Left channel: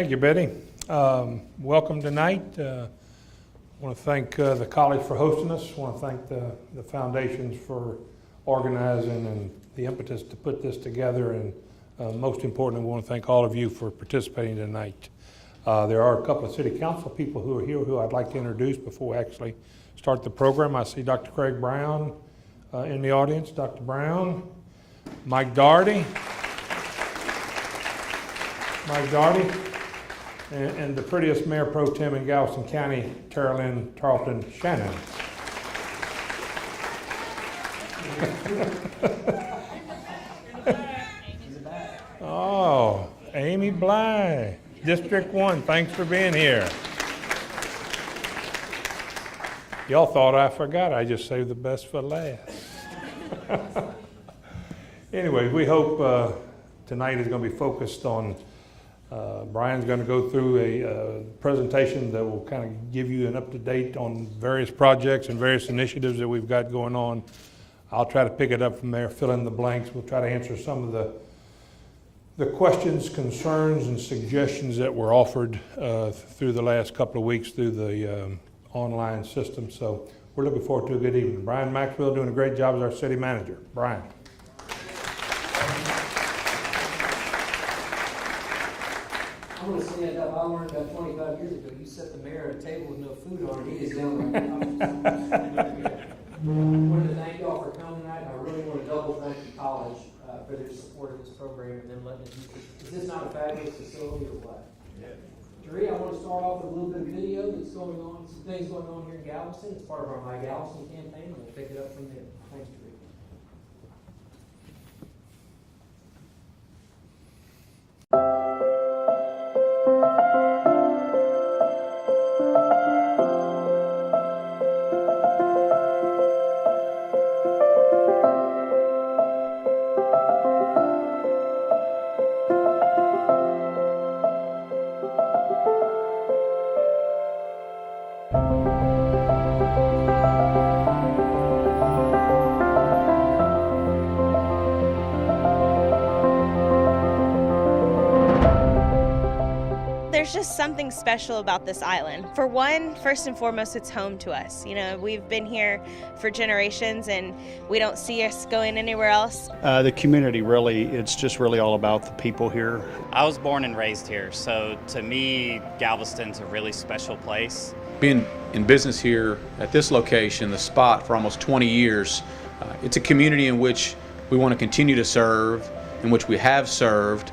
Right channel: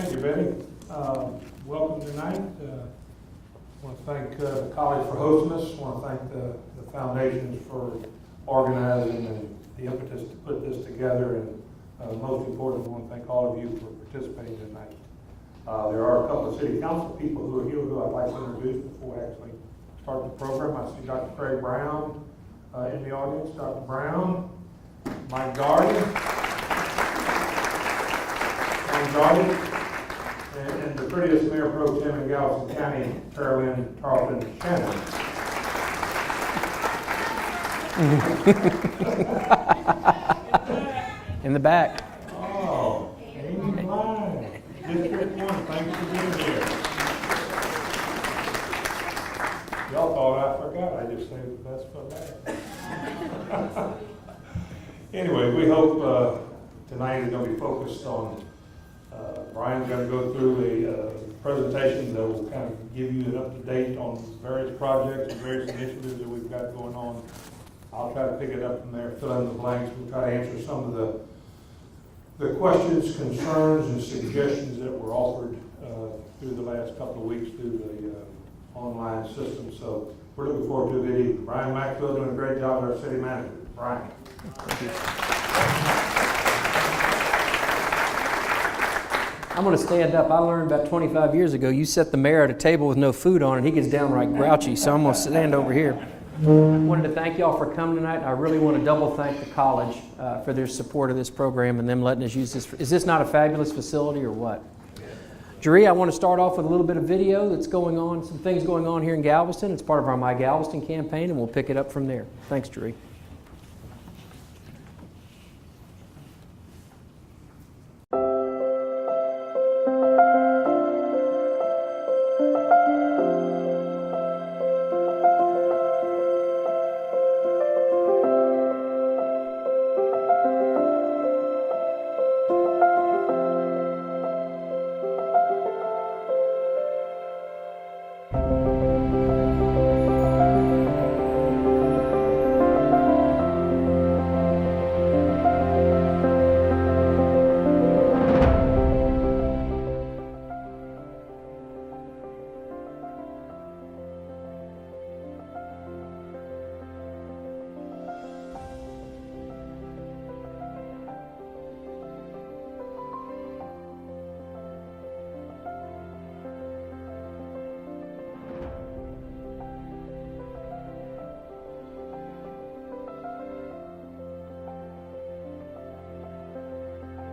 Thank you, Betty. Welcome tonight. I want to thank the college for hosting us. I want to thank the foundations for organizing and the impetus to put this together. And most importantly, I want to thank all of you for participating tonight. There are a couple of city council people who are here who I'd like to introduce before we actually start the program. I see Dr. Craig Brown in the audience. Dr. Brown, Mike Daugherty, and the prettiest mayor pro tem in Galveston County, Carolyn Tarleton Shannon. In the back. Oh, Amy Bly, District 1, thanks for being here. Y'all thought I forgot, I just saved the best for last. Anyway, we hope tonight is going to be focused on, Brian's going to go through a presentation that will kind of give you an up-to-date on various projects and various initiatives that we've got going on. I'll try to pick it up from there, fill in the blanks. We'll try to answer some of the questions, concerns, and suggestions that were offered through the last couple of weeks through the online system. So we're looking forward to a good evening. Brian Maxwell doing a great job as our city manager. Brian. I'm going to stand up. I learned about 25 years ago, you set the mayor at a table with no food on and he gets downright grouchy, so I'm going to stand over here. I wanted to thank y'all for coming tonight. I really want to double thank the college for their support of this program and them letting us use this. Is this not a fabulous facility or what? Jerry, I want to start off with a little bit of video that's going on, some things going on here in Galveston. It's part of our My Galveston campaign, and we'll pick it up from there. Thanks, Jerry. There's just something special about this island. For one, first and foremost, it's home to us. You know, we've been here for generations and we don't see us going anywhere else. The community really, it's just really all about the people here. I was born and raised here, so to me, Galveston's a really special place. Being in business here at this location, the spot, for almost 20 years, it's a community in which we want to continue to serve, in which we have served.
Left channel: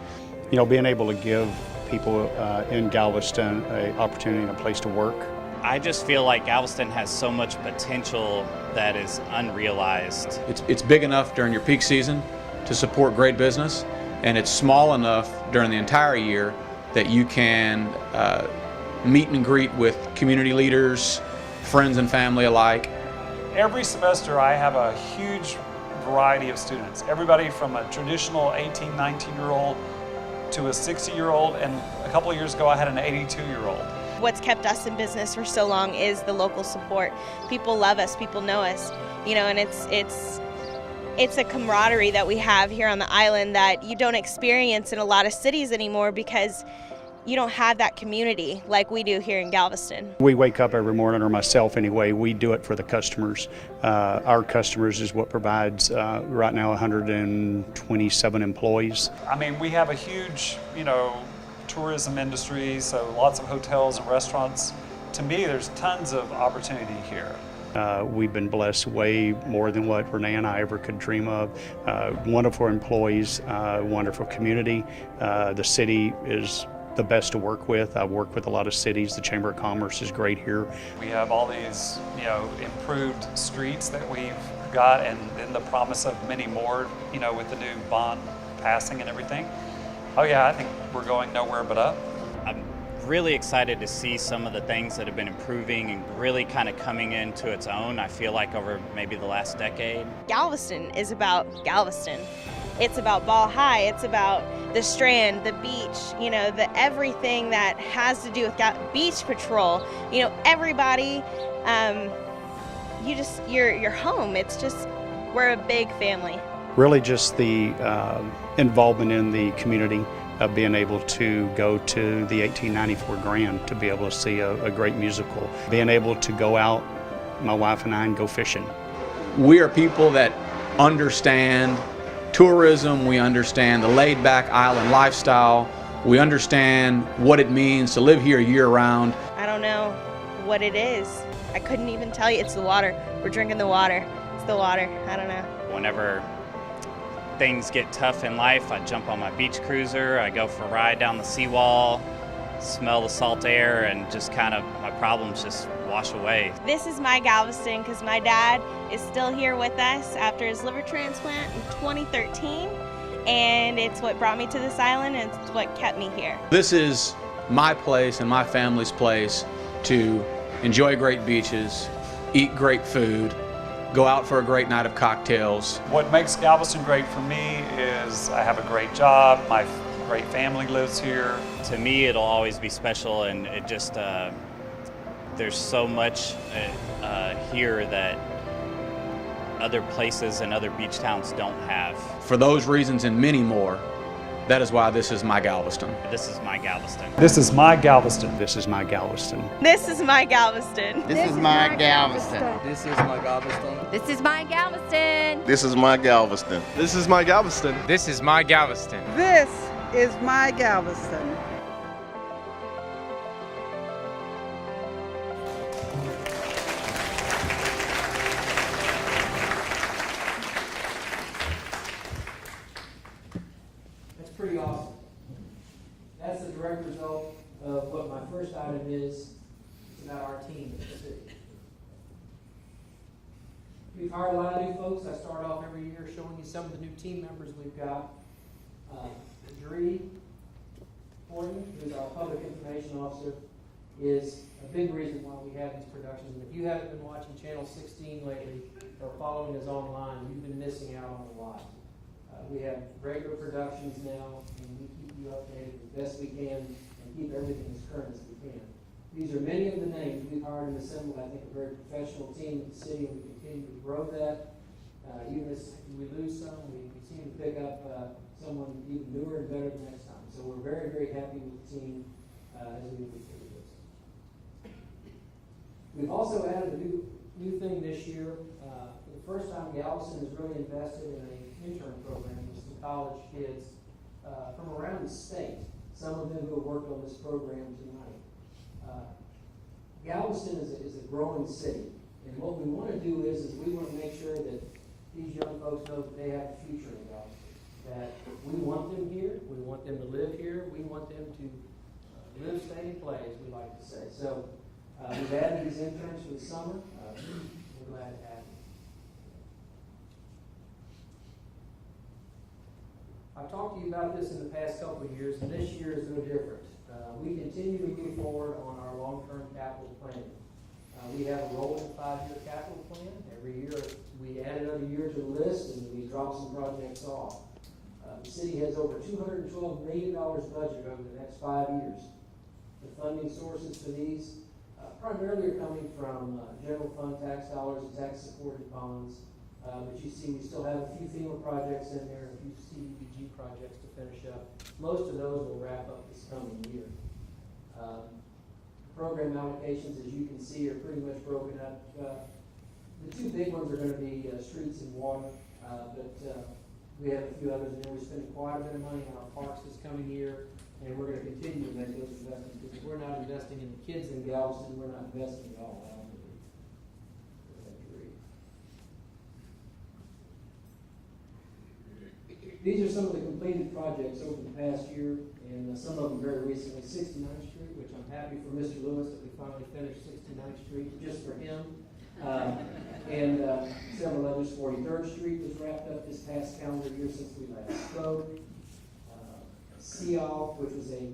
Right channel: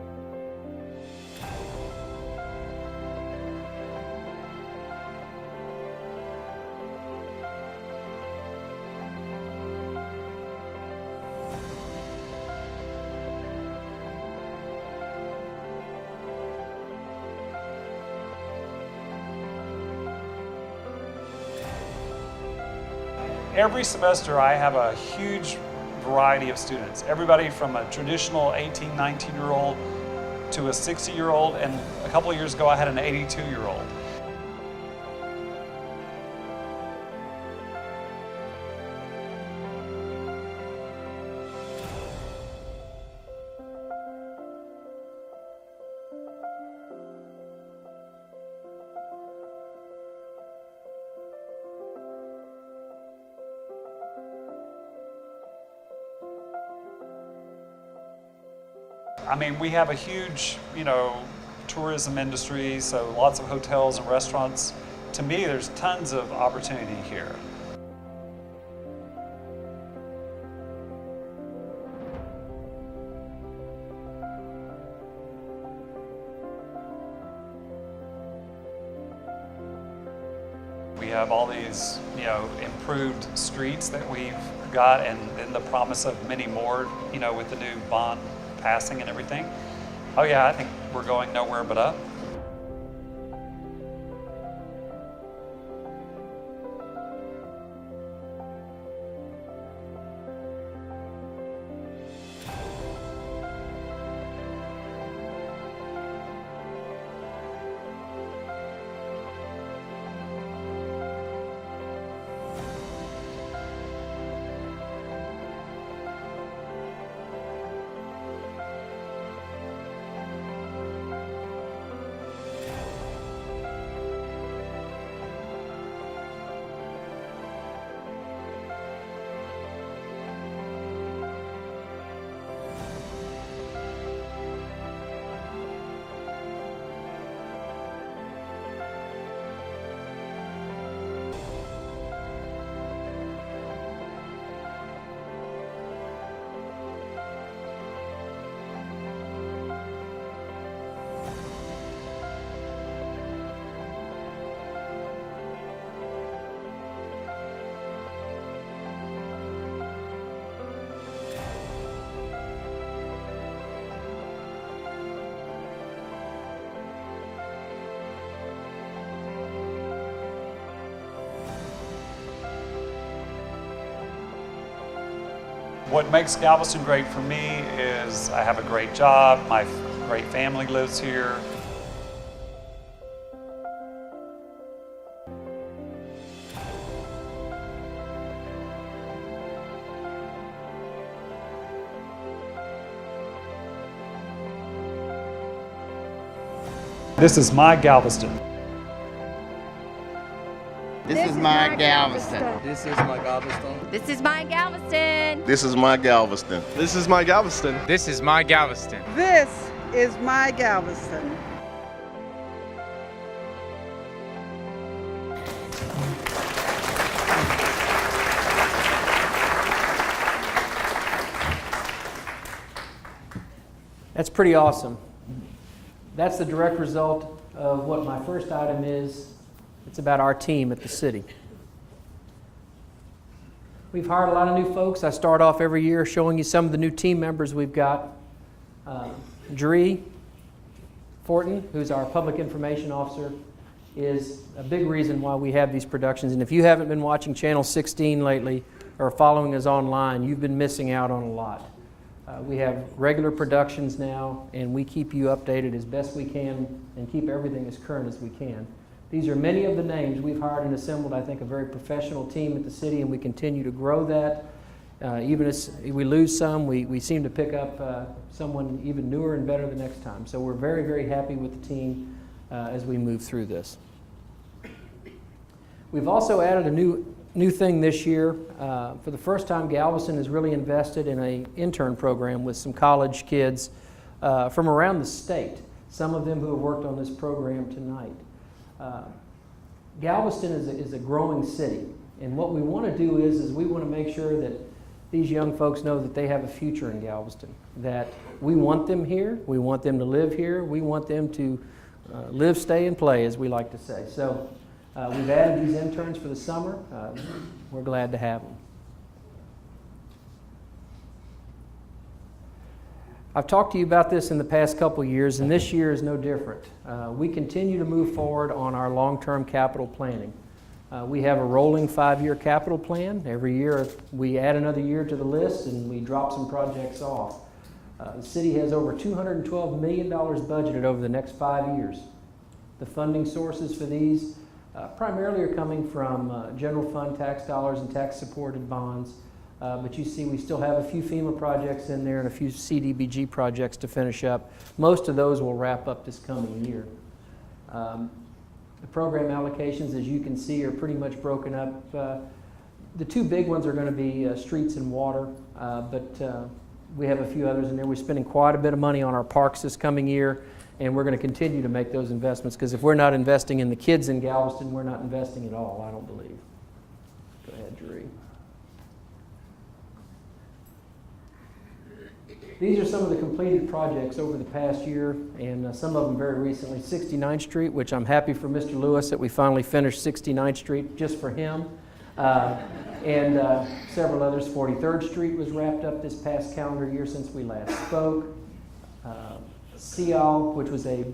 You know, being able to give people in Galveston an opportunity and a place to work. I just feel like Galveston has so much potential that is unrealized. It's big enough during your peak season to support great business, and it's small enough during the entire year that you can meet and greet with community leaders, friends and family alike. Every semester I have a huge variety of students. Everybody from a traditional 18, 19-year-old to a 60-year-old, and a couple of years ago I had an 82-year-old. What's kept us in business for so long is the local support. People love us, people know us, you know, and it's a camaraderie that we have here on the island that you don't experience in a lot of cities anymore because you don't have that community like we do here in Galveston. We wake up every morning, or myself anyway, we do it for the customers. Our customers is what provides right now 127 employees. I mean, we have a huge, you know, tourism industry, so lots of hotels and restaurants. To me, there's tons of opportunity here. We've been blessed way more than what Renee and I ever could dream of. Wonderful employees, wonderful community. The city is the best to work with. I've worked with a lot of cities. The Chamber of Commerce is great here. We have all these, you know, improved streets that we've got, and then the promise of many more, you know, with the new bond passing and everything. Oh yeah, I think we're going nowhere but up. I'm really excited to see some of the things that have been improving and really kind of coming into its own, I feel like, over maybe the last decade. Galveston is about Galveston. It's about Ball High, it's about the Strand, the beach, you know, the everything that has to do with beach patrol. You know, everybody, you're home. It's just, we're a big family. Really just the involvement in the community. of being able to go to the 1894 Grand to be able to see a great musical, being able to go out, my wife and I, and go fishing. We are people that understand tourism, we understand the laid-back island lifestyle, we understand what it means to live here year-round. I don't know what it is. I couldn't even tell you. It's the water. We're drinking the water. It's the water. I don't know. Whenever things get tough in life, I jump on my beach cruiser, I go for a ride down the seawall, smell the salt air, and just kind of my problems just wash away. This is my Galveston because my dad is still here with us after his liver transplant in 2013, and it's what brought me to this island and it's what kept me here. This is my place and my family's place to enjoy great beaches, eat great food, go out for a great night of cocktails. What makes Galveston great for me is I have a great job, my great family lives here. To me, it'll always be special, and it just, there's so much here that other places and other beach towns don't have. For those reasons and many more, that is why this is my Galveston. This is my Galveston. This is my Galveston. This is my Galveston. This is my Galveston. This is my Galveston. This is my Galveston. This is my Galveston. This is my Galveston. This is my Galveston. This is my Galveston. This is my Galveston. That's pretty awesome. That's the direct result of what my first item is. It's about our team at the city. We've hired a lot of new folks. I start off every year showing you some of the new team members we've got. Dree Fortin, who's our public information officer, is a big reason why we have these productions. And if you haven't been watching Channel 16 lately or following us online, you've been missing out on a lot. We have regular productions now, and we keep you updated as best we can and keep everything as current as we can. These are many of the names. We've hired and assembled, I think, a very professional team at the city, and we continue to grow that. Even as we lose some, we seem to pick up someone even newer and better the next time. So we're very, very happy with the team as we move through this. We've also added a new thing this year. For the first time, Galveston has really invested in an intern program with some college kids from around the state, some of them who have worked on this program tonight. Galveston is a growing city, and what we want to do is we want to make sure that these young folks know that they have a future in Galveston, that we want them here, we want them to live here, we want them to live, stay, and play, as we like to say. So we've added these interns for the summer. We're glad to have them. I've talked to you about this in the past couple of years, and this year is no different. We continue to move forward on our long-term capital planning. We have a rolling 5-year capital plan. Every year we add another year to the list and we drop some projects off. The city has over $212 million budgeted over the next 5 years. The funding sources for these primarily are coming from general fund tax dollars and tax-supported bonds. But you see we still have a few FEMA projects in there and a few CDBG projects to finish up. Most of those will wrap up this coming year. The program allocations, as you can see, are pretty much broken up. The two big ones are going to be streets and water, but we have a few others in there. We're spending quite a bit of money on our parks this coming year, and we're going to continue to make those investments, because if we're not investing in the kids in Galveston, we're not investing at all, I don't believe. Go ahead, Drew. These are some of the completed projects over the past year, and some of them very recently. 69th Street, which I'm happy for Mr. Lewis that we finally finished 69th Street just for him. And several others. 43rd Street was wrapped up this past calendar year since we last spoke. Seibel, which was only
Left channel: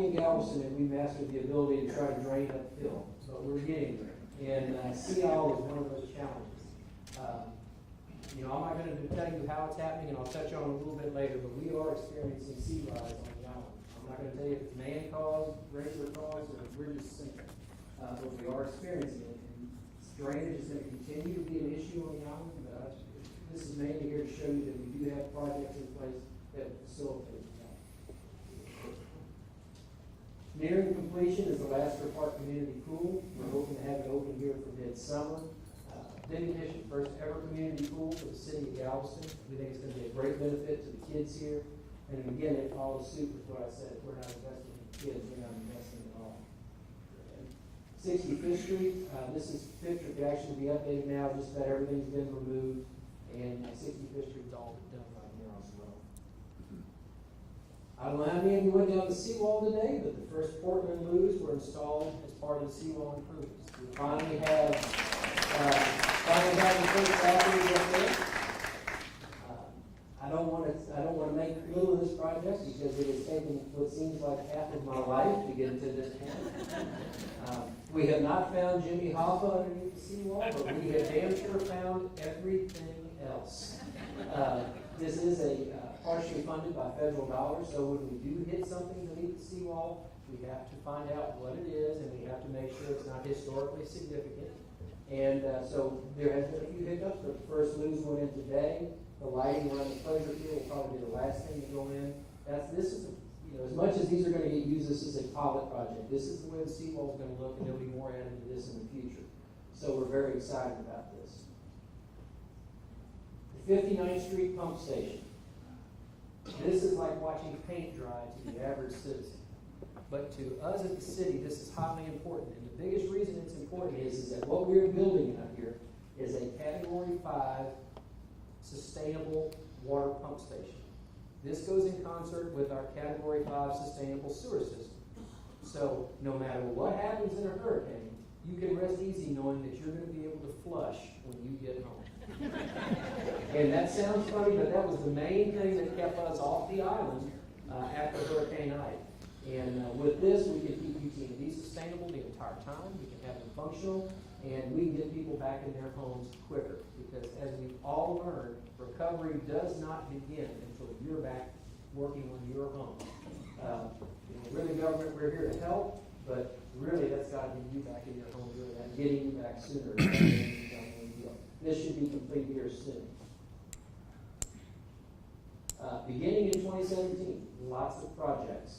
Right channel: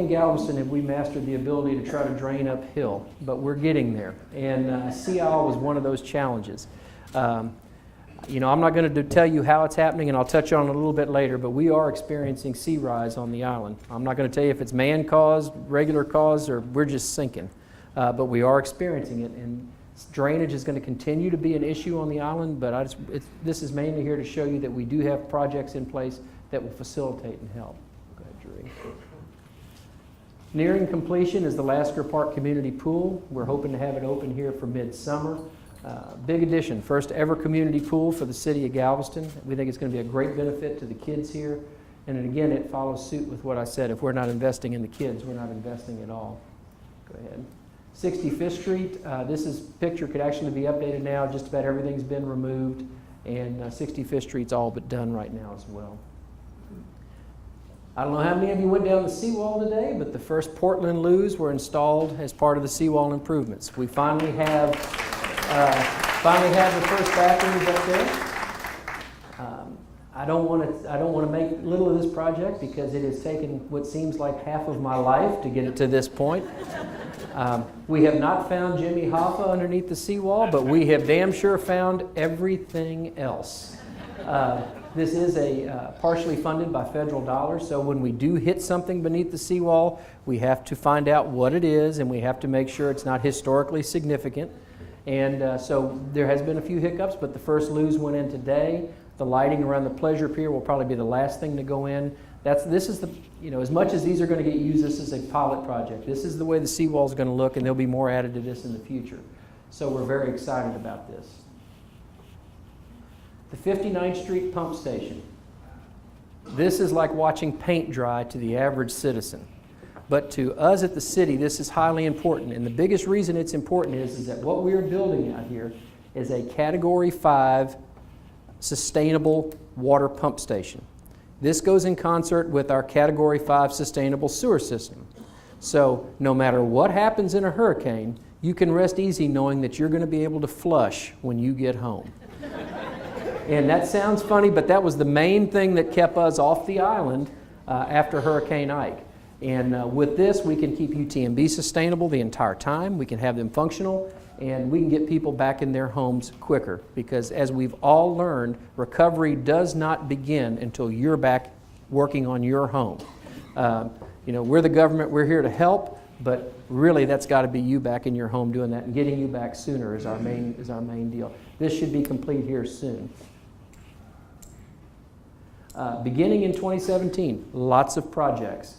in Galveston have we mastered the ability to try to drain uphill, but we're getting there. And Seibel was one of those challenges. I'm not going to tell you how it's happening, and I'll touch on it a little bit later, but we are experiencing sea rise on the island. I'm not going to tell you if it's man-caused, regular caused, or we're just sinking, but we are experiencing it, and drainage is going to continue to be an issue on the island, but this is mainly here to show you that we do have projects in place that will facilitate and help. Go ahead, Jeree. Nearing completion is the Lasker Park Community Pool. We're hoping to have it open here for midsummer. Big addition, first ever community pool for the city of Galveston. We think it's going to be a great benefit to the kids here. And then again, it follows suit with what I said. If we're not investing in the kids, we're not investing at all. Go ahead. 65th Street, this picture could actually be updated now. Just about everything's been removed. And 65th Street's all but done right now as well. I don't know how many of you went down the seawall today, but the first Portland loos were installed as part of the seawall improvements. We finally have the first bathrooms up there. I don't want to make little of this project because it has taken what seems like half of my life to get it to this point. We have not found Jimmy Hoffa underneath the seawall, but we have damn sure found everything else. This is partially funded by federal dollars, so when we do hit something beneath the seawall, we have to find out what it is, and we have to make sure it's not historically significant. And so there has been a few hiccups, but the first loos went in today. The lighting around the pleasure pier will probably be the last thing to go in. This is as much as these are going to get used, this is a pilot project. This is the way the seawall is going to look, and there'll be more added to this in the future. So we're very excited about this. The 59th Street pump station. This is like watching paint dry to the average citizen. But to us at the city, this is highly important. And the biggest reason it's important is that what we are building out here is a Category 5 sustainable water pump station. This goes in concert with our Category 5 sustainable sewer system. So no matter what happens in a hurricane, you can rest easy knowing that you're going to be able to flush when you get home. And that sounds funny, but that was the main thing that kept us off the island after Hurricane Ike. And with this, we can keep UTMB sustainable the entire time. We can have them functional, and we can get people back in their homes quicker. Because as we've all learned, recovery does not begin until you're back working on your home. We're the government, we're here to help, but really that's got to be you back in your home doing that, and getting you back sooner is our main deal. This should be complete here soon. Beginning in 2017, lots of projects.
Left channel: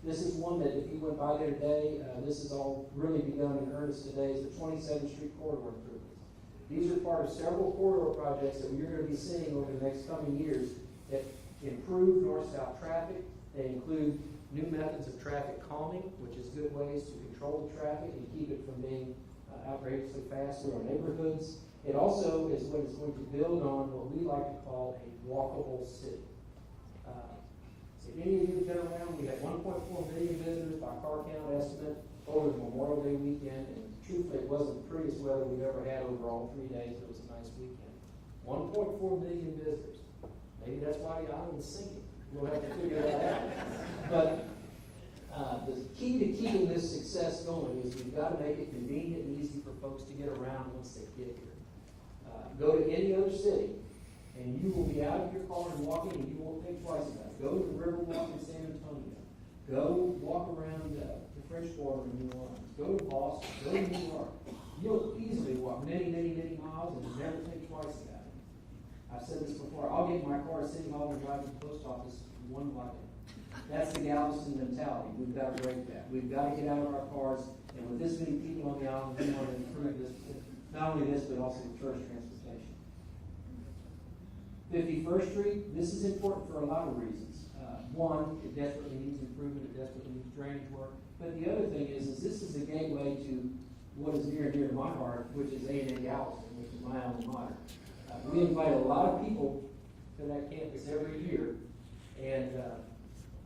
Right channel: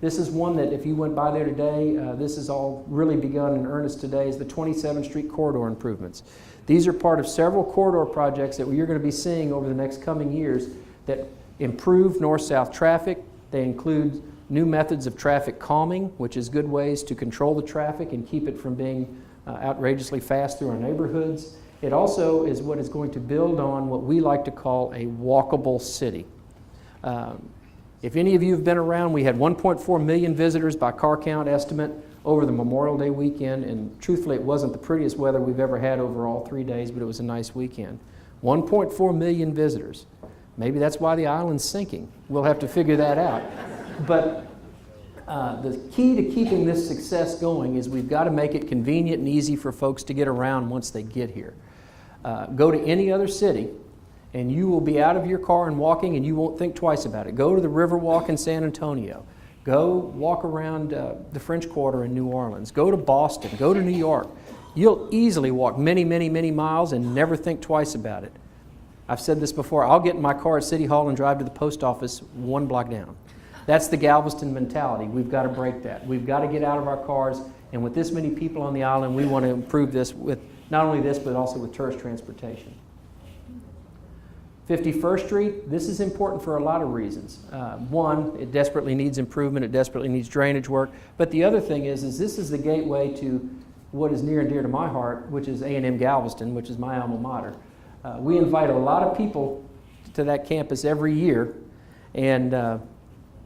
This is one that if you went by there today, this has all really begun in earnest today, is the 27th Street corridor improvements. These are part of several corridor projects that you're going to be seeing over the next coming years that improve north-south traffic. They include new methods of traffic calming, which is good ways to control the traffic and keep it from being outrageously fast through our neighborhoods. It also is what is going to build on what we like to call a walkable city. If any of you have been around, we had 1.4 million visitors by car count estimate over the Memorial Day weekend, and truthfully it wasn't the prettiest weather we've ever had over all 3 days, but it was a nice weekend. 1.4 million visitors. Maybe that's why the island's sinking. We'll have to figure that out. But the key to keeping this success going is we've got to make it convenient and easy for folks to get around once they get here. Go to any other city, and you will be out of your car and walking, and you won't think twice about it. Go to the Riverwalk in San Antonio. Go walk around the French Quarter in New Orleans. Go to Boston. Go to New York. You'll easily walk many, many, many miles and never think twice about it. I've said this before. I'll get in my car at City Hall and drive to the post office 1 block down. That's the Galveston mentality. We've got to break that. We've got to get out of our cars, and with this many people on the island, we want to improve this with not only this, but also with tourist transportation. 51st Street, this is important for a lot of reasons. One, it desperately needs improvement. It desperately needs drainage work. But the other thing is this is the gateway to what is near and dear to my heart, which is A&M Galveston, which is my alma mater. We invite a lot of people to that campus every year, and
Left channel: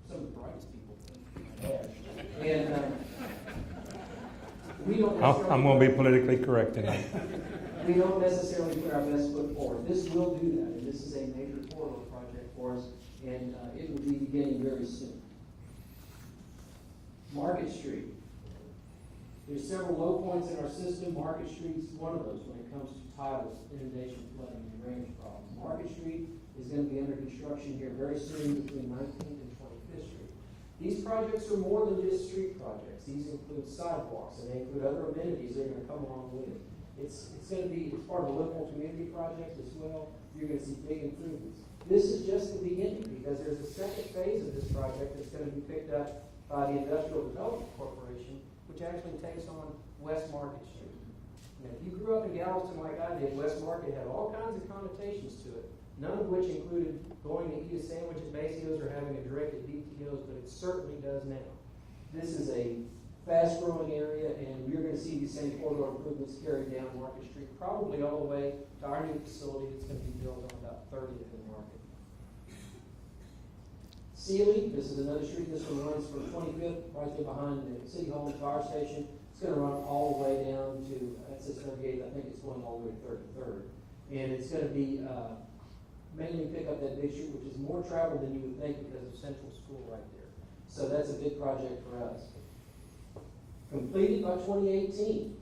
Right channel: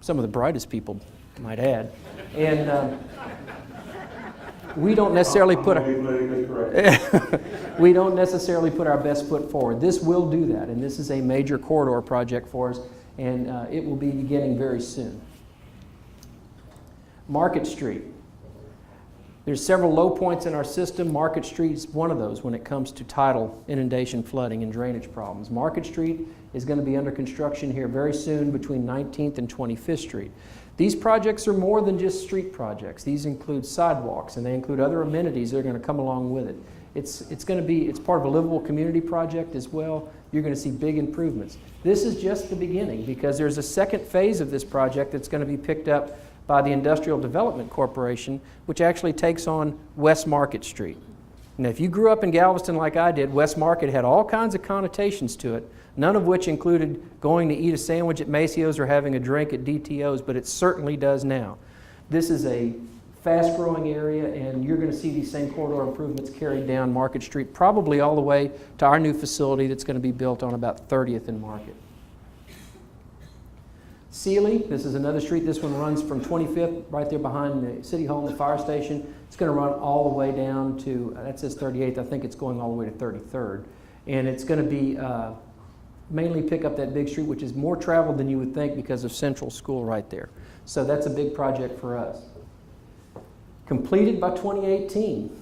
some of the brightest people, might add. And we don't necessarily we don't necessarily put our best foot forward. This will do that, and this is a major corridor project for us, and it will be beginning very soon. Market Street. There's several low points in our system. Market Street's one of those when it comes to tidal, inundation, flooding, and drainage problems. Market Street is going to be under construction here very soon between 19th and 25th Street. These projects are more than just street projects. These include sidewalks, and they include other amenities that are going to come along with it. It's part of a livable community project as well. You're going to see big improvements. This is just the beginning, because there's a second phase of this project that's going to be picked up by the Industrial Development Corporation, which actually takes on West Market Street. Now, if you grew up in Galveston like I did, West Market had all kinds of connotations to it, none of which included going to eat a sandwich at Maceo's or having a drink at DTO's, but it certainly does now. This is a fast-growing area, and you're going to see these same corridor improvements carried down Market Street, probably all the way to our new facility that's going to be built on about 30th and Market. Sealy, this is another street. This one runs from 25th, right there behind the City Hall and the fire station. It's going to run all the way down to, that says 38th, I think it's going all the way to 33rd. And it's going to be mainly pick up that big street, which is more traveled than you would think because of Central School right there. So that's a big project for us. Completed by 2018,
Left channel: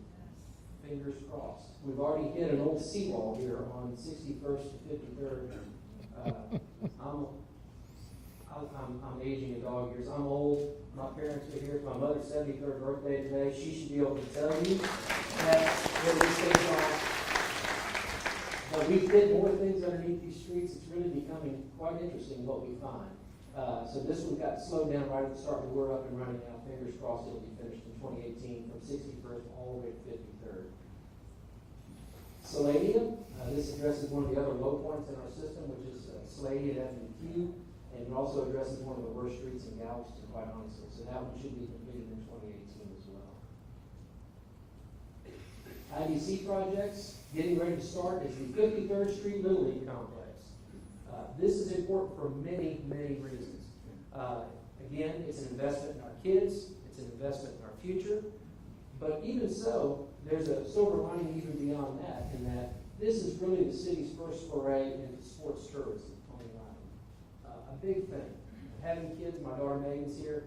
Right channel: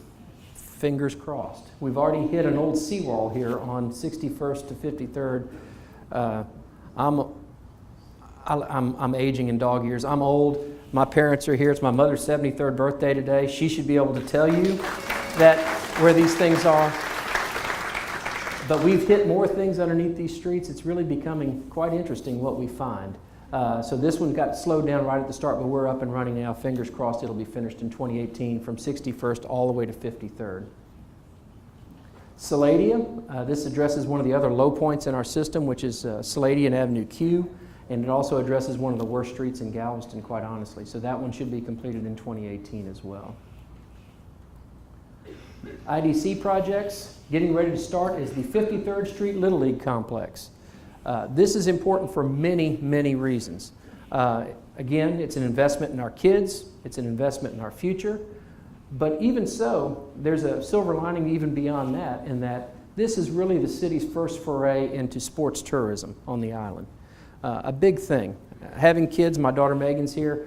fingers crossed. We've already hit an old seawall here on 61st to 53rd. I'm aging in dog years. I'm old. My parents are here. It's my mother's 73rd birthday today. She should be able to tell you that where these things are. But we've hit more things underneath these streets. It's really becoming quite interesting what we find. So this one got slowed down right at the start, but we're up and running now. Fingers crossed it'll be finished in 2018 from 61st all the way to 53rd. Saladium, this addresses one of the other low points in our system, which is Saladium Avenue Q, and it also addresses one of the worst streets in Galveston, quite honestly. So that one should be completed in 2018 as well. IDC projects, getting ready to start is the 53rd Street Little League Complex. This is important for many, many reasons. Again, it's an investment in our kids, it's an investment in our future, but even so, there's a silver lining even beyond that, in that this is really the city's first foray into sports tourism on the island. A big thing. Having kids, my daughter Megan's here,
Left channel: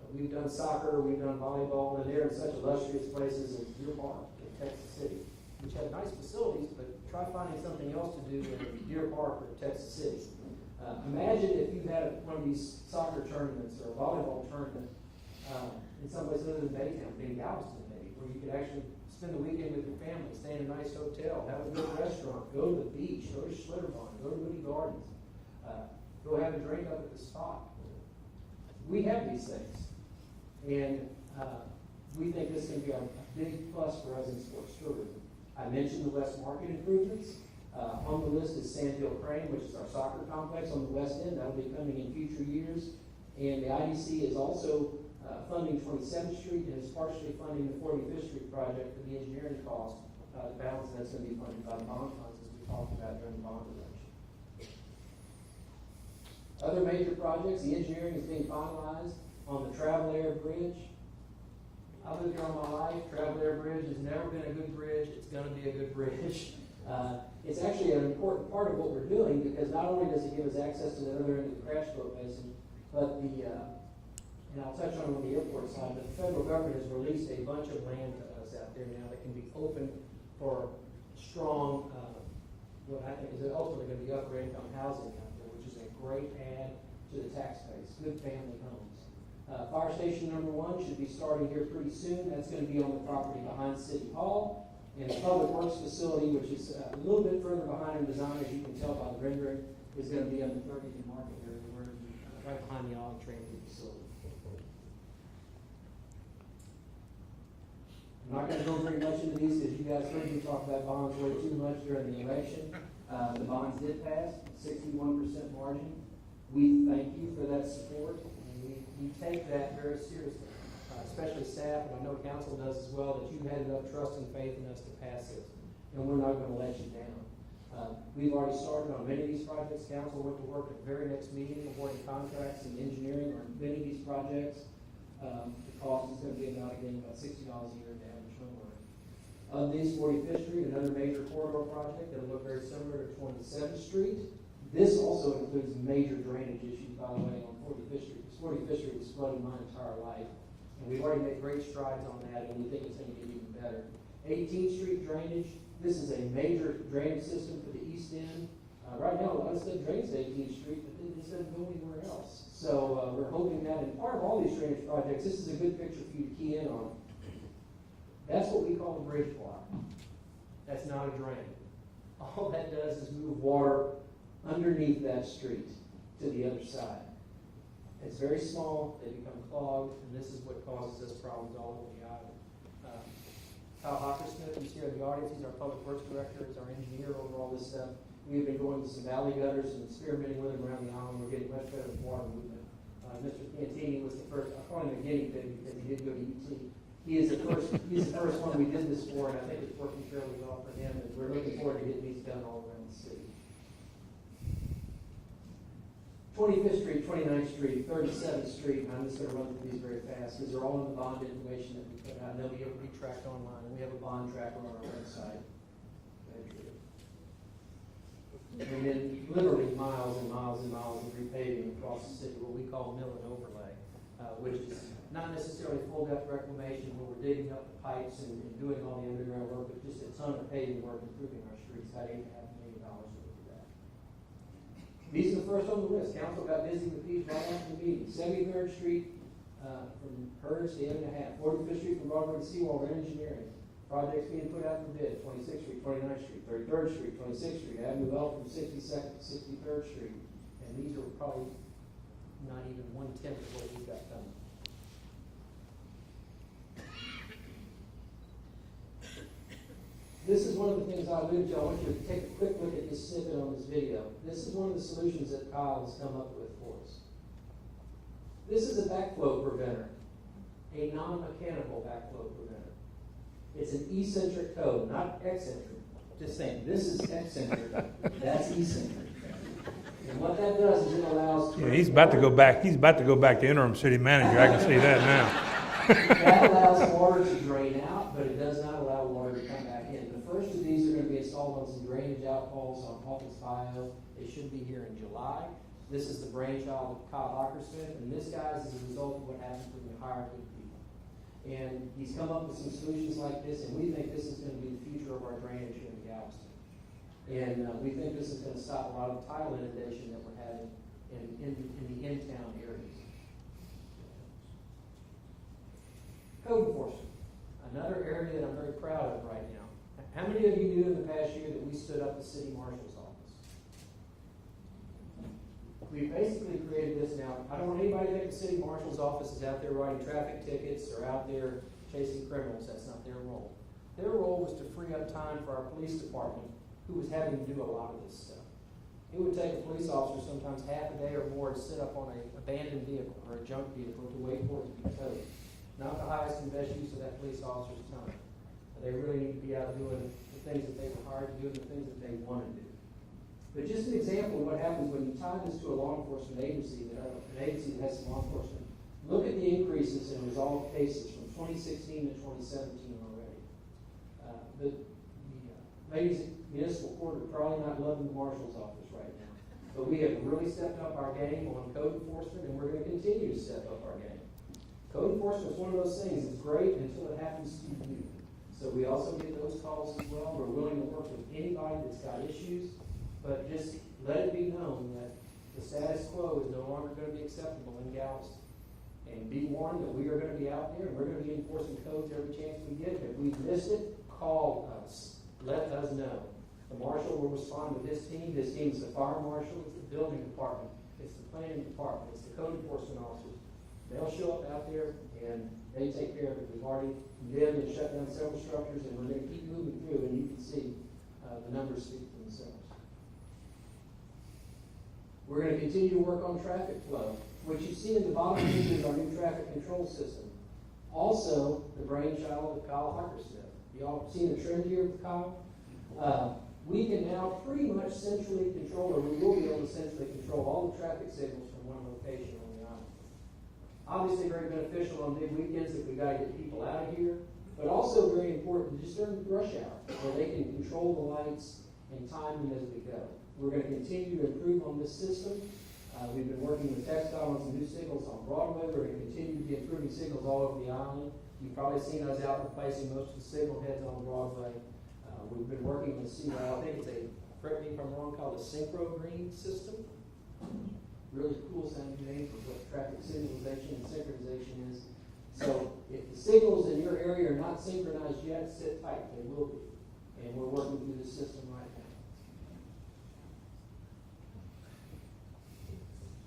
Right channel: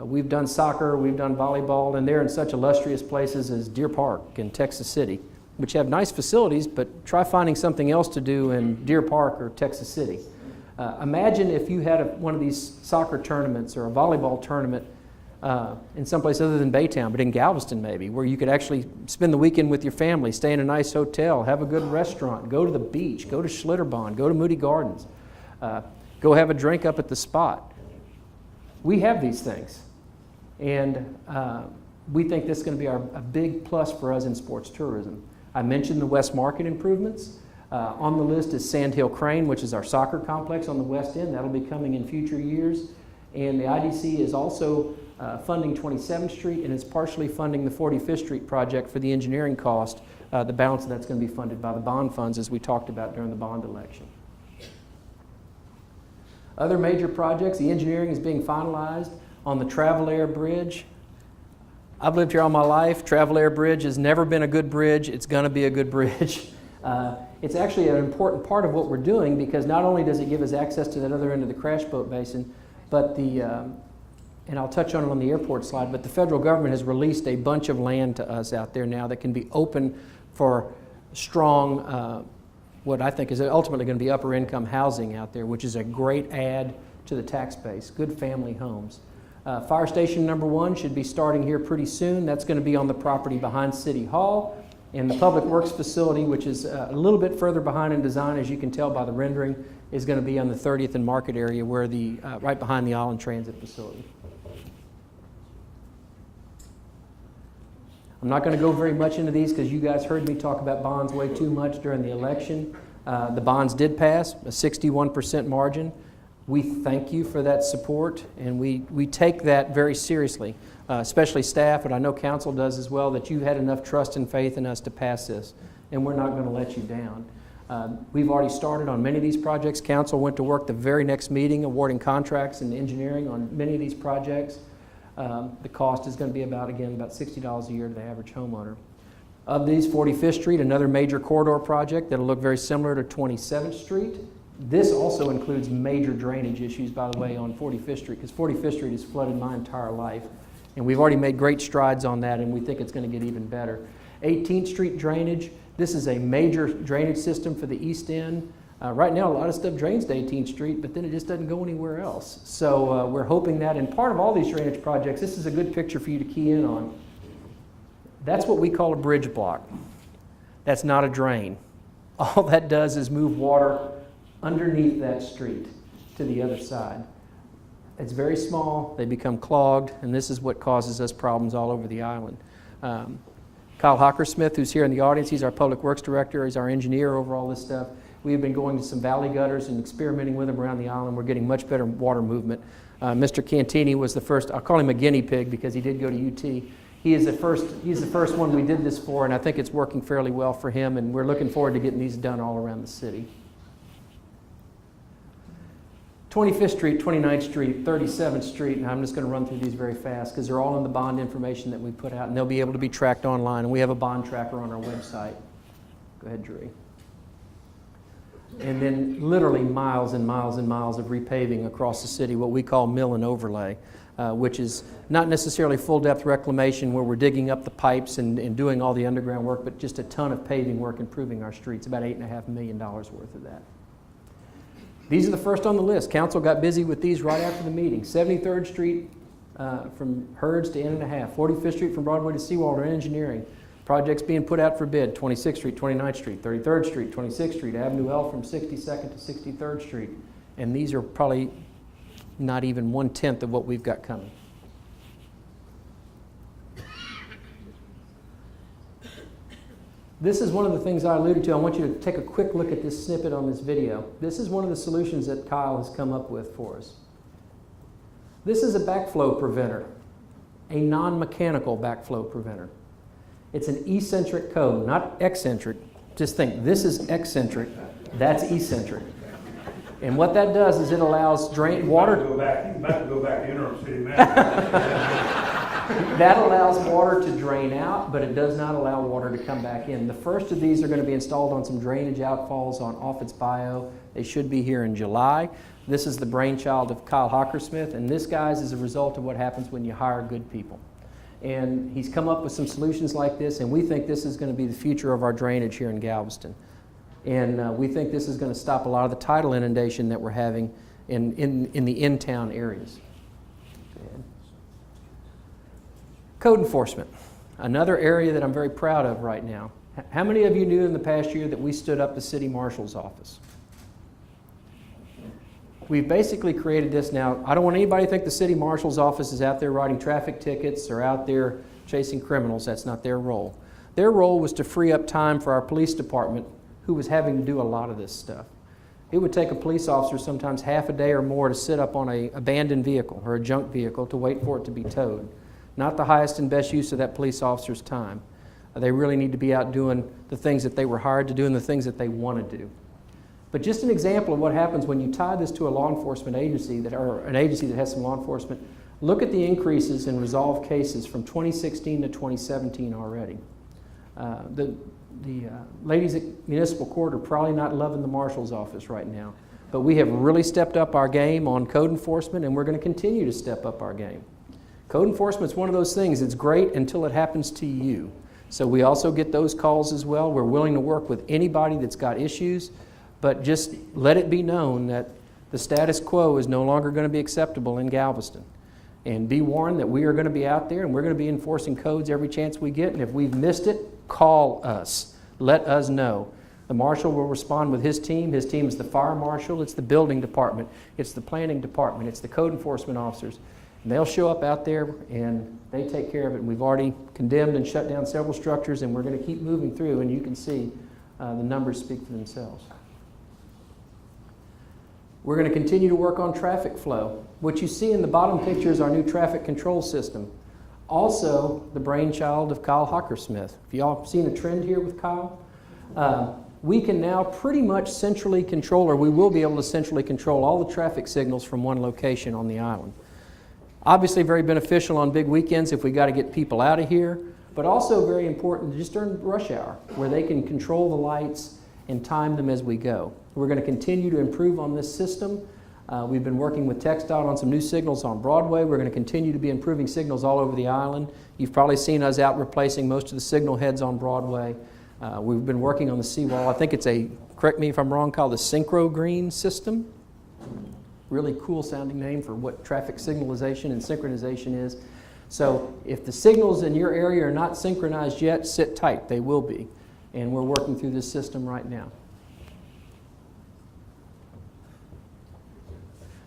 we've done soccer, we've done volleyball, and they're in such illustrious places as Deer Park and Texas City, which have nice facilities, but try finding something else to do in Deer Park or Texas City. Imagine if you had one of these soccer tournaments or a volleyball tournament in someplace other than Baytown, but in Galveston maybe, where you could actually spend the weekend with your family, stay in a nice hotel, have a good restaurant, go to the beach, go to Schlitterbahn, go to Moody Gardens, go have a drink up at the Spot. We have these things, and we think this is going to be a big plus for us in sports tourism. I mentioned the West Market improvements. On the list is Sand Hill Crane, which is our soccer complex on the west end. That'll be coming in future years. And the IDC is also funding 27th Street, and is partially funding the 45th Street project for the engineering cost. The balance of that's going to be funded by the bond funds, as we talked about during the bond election. Other major projects, the engineering is being finalized on the Travel Air Bridge. I've lived here all my life. Travel Air Bridge has never been a good bridge. It's going to be a good bridge. It's actually an important part of what we're doing, because not only does it give us access to that other end of the crash boat basin, but and I'll touch on it on the airport slide, but the federal government has released a bunch of land to us out there now that can be open for strong, what I think is ultimately going to be upper income housing out there, which is a great add to the tax base, good family homes. Fire station number 1 should be starting here pretty soon. That's going to be on the property behind City Hall. And the Public Works facility, which is a little bit further behind in design, as you can tell by the rendering, is going to be on the 30th and Market area, where right behind the Island Transit facility. I'm not going to go very much into these because you guys heard me talk about bonds way too much during the election. The bonds did pass, a 61% margin. We thank you for that support, and we take that very seriously, especially staff, and I know council does as well, that you had enough trust and faith in us to pass this, and we're not going to let you down. We've already started on many of these projects. Council went to work the very next meeting awarding contracts and engineering on many of these projects. The cost is going to be about $60 a year to the average homeowner. Of these, 45th Street, another major corridor project that'll look very similar to 27th Street. This also includes major drainage issues, by the way, on 45th Street, because 45th Street has flooded my entire life. And we've already made great strides on that, and we think it's going to get even better. 18th Street drainage, this is a major drainage system for the East End. Right now, a lot of stuff drains to 18th Street, but then it just doesn't go anywhere else. So we're hoping that, and part of all these drainage projects, this is a good picture for you to key in on. That's what we call a bridge block. That's not a drain. All that does is move water underneath that street to the other side. It's very small, they become clogged, and this is what causes us problems all over the island. Kyle Hockersmith, who's here in the audience, he's our Public Works Director, he's our engineer over all this stuff. We have been going to some valley gutters and experimenting with them around the island. We're getting much better water movement. Mr. Cantini was the first, I'll call him a guinea pig because he did go to UT. He's the first one we did this for, and I think it's working fairly well for him, and we're looking forward to getting these done all around the city. 25th Street, 29th Street, 37th Street, and I'm just going to run through these very fast because they're all in the bond information that we put out, and they'll be able to be tracked online, and we have a bond tracker on our website. Go ahead, Drew. And then literally miles and miles and miles of repaving across the city, what we call mill and overlay, which is not necessarily full-depth reclamation where we're digging up the pipes and doing all the underground work, but just a ton of paving work improving our streets, about $8.5 million worth of that. These are the first on the list. Council got busy with these right after the meeting. 73rd Street from Herds to N.5. 45th Street from Broadway to Seawall and engineering. Projects being put out for bid. 26th Street, 29th Street, 33rd Street, 26th Street, Avenue L from 62nd to 63rd Street. And these are probably not even 1/10 of what we've got coming. This is one of the things I alluded to. I want you to take a quick look at this snippet on this video. This is one of the solutions that Kyle has come up with for us. This is a backflow preventer, a non-mechanical backflow preventer. It's an eccentric code, not eccentric. Just think, this is eccentric, that's eccentric. And what that does is it allows drain water. He's about to go back to interim city manager. I can see that now. That allows water to drain out, but it does not allow water to come back in. The first of these are going to be installed on some drainage outfalls on Offutt's Bayou. They should be here in July. This is the brainchild of Kyle Hockersmith, and this, guys, is a result of what happens when you hire good people. And he's come up with some solutions like this, and we think this is going to be the future of our drainage here in Galveston. And we think this is going to stop a lot of the tidal inundation that we're having in the in-town areas. Code enforcement, another area that I'm very proud of right now. How many of you knew in the past year that we stood up the city marshal's office? We've basically created this now. I don't want anybody to think the city marshal's office is out there writing traffic tickets or out there chasing criminals. That's not their role. Their role was to free up time for our police department, who was having to do a lot of this stuff. It would take a police officer sometimes half a day or more to sit up on an abandoned vehicle or a junk vehicle to wait for it to be towed. Not the highest and best use of that police officer's time. They really need to be out doing the things that they were hired to do and the things that they want to do. But just an example of what happens when you tie this to a law enforcement agency, or an agency that has some law enforcement, look at the increases in resolved cases from 2016 to 2017 already. The ladies at municipal court are probably not loving the marshal's office right now, but we have really stepped up our game on code enforcement, and we're going to continue to step up our game. Code enforcement is one of those things. It's great until it happens to you. So we also get those calls as well. We're willing to work with anybody that's got issues, but just let it be known that the status quo is no longer going to be acceptable in Galveston. And be warned that we are going to be out there and we're going to be enforcing codes every chance we get. And if we've missed it, call us. Let us know. The marshal will respond with his team. His team is the fire marshal, it's the building department, it's the planning department, it's the code enforcement officers. And they'll show up out there and they take care of it. And we've already condemned and shut down several structures, and we're going to keep moving through, and you can see the numbers speak for themselves. We're going to continue to work on traffic flow. What you see in the bottom picture is our new traffic control system. Also, the brainchild of Kyle Hockersmith. Have y'all seen a trend here with Kyle? We can now pretty much centrally control, or we will be able to centrally control all the traffic signals from one location on the island. Obviously very beneficial on big weekends if we got to get people out of here, but also very important just during rush hour where they can control the lights and time them as we go. We're going to continue to improve on this system. We've been working with TxDOT on some new signals on Broadway. We're going to continue to be improving signals all over the island. You've probably seen us out replacing most of the signal heads on Broadway. We've been working on the seawall. I think it's a, correct me if I'm wrong, called the Synchro Green system. Really cool sounding name for what traffic signalization and synchronization is. So if the signals in your area are not synchronized yet, sit tight, they will be. and we're working through this system right now.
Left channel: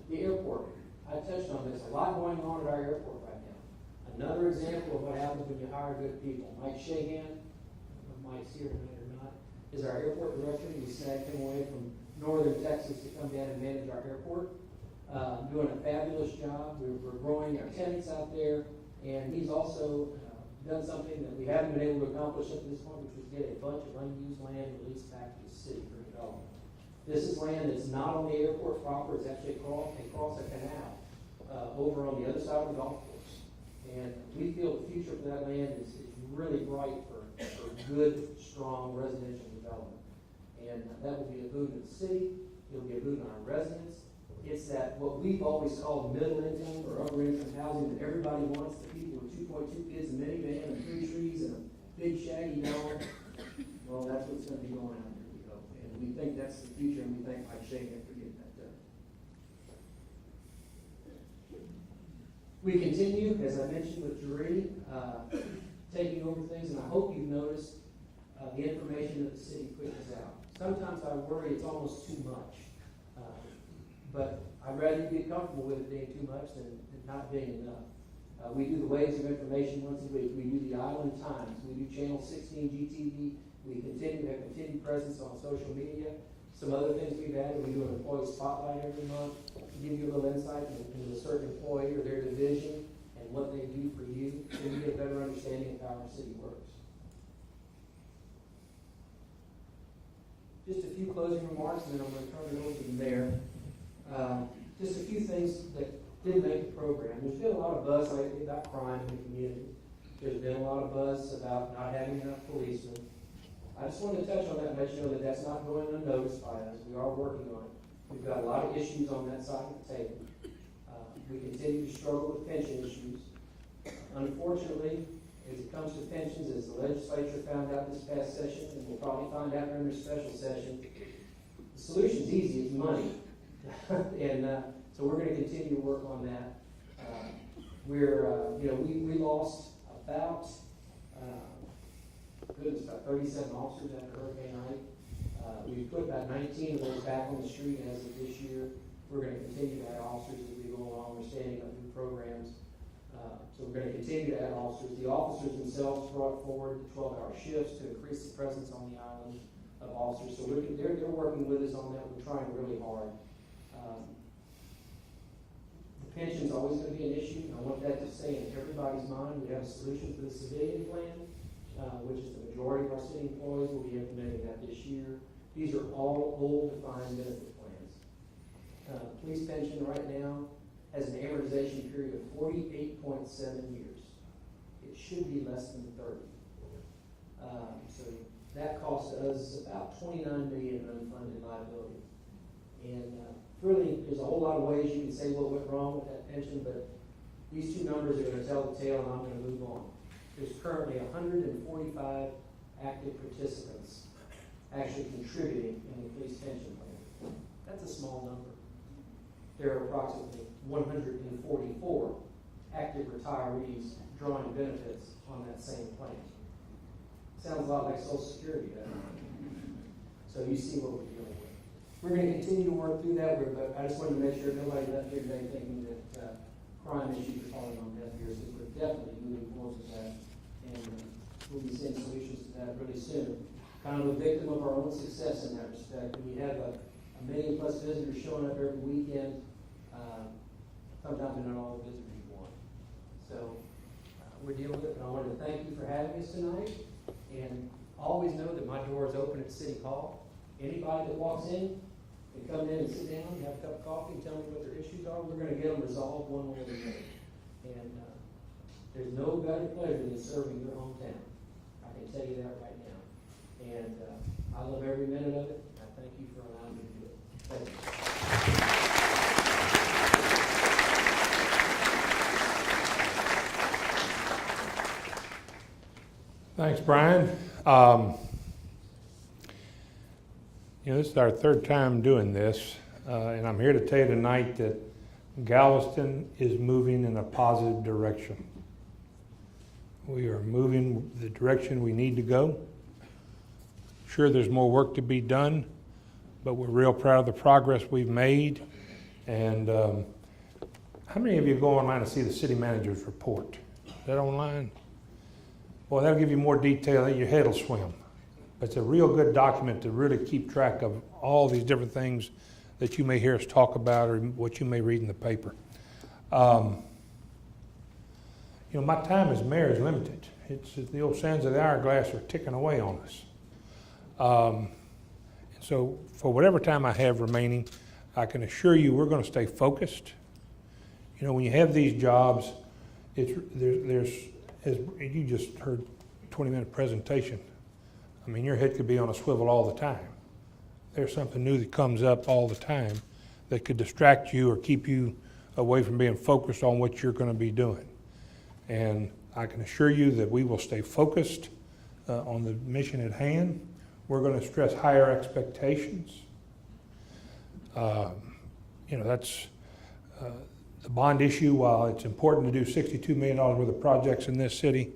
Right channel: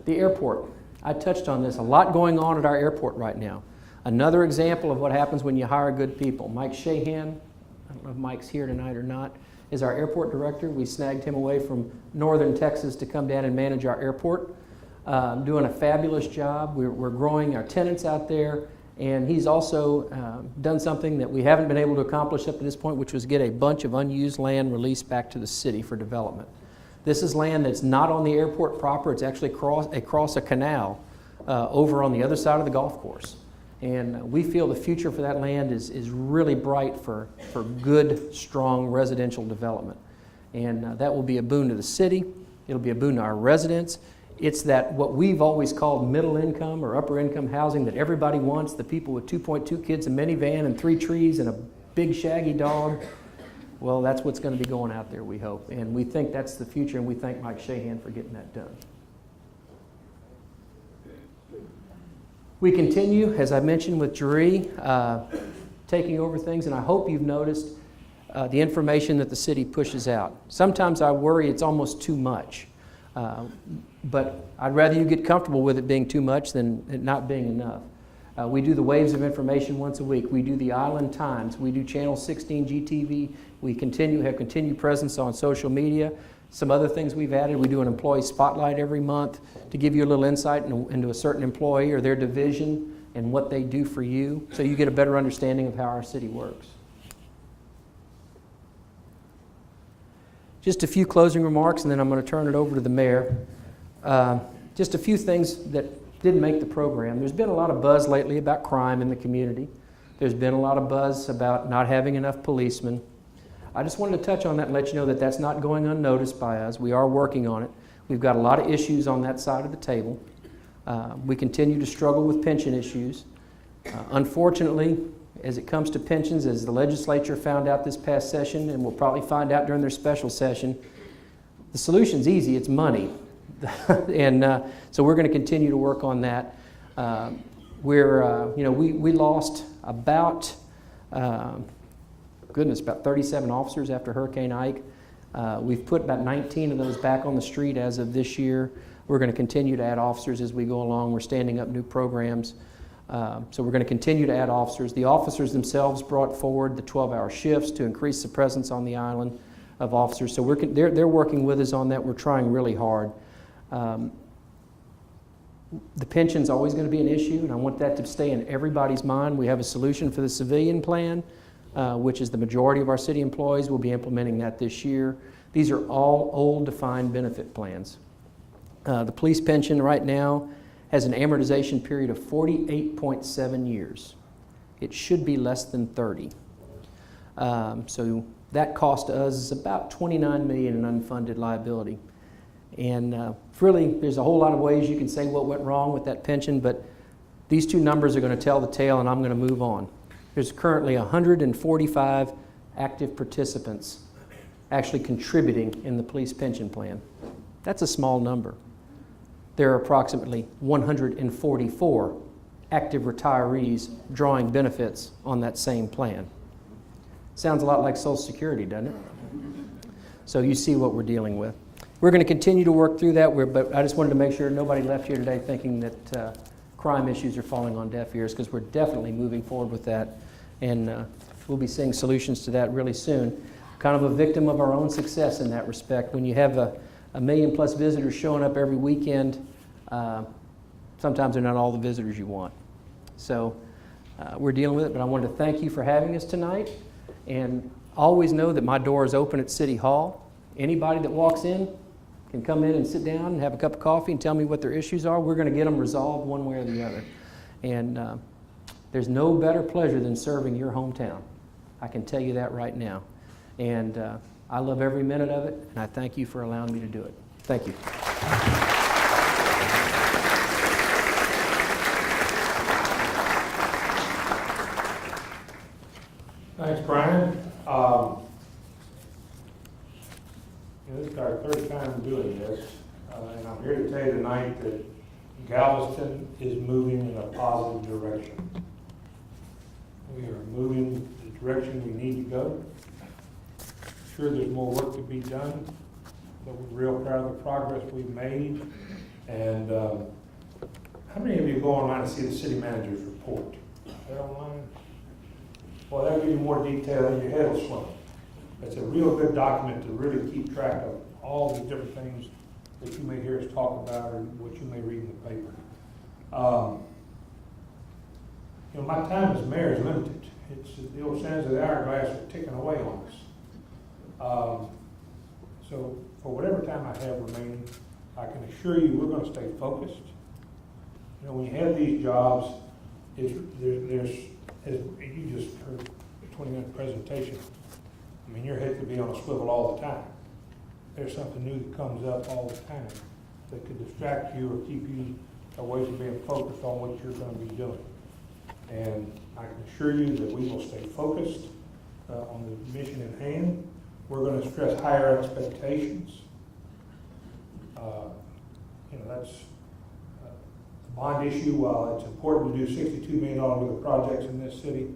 The airport. I touched on this. A lot going on at our airport right now. Another example of what happens when you hire good people. Mike Shahan, I don't know if Mike's here tonight or not, is our airport director. We snagged him away from northern Texas to come down and manage our airport. Doing a fabulous job. We're growing our tenants out there, and he's also done something that we haven't been able to accomplish up to this point, which was get a bunch of unused land released back to the city for development. This is land that's not on the airport proper. It's actually across a canal over on the other side of the golf course. And we feel the future for that land is really bright for good, strong residential development. And that will be a boon to the city. It'll be a boon to our residents. It's that what we've always called middle income or upper income housing that everybody wants, the people with 2.2 kids, a minivan, and 3 trees, and a big shaggy dog. Well, that's what's going to be going out there, we hope. And we think that's the future, and we thank Mike Shahan for getting that done. We continue, as I mentioned, with Jeree, taking over things, and I hope you've noticed the information that the city pushes out. Sometimes I worry it's almost too much, but I'd rather you get comfortable with it being too much than it not being enough. We do the waves of information once a week. We do the Island Times. We do Channel 16 GTV. We have continued presence on social media. Some other things we've added, we do an employee spotlight every month to give you a little insight into a certain employee or their division and what they do for you, so you get a better understanding of how our city works. Just a few closing remarks, and then I'm going to turn it over to the mayor. Just a few things that didn't make the program. There's been a lot of buzz lately about crime in the community. There's been a lot of buzz about not having enough policemen. I just wanted to touch on that and let you know that that's not going unnoticed by us. We are working on it. We've got a lot of issues on that side of the table. We continue to struggle with pension issues. Unfortunately, as it comes to pensions, as the legislature found out this past session, and will probably find out during their special session, the solution's easy, it's money. And so we're going to continue to work on that. We lost about, about 37 officers after Hurricane Ike. We've put about 19 of those back on the street as of this year. We're going to continue to add officers as we go along. We're standing up new programs. So we're going to continue to add officers. The officers themselves brought forward the 12-hour shifts to increase the presence on the island of officers. So they're working with us on that. We're trying really hard. The pension's always going to be an issue, and I want that to stay in everybody's mind. We have a solution for the civilian plan, which is the majority of our city employees. Will be implementing that this year. These are all old defined benefit plans. The police pension right now has an amortization period of 48.7 years. It should be less than 30. So that cost to us is about $29 million in unfunded liability. And really, there's a whole lot of ways you can say what went wrong with that pension, but these two numbers are going to tell the tale, and I'm going to move on. There's currently 145 active participants actually contributing in the police pension plan. That's a small number. There are approximately 144 active retirees drawing benefits on that same plan. Sounds a lot like Social Security, doesn't it? So you see what we're dealing with. We're going to continue to work through that, but I just wanted to make sure nobody left here today thinking that crime issues are falling on deaf ears, because we're definitely moving forward with that, and we'll be seeing solutions to that really soon. Kind of a victim of our own success in that respect. When you have a million plus visitors showing up every weekend, sometimes they're not all the visitors you want. So we're dealing with it, but I wanted to thank you for having us tonight, and always know that my door is open at City Hall. Anybody that walks in can come in and sit down and have a cup of coffee and tell me what their issues are. We're going to get them resolved one way or the other. And there's no better pleasure than serving your hometown. I can tell you that right now. And I love every minute of it, and I thank you for allowing me to do it. Thank you. Thanks, Brian. This is our third time doing this, and I'm here to tell you tonight that Galveston is moving in a positive direction. We are moving the direction we need to go. sure there's more work to be done, but we're real proud of the progress we've made. And how many of you go online and see the city manager's report? Is that online? Well, that'll give you more detail and your head will swim. It's a real good document to really keep track of all these different things that you may hear us talk about or what you may read in the paper. You know, my time as mayor is limited. It's the old sands of the hourglass are ticking away on us. So for whatever time I have remaining, I can assure you we're going to stay focused. You know, when you have these jobs, there's as you just heard a 20-minute presentation. I mean, your head could be on a swivel all the time. There's something new that comes up all the time that could distract you or keep you away from being focused on what you're going to be doing. And I can assure you that we will stay focused on the mission at hand. We're going to stress higher expectations. You know, that's the bond issue. While it's important to do $62 million worth of projects in this city,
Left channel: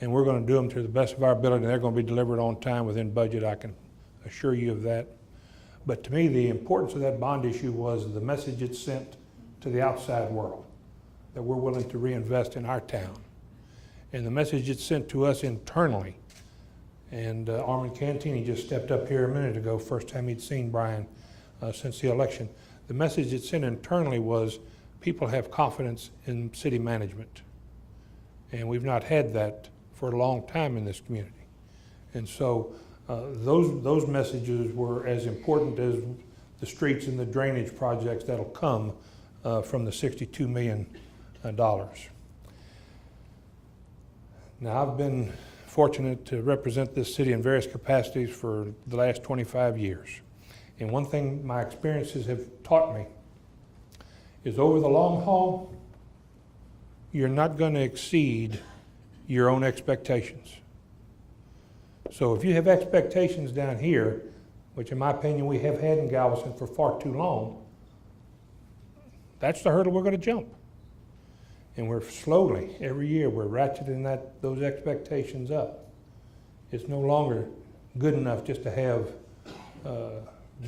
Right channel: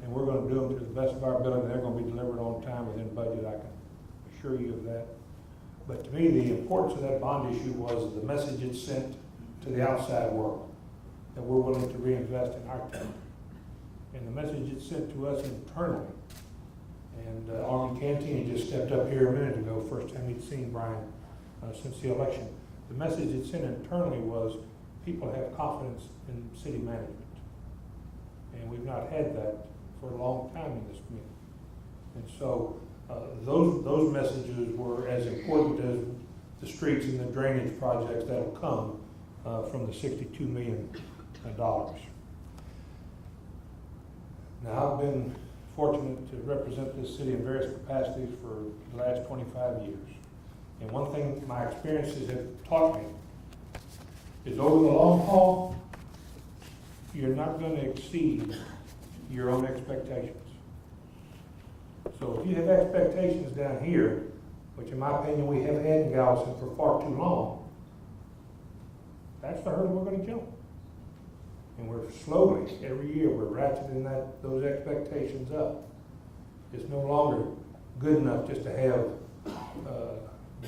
and we're going to do them to the best of our ability, and they're going to be delivered on time within budget, I can assure you of that. But to me, the importance of that bond issue was the message it sent to the outside world, that we're willing to reinvest in our town. And the message it sent to us internally. And Armin Cantini just stepped up here a minute ago, first time he'd seen Brian since the election. The message it sent internally was people have confidence in city management. And we've not had that for a long time in this community. And so those messages were as important as the streets and the drainage projects that'll come from the $62 million. Now, I've been fortunate to represent this city in various capacities for the last 25 years. And one thing my experiences have taught me is over the long haul, you're not going to exceed your own expectations. So if you have expectations down here, which in my opinion we have had in Galveston for far too long, that's the hurdle we're going to jump. And we're slowly, every year, we're ratcheting those expectations up. It's no longer good enough just to have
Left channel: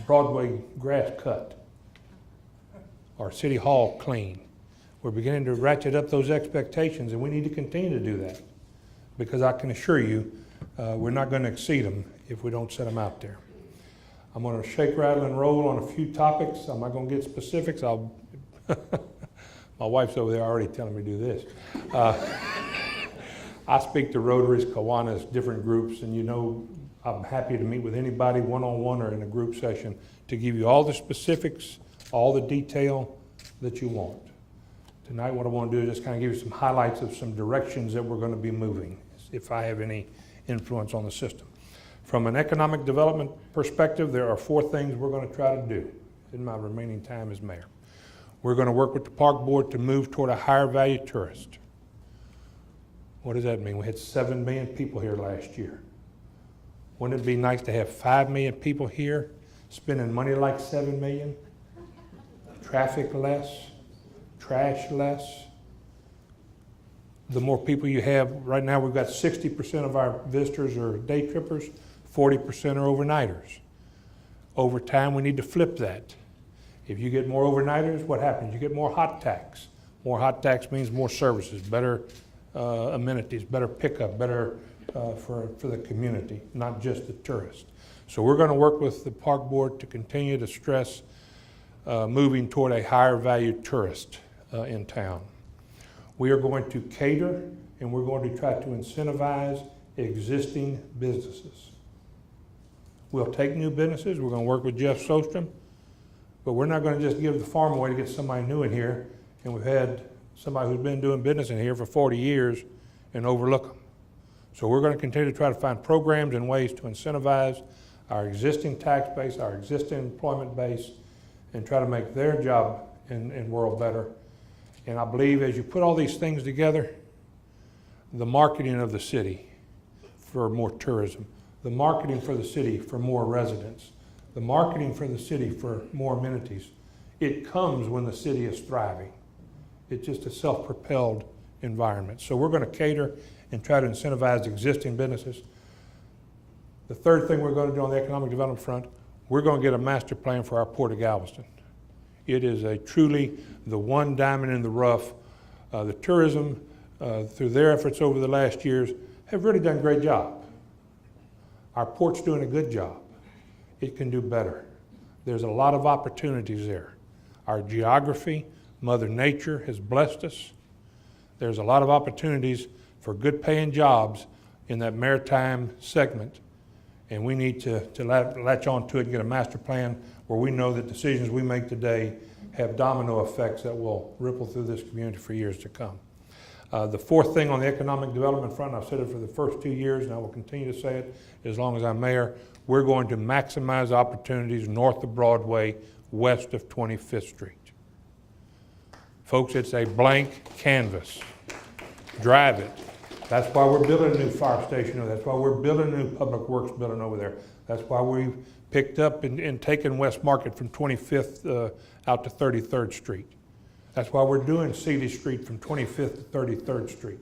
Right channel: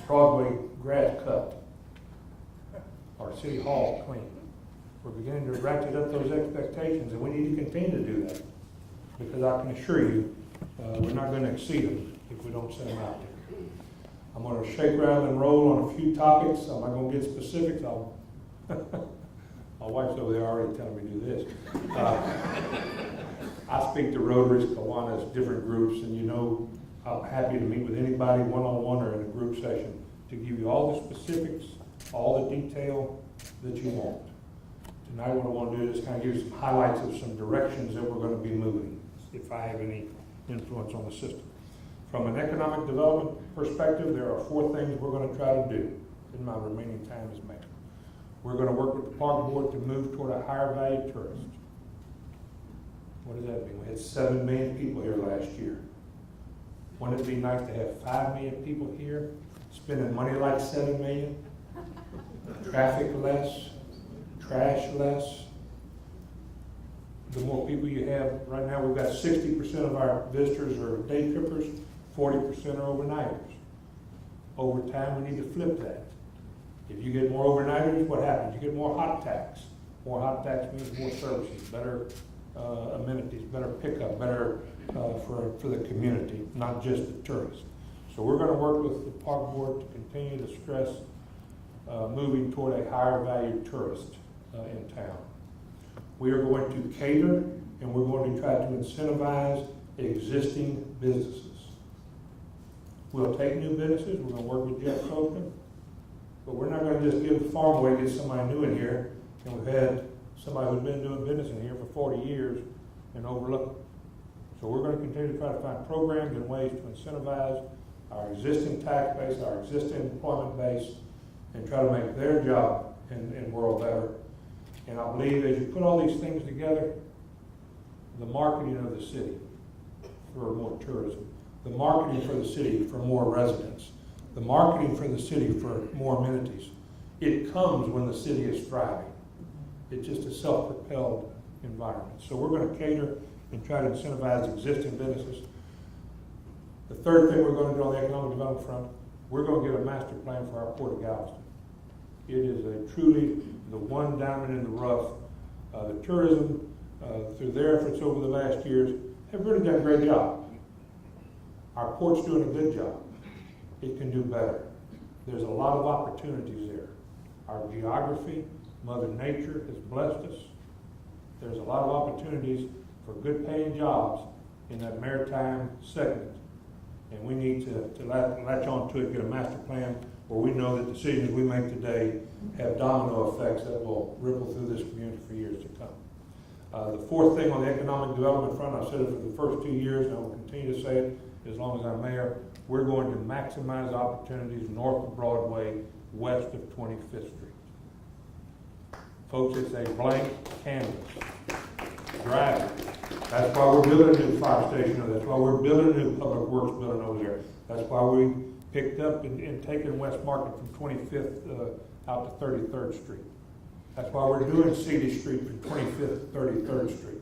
Broadway grass cut or City Hall clean. We're beginning to ratchet up those expectations, and we need to continue to do that, because I can assure you we're not going to exceed them if we don't set them out there. I'm going to shake, rattle, and roll on a few topics. I'm not going to get specifics. My wife's over there already telling me to do this. I speak to Rotaries, Kiwanis, different groups, and you know I'm happy to meet with anybody one-on-one or in a group session to give you all the specifics, all the detail that you want. Tonight what I want to do is just kind of give you some highlights of some directions that we're going to be moving, if I have any influence on the system. From an economic development perspective, there are 4 things we're going to try to do in my remaining time as mayor. We're going to work with the park board to move toward a higher value tourist. What does that mean? We had 7 million people here last year. Wouldn't it be nice to have 5 million people here, spending money like 7 million? Traffic less, trash less. The more people you have, right now we've got 60% of our visitors are day trippers, 40% are overnighters. Over time, we need to flip that. If you get more overnighters, what happens? You get more hot tax. More hot tax means more services, better amenities, better pickup, better for the community, not just the tourists. So we're going to work with the park board to continue to stress moving toward a higher value tourist in town. We are going to cater, and we're going to try to incentivize existing businesses. We'll take new businesses. We're going to work with Jeff Sostrom, but we're not going to just give the farm away to get somebody new in here, and we've had somebody who's been doing business in here for 40 years and overlook them. So we're going to continue to try to find programs and ways to incentivize our existing tax base, our existing employment base, and try to make their job in world better. And I believe as you put all these things together, the marketing of the city for more tourism, the marketing for the city for more residents, the marketing for the city for more amenities, it comes when the city is thriving. It's just a self-propelled environment. So we're going to cater and try to incentivize existing businesses. The third thing we're going to do on the economic development front, we're going to get a master plan for our Port of Galveston. It is truly the one diamond in the rough. The tourism, through their efforts over the last years, have really done a great job. Our port's doing a good job. It can do better. There's a lot of opportunities there. Our geography, Mother Nature has blessed us. There's a lot of opportunities for good paying jobs in that maritime segment. And we need to latch on to it and get a master plan where we know that decisions we make today have domino effects that will ripple through this community for years to come. The fourth thing on the economic development front, I've said it for the first 2 years and I will continue to say it as long as I'm mayor, we're going to maximize opportunities north of Broadway, west of 25th Street. Folks, it's a blank canvas. Drive it. That's why we're building a new fire station. That's why we're building a new public works building over there. That's why we picked up and taken West Market from 25th out to 33rd Street. That's why we're doing Seeley Street from 25th to 33rd Street.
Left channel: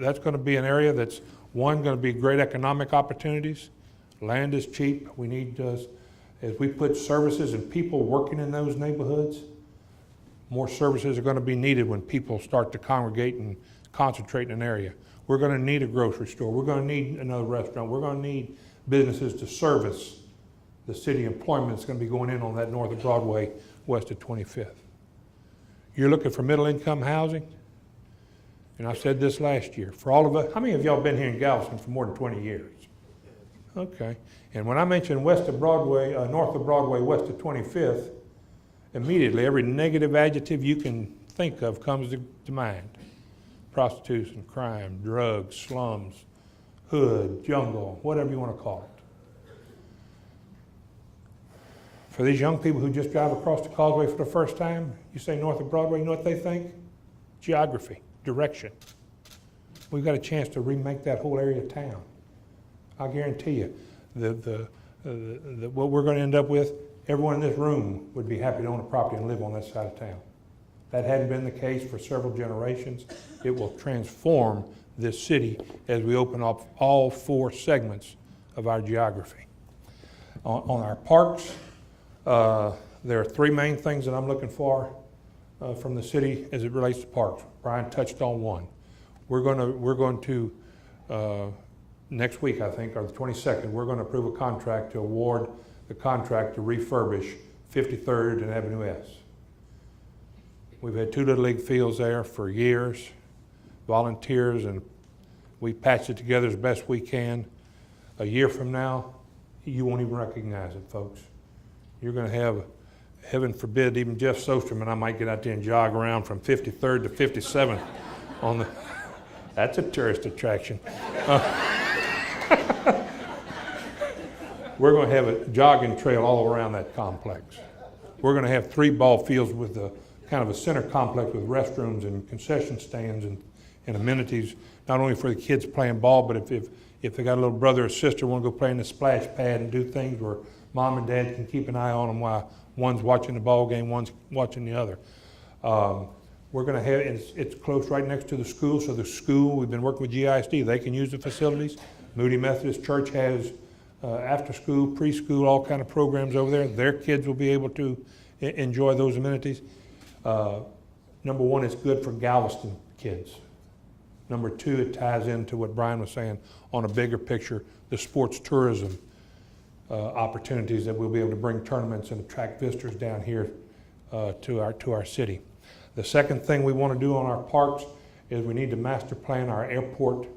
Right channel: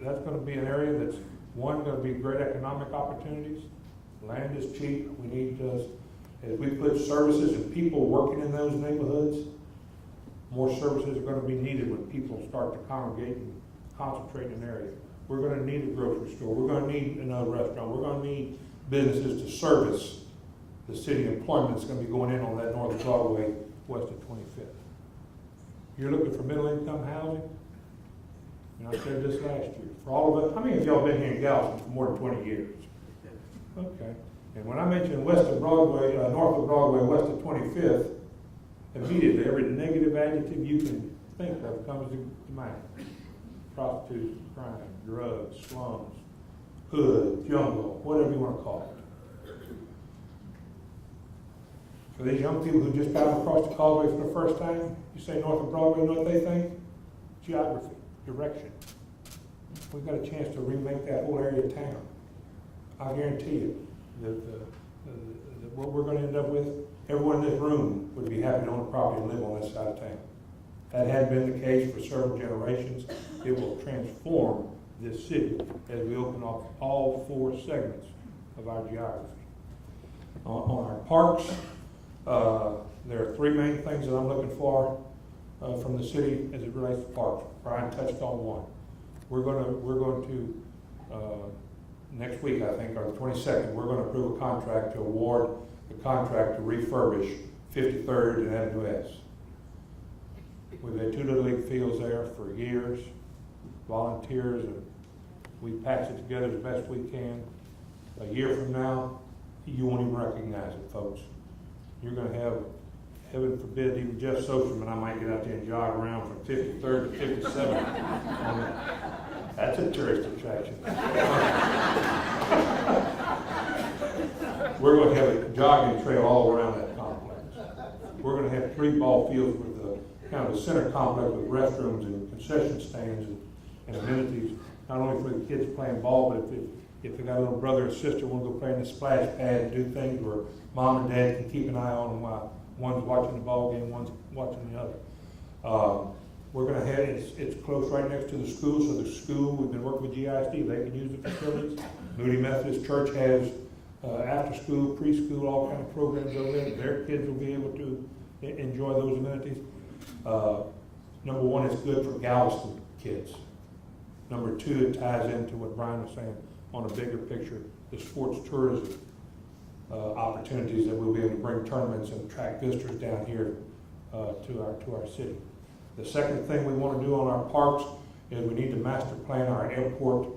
That's gonna be an area that's, one, gonna be great economic opportunities. Land is cheap. We need, as we put services and people working in those neighborhoods, more services are going to be needed when people start to congregate and concentrate in an area. We're going to need a grocery store. We're going to need another restaurant. We're going to need businesses to service the city employment that's going to be going in on that north of Broadway, west of 25th. You're looking for middle income housing? And I said this last year. For all of us, how many of y'all been here in Galveston for more than 20 years? Okay. And when I mentioned west of Broadway, north of Broadway, west of 25th, immediately every negative adjective you can think of comes to mind. Prostitution, crime, drugs, slums, hood, jungle, whatever you want to call it. For these young people who just drive across the causeway for the first time, you say north of Broadway, you know what they think? Geography, direction. We've got a chance to remake that whole area of town. I'll guarantee you, what we're going to end up with, everyone in this room would be happy to own a property and live on this side of town. That hadn't been the case for several generations. It will transform this city as we open up all four segments of our geography. On our parks, there are three main things that I'm looking for from the city as it relates to parks. Brian touched on one. We're going to next week, I think, or the 22nd, we're going to approve a contract to award the contract to refurbish 53rd and Avenue S. We've had two Little League fields there for years, volunteers, and we patched it together as best we can. A year from now, you won't even recognize it, folks. You're going to have, heaven forbid, even Jeff Sosterman, I might get out there and jog around from 53rd to 57th on the. That's a tourist attraction. We're going to have a jogging trail all around that complex. We're going to have 3 ball fields with a kind of a center complex with restrooms and concession stands and amenities, not only for the kids playing ball, but if they got a little brother or sister want to go play in the splash pad and do things where mom and dad can keep an eye on them while one's watching the ball game, one's watching the other. We're going to have, it's close right next to the school, so the school, we've been working with GISD, they can use the facilities. Moody Methodist Church has after school, preschool, all kind of programs over there. Their kids will be able to enjoy those amenities. Number one, it's good for Galveston kids. Number two, it ties into what Brian was saying on a bigger picture, the sports tourism opportunities that we'll be able to bring tournaments and attract visitors down here to our city. The second thing we want to do on our parks is we need to master plan our airport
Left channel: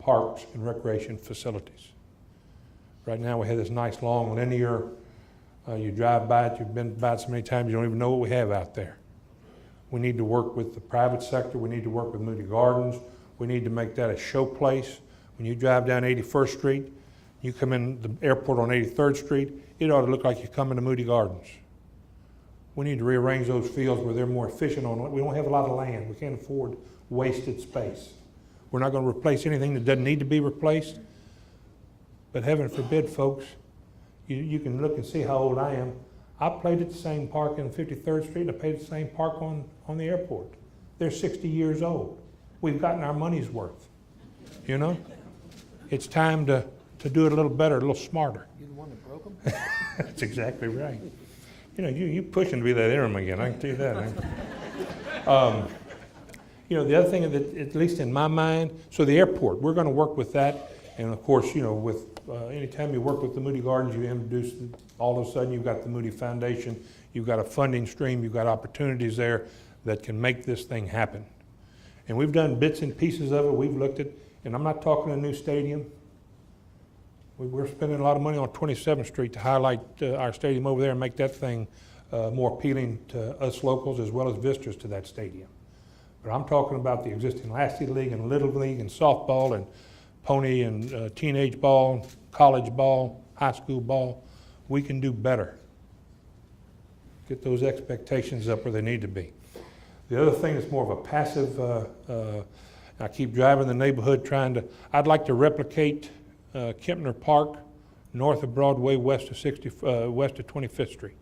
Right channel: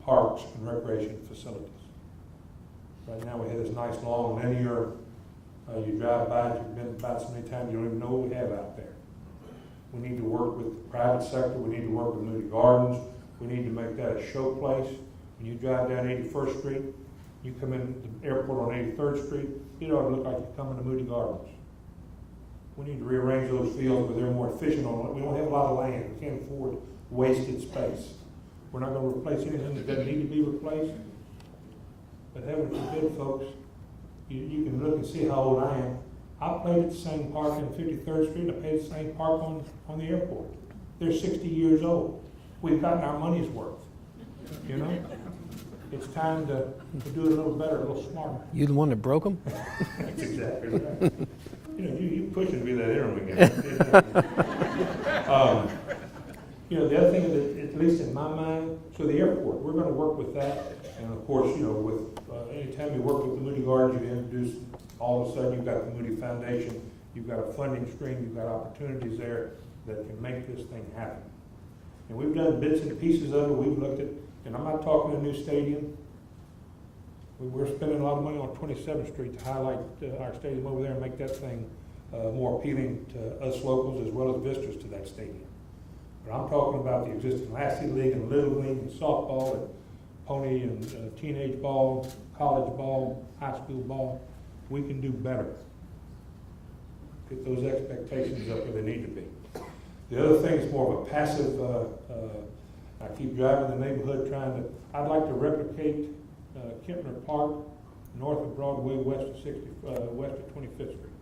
parks and recreation facilities. Right now we have this nice long linear, you drive by it, you've been by it so many times you don't even know what we have out there. We need to work with the private sector, we need to work with Moody Gardens, we need to make that a show place. When you drive down 81st Street, you come in the airport on 83rd Street, it ought to look like you come into Moody Gardens. We need to rearrange those fields where they're more efficient on it. We don't have a lot of land. We can't afford wasted space. We're not going to replace anything that doesn't need to be replaced. But heaven forbid, folks, you can look and see how old I am. I played at the same park in 53rd Street and I played at the same park on the airport. They're 60 years old. We've gotten our money's worth, you know? it's time to do it a little better, a little smarter. You the one that broke them? That's exactly right. You know, you pushing to be that interim again, I can tell you that. You know, the other thing that, at least in my mind, so the airport, we're gonna work with that. And of course, you know, with anytime you work with the Moody Gardens, you introduce, all of a sudden you've got the Moody Foundation, you've got a funding stream, you've got opportunities there that can make this thing happen. And we've done bits and pieces of it, we've looked at, and I'm not talking a new stadium. We're spending a lot of money on 27th Street to highlight our stadium over there and make that thing more appealing to us locals as well as visitors to that stadium. But I'm talking about the existing Lassie League and Little League and softball and pony and teenage ball, college ball, high school ball. We can do better. Get those expectations up where they need to be. The other thing is more of a passive, I keep driving the neighborhood I'd like to replicate Kempner Park, north of Broadway, west of 25th Street.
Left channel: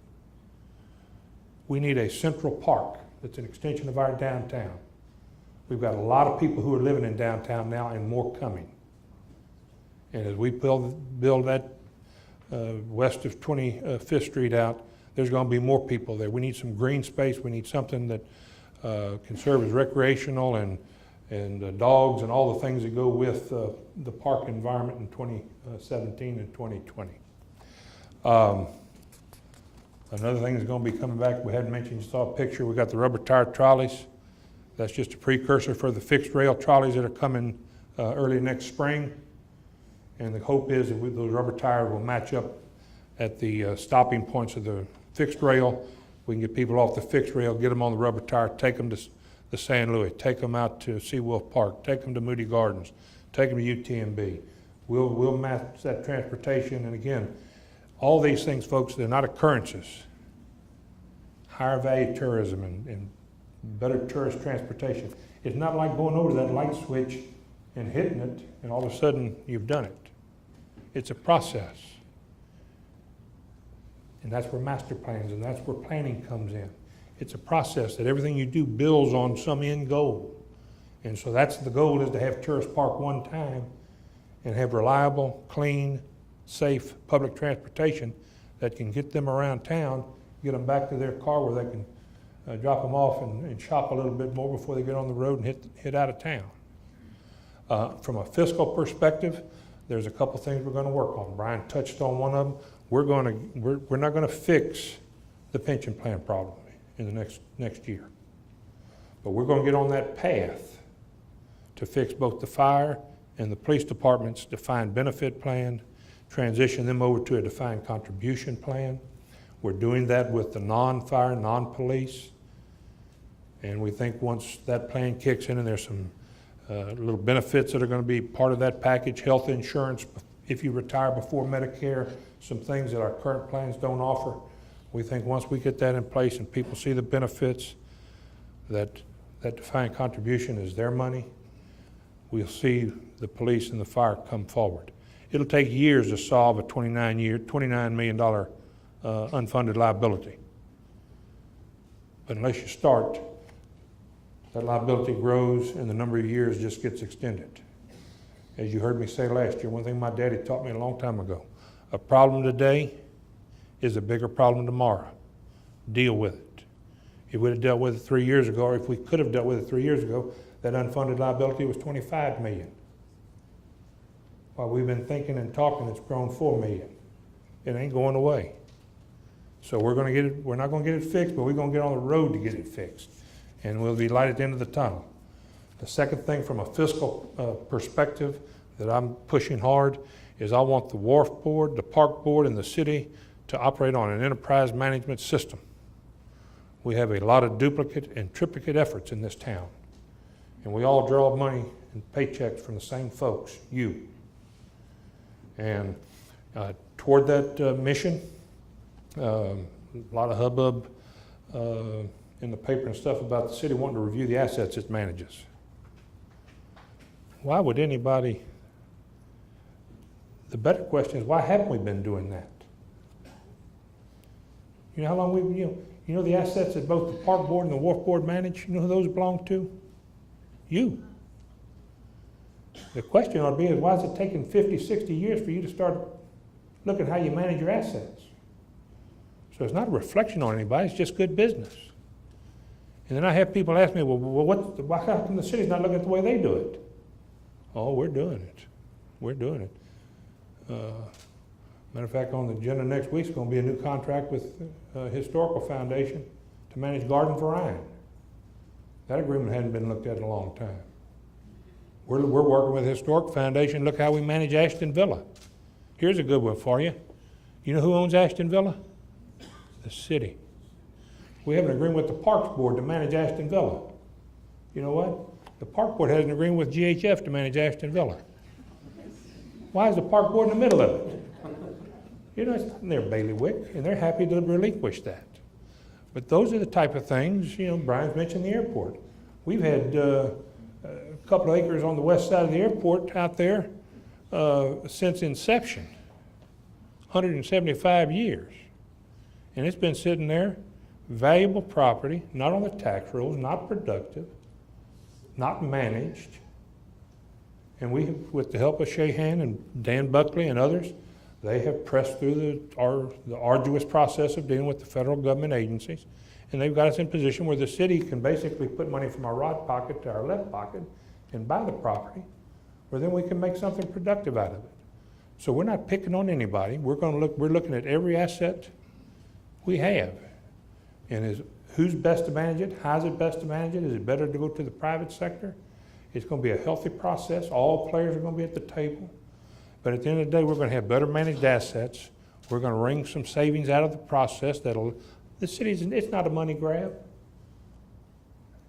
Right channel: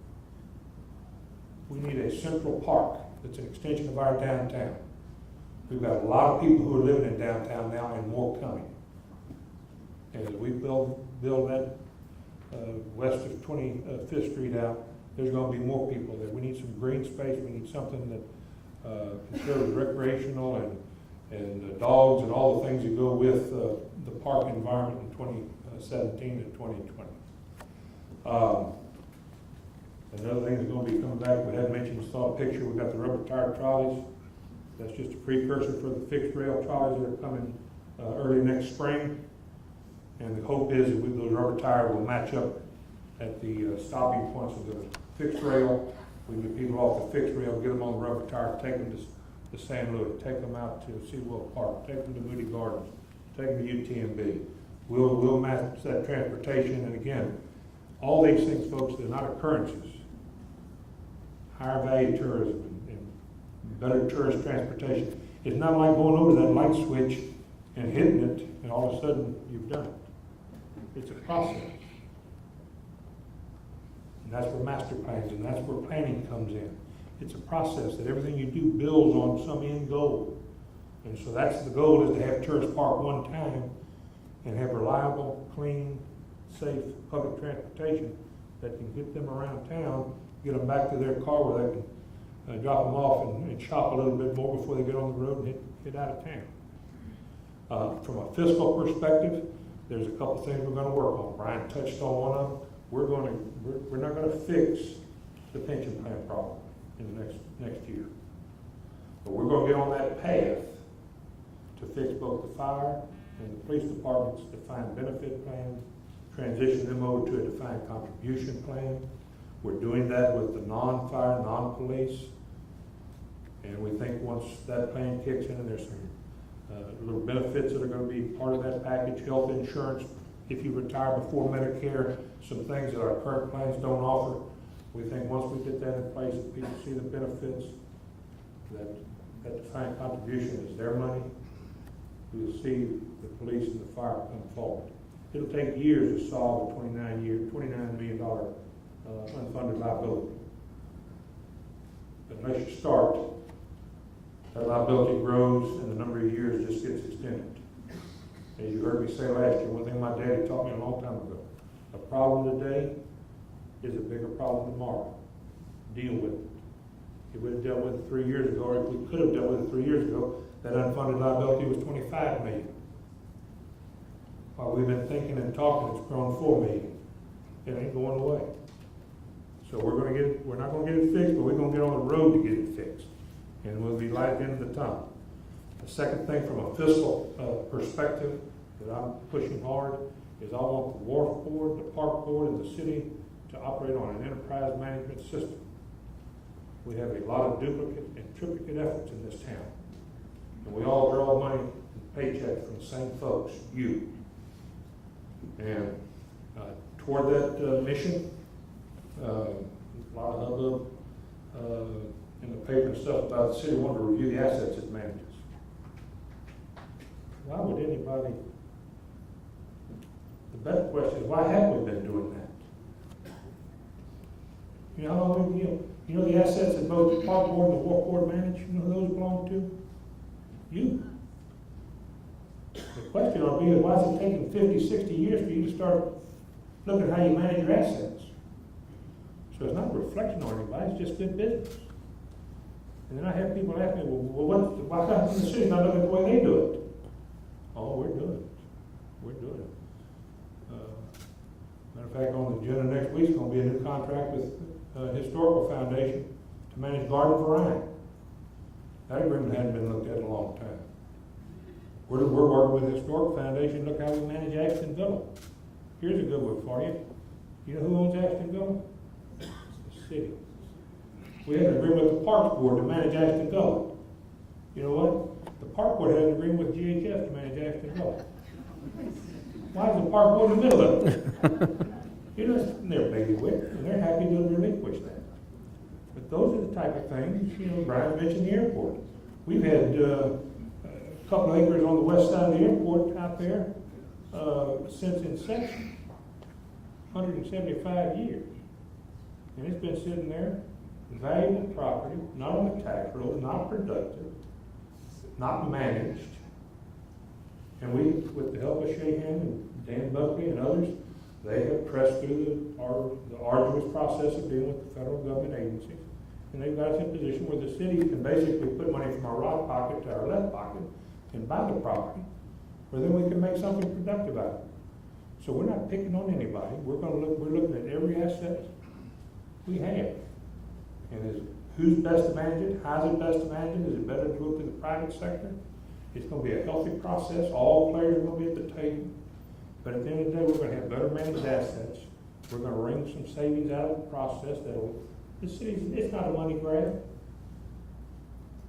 We need a central park that's an extension of our downtown. We've got a lot of people who are living in downtown now and more coming. And as we build that west of 25th Street out, there's going to be more people there. We need some green space. We need something that can serve as recreational and dogs and all the things that go with the park environment in 2017 and 2020. Another thing that's going to be coming back, we had mentioned, you saw a picture, we got the rubber tire trolleys. That's just a precursor for the fixed rail trolleys that are coming early next spring. And the hope is that those rubber tires will match up at the stopping points of the fixed rail. We can get people off the fixed rail, get them on the rubber tire, take them to San Luis, take them out to Seawolf Park, take them to Moody Gardens, take them to UTMB. We'll match that transportation. And again, all these things, folks, they're not occurrences. Higher value tourism and better tourist transportation. It's not like going over that light switch and hitting it and all of a sudden you've done it. It's a process. And that's where master plans and that's where planning comes in. It's a process that everything you do builds on some end goal. And so that's the goal, is to have tourists park one time and have reliable, clean, safe public transportation that can get them around town, get them back to their car where they can drop them off and shop a little bit more before they get on the road and hit out of town. From a fiscal perspective, there's a couple things we're going to work on. Brian touched on one of them. We're not going to fix the pension plan problem in the next year, but we're going to get on that path to fix both the fire and the police department's defined benefit plan, transition them over to a defined contribution plan. We're doing that with the non-fire, non-police, and we think once that plan kicks in and there's some little benefits that are going to be part of that package, health insurance if you retire before Medicare, some things that our current plans don't offer. We think once we get that in place and people see the benefits, that defined contribution is their money, we'll see the police and the fire come forward. It'll take years to solve a $29 million unfunded liability. But unless you start, that liability grows and the number of years just gets extended. As you heard me say last year, one thing my daddy taught me a long time ago, a problem today is a bigger problem tomorrow. Deal with it. If we'd have dealt with it 3 years ago, or if we could have dealt with it 3 years ago, that unfunded liability was $25 million. While we've been thinking and talking, it's grown $4 million. It ain't going away. So we're going to get it, we're not going to get it fixed, but we're going to get on the road to get it fixed. And we'll be light at the end of the tunnel. The second thing from a fiscal perspective that I'm pushing hard is I want the wharf board, the park board, and the city to operate on an enterprise management system. We have a lot of duplicate and triplicate efforts in this town. And we all draw money and paychecks from the same folks, you. And toward that mission, a lot of hubbub in the paper and stuff about the city wanting to review the assets it manages. Why would anybody, the better question is, why haven't we been doing that? You know how long you know the assets that both the park board and the wharf board manage? You know who those belong to? You. The question ought to be is, why is it taking 50, 60 years for you to start looking at how you manage your assets? So it's not a reflection on anybody, it's just good business. And then I have people ask me, well, why come the city's not looking at the way they do it? Oh, we're doing it. We're doing it. Matter of fact, on the agenda next week is going to be a new contract with Historical Foundation to manage Garden Variety. That agreement hadn't been looked at in a long time. We're working with Historic Foundation. Look how we manage Ashton Villa. Here's a good one for you. You know who owns Ashton Villa? The city. We have an agreement with the Parks Board to manage Ashton Villa. You know what? The Park Board has an agreement with GHF to manage Ashton Villa. Why is the Park Board in the middle of it? You know, they're bailiwick, and they're happy to relinquish that. But those are the type of things, you know, Brian mentioned the airport. We've had a couple of acres on the west side of the airport out there since inception, 175 years. And it's been sitting there, valuable property, not on the tax rolls, not productive, not managed. And we, with the help of Shahan and Dan Buckley and others, they have pressed through the arduous process of dealing with the federal government agencies. And they've got us in a position where the city can basically put money from our right pocket to our left pocket and buy the property, where then we can make something productive out of it. So we're not picking on anybody. We're looking at every asset we have. And who's best to manage it? How's it best to manage it? Is it better to go to the private sector? It's going to be a healthy process. All players are going to be at the table. But at the end of the day, we're going to have better managed assets. We're going to wring some savings out of the process the city's, it's not a money grab.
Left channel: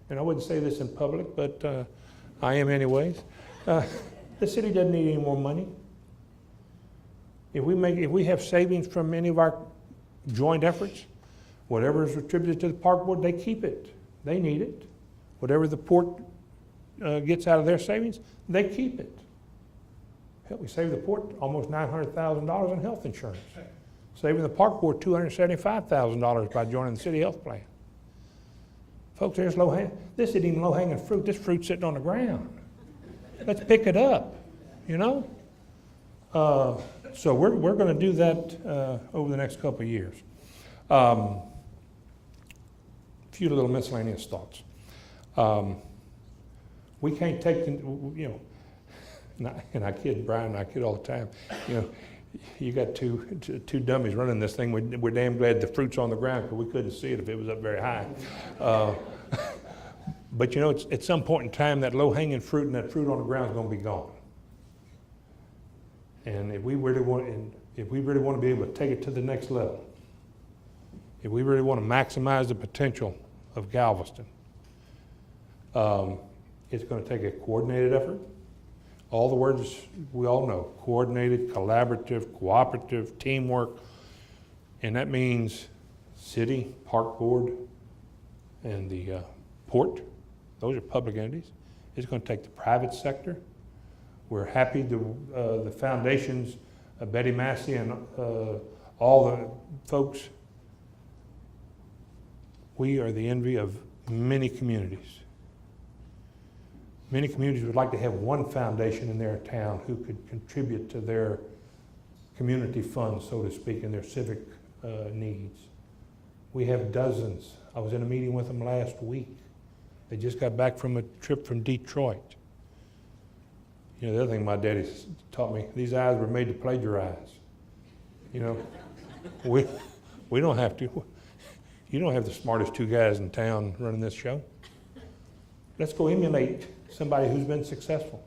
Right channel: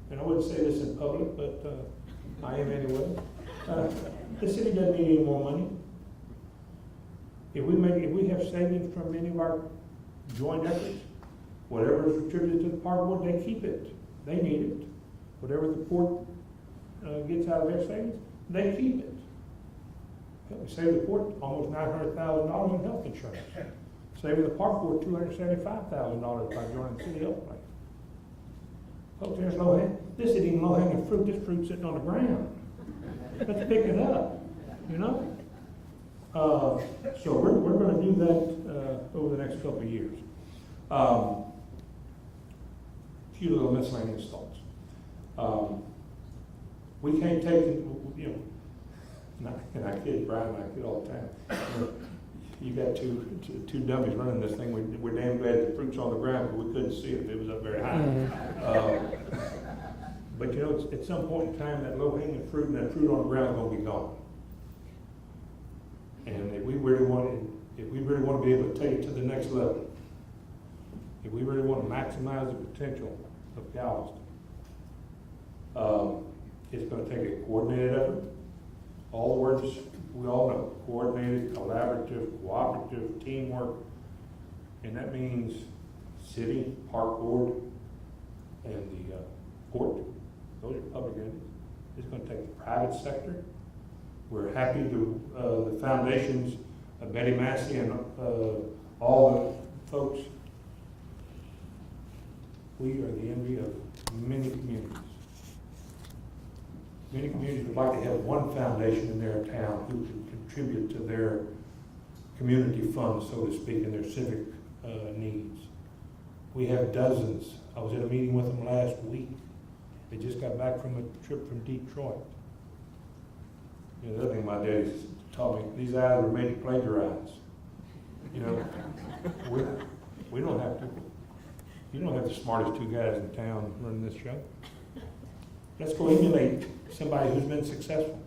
And I wouldn't say this in public, but I am anyways. The city doesn't need any more money. If we have savings from any of our joint efforts, whatever is attributed to the park board, they keep it. They need it. Whatever the port gets out of their savings, they keep it. Help me save the port almost $900,000 in health insurance. Saving the park board $275,000 by joining the city health plan. Folks, there's this isn't even low-hanging fruit. This fruit's sitting on the ground. Let's pick it up, you know? So we're going to do that over the next couple of years. A few little miscellaneous thoughts. We can't take the, you know, and I kid Brian and I kid all the time. You know, you got two dummies running this thing. We're damn glad the fruit's on the ground because we couldn't see it if it was up very high. But you know, at some point in time, that low-hanging fruit and that fruit on the ground is going to be gone. And if we really want to be able to take it to the next level, if we really want to maximize the potential of Galveston, it's going to take a coordinated effort. All the words we all know: coordinated, collaborative, cooperative, teamwork. And that means city, park board, and the port. Those are public entities. It's going to take the private sector. We're happy the foundations, Betty Massey and all the folks. We are the envy of many communities. Many communities would like to have one foundation in their town who could contribute to their community funds, so to speak, and their civic needs. We have dozens. I was in a meeting with them last week. They just got back from a trip from Detroit. You know, the other thing my daddy taught me, these eyes were made to plagiarize. You know, we don't have to. You don't have the smartest two guys in town running this show. Let's go emulate somebody who's been successful.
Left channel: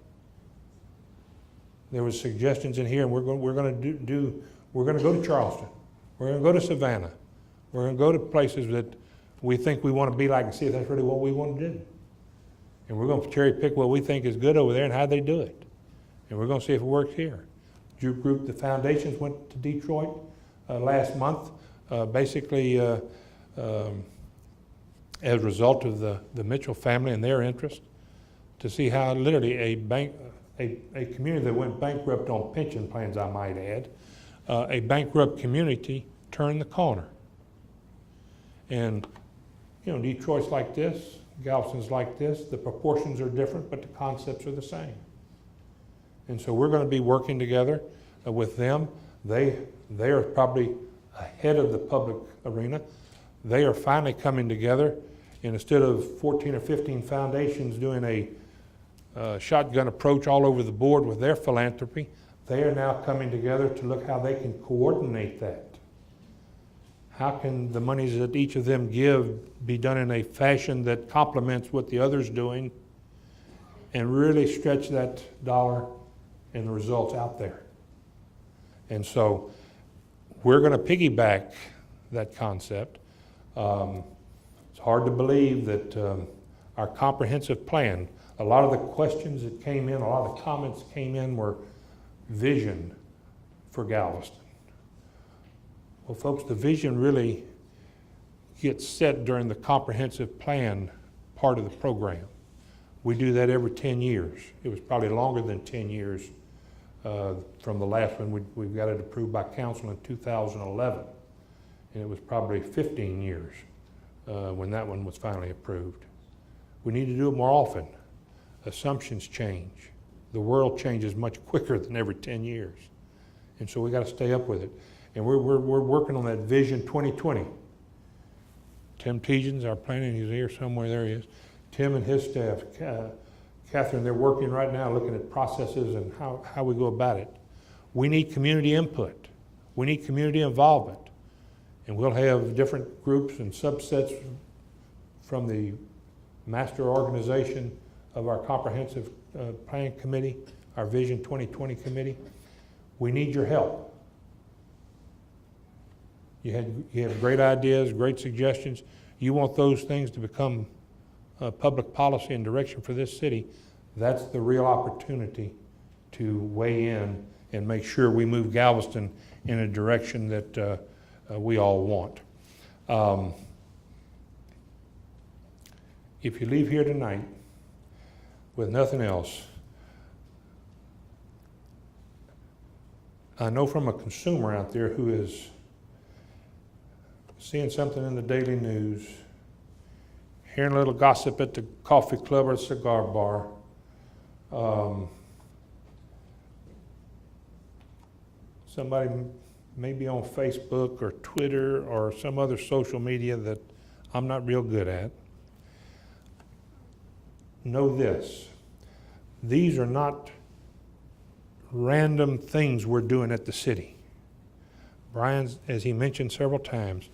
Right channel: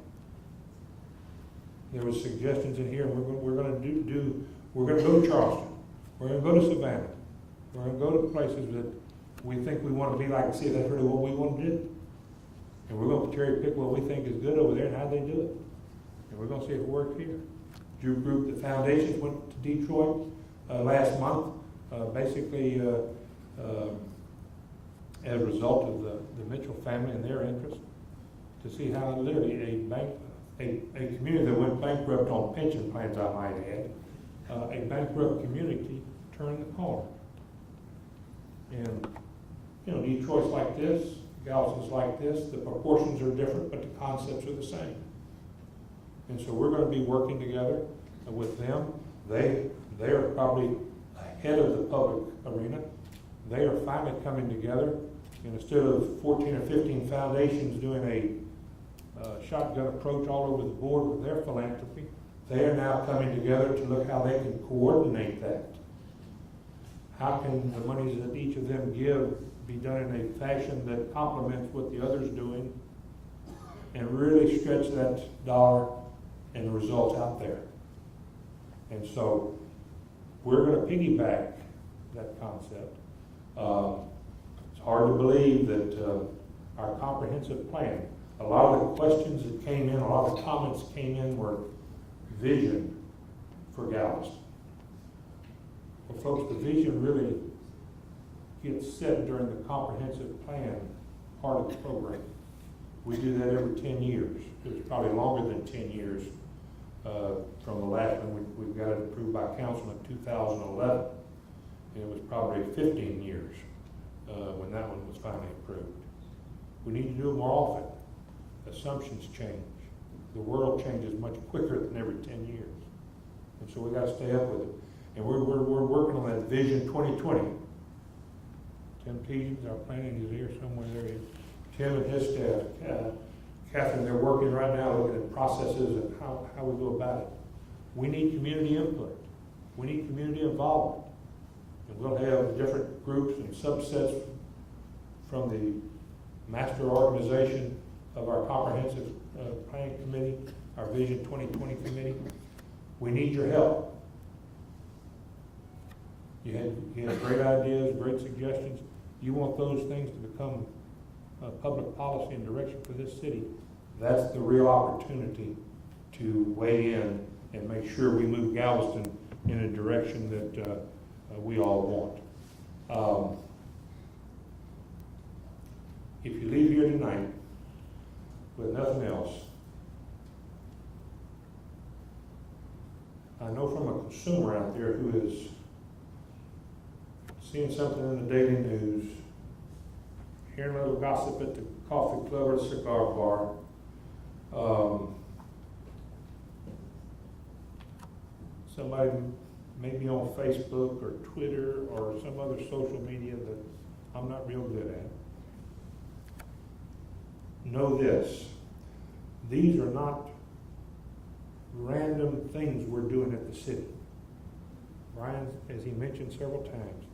There were suggestions in here, and we're going to go to Charleston. We're going to go to Savannah. We're going to go to places that we think we want to be like and see if that's really what we want to do. And we're going to cherry pick what we think is good over there and how they do it. And we're going to see if it works here. Your group, the foundations, went to Detroit last month, basically as a result of the Mitchell family and their interest, to see how literally a community that went bankrupt on pension plans, I might add, a bankrupt community turned the corner. And you know, Detroit's like this, Galveston's like this. The proportions are different, but the concepts are the same. And so we're gonna be working together with them. They're probably ahead of the public arena. They are finally coming together, and instead of 14 or 15 foundations doing a shotgun approach all over the board with their philanthropy, they are now coming together to look how they can coordinate that. How can the monies that each of them give be done in a fashion that complements what the other's doing and really stretch that dollar and the results out there. And so we're going to piggyback that concept. It's hard to believe that our comprehensive plan, a lot of the questions that came in, a lot of the comments that came in were vision for Galveston. Well, folks, the vision really gets set during the comprehensive plan part of the program. We do that every 10 years. It was probably longer than 10 years from the last one. We got it approved by council in 2011. And it was probably 15 years when that one was finally approved. We need to do it more often. Assumptions change. The world changes much quicker than every 10 years. And so we got to stay up with it. And we're working on that Vision 2020. Tim Tejan's our planning, he's here somewhere, there he is. Tim and his staff, Catherine, they're working right now looking at processes and how we go about it. We need community input. We need community involvement. And we'll have different groups and subsets from the master organization of our comprehensive plan committee, our Vision 2020 committee. We need your help. You had great ideas, great suggestions. You want those things to become public policy and direction for this city. That's the real opportunity to weigh in and make sure we move Galveston in a direction that we all want. If you leave here tonight with nothing else, I know from a consumer out there who is seeing something in the daily news, hearing a little gossip at the coffee club or cigar bar, somebody maybe on Facebook or Twitter or some other social media that I'm not real good at. Know this, these are not random things we're doing at the city. Brian's, as he mentioned several times,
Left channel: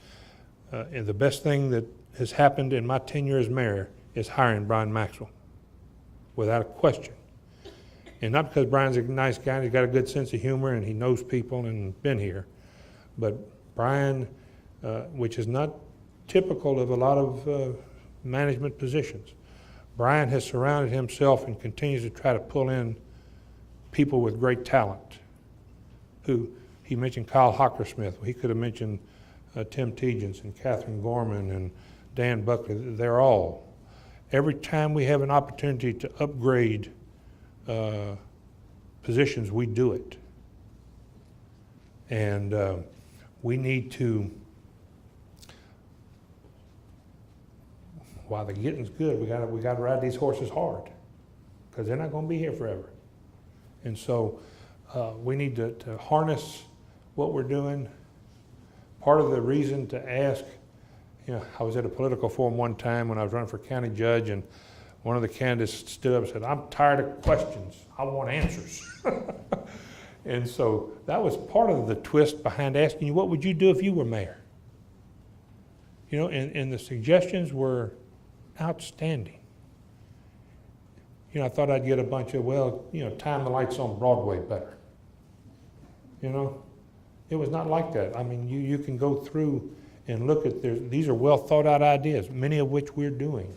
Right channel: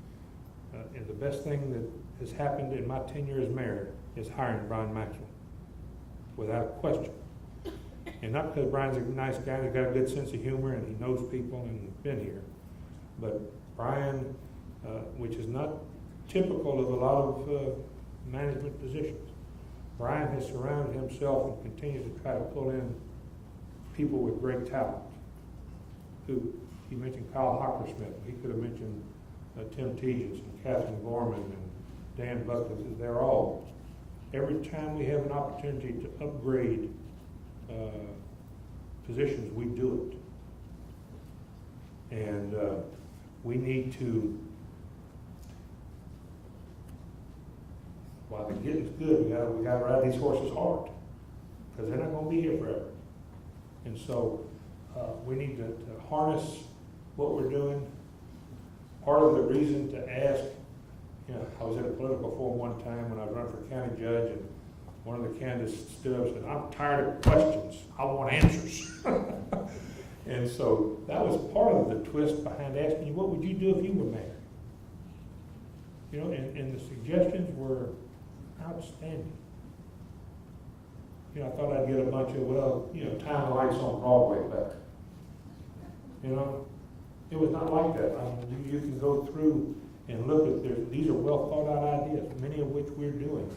and the best thing that has happened in my tenure as mayor is hiring Brian Maxwell, without a question. And not because Brian's a nice guy and he's got a good sense of humor and he knows people and been here, but Brian, which is not typical of a lot of management positions, Brian has surrounded himself and continues to try to pull in people with great talent. Who he mentioned Kyle Hockersmith. He could have mentioned Tim Tegens and Catherine Gorman and Dan Buckley. They're all. Every time we have an opportunity to upgrade positions, we do it. And we need to, while the getting's good, we got to ride these horses hard, because they're not going to be here forever. And so we need to harness what we're doing. Part of the reason to ask, I was at a political forum one time when I was running for county judge, and one of the candidates stood up and said, "I'm tired of questions, I want answers." And so that was part of the twist behind asking you, what would you do if you were mayor? And the suggestions were outstanding. I thought I'd get a bunch of, time the lights on Broadway better. It was not like that. I mean, you can go through and look at these are well thought out ideas, many of which we're doing.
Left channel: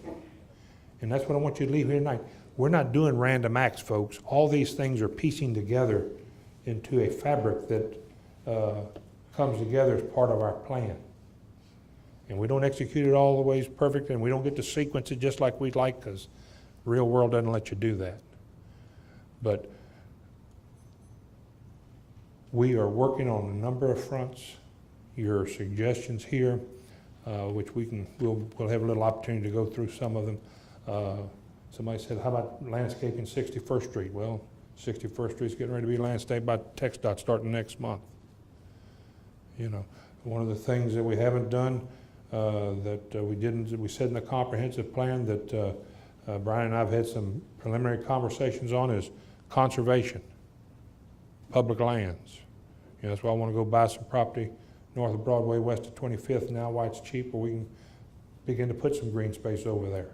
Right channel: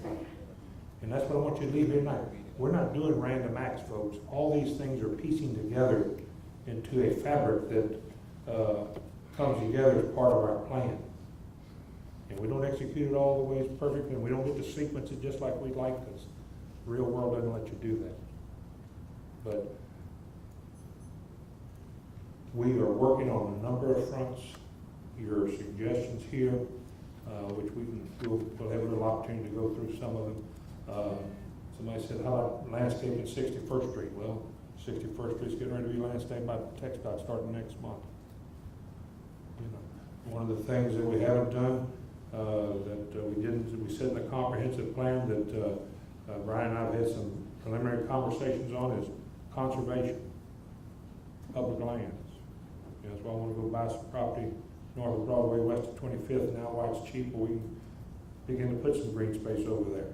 And that's what I want you to leave here tonight. We're not doing random acts, folks. All these things are piecing together into a fabric that comes together as part of our plan. And we don't execute it all the ways perfect, and we don't get to sequence it just like we'd like, because the real world doesn't let you do that. But we are working on a number of fronts. Your suggestions here, which we'll have a little opportunity to go through some of them. Somebody said, how about landscaping 61st Street? Well, 61st Street's getting ready to be landscaped by TxDOT starting next month. You know, one of the things that we haven't done, we said in the comprehensive plan that Brian and I have had some preliminary conversations on is conservation, public lands. You know, that's why I want to go buy some property north of Broadway, west of 25th now, why it's cheap, where we can begin to put some green space over there.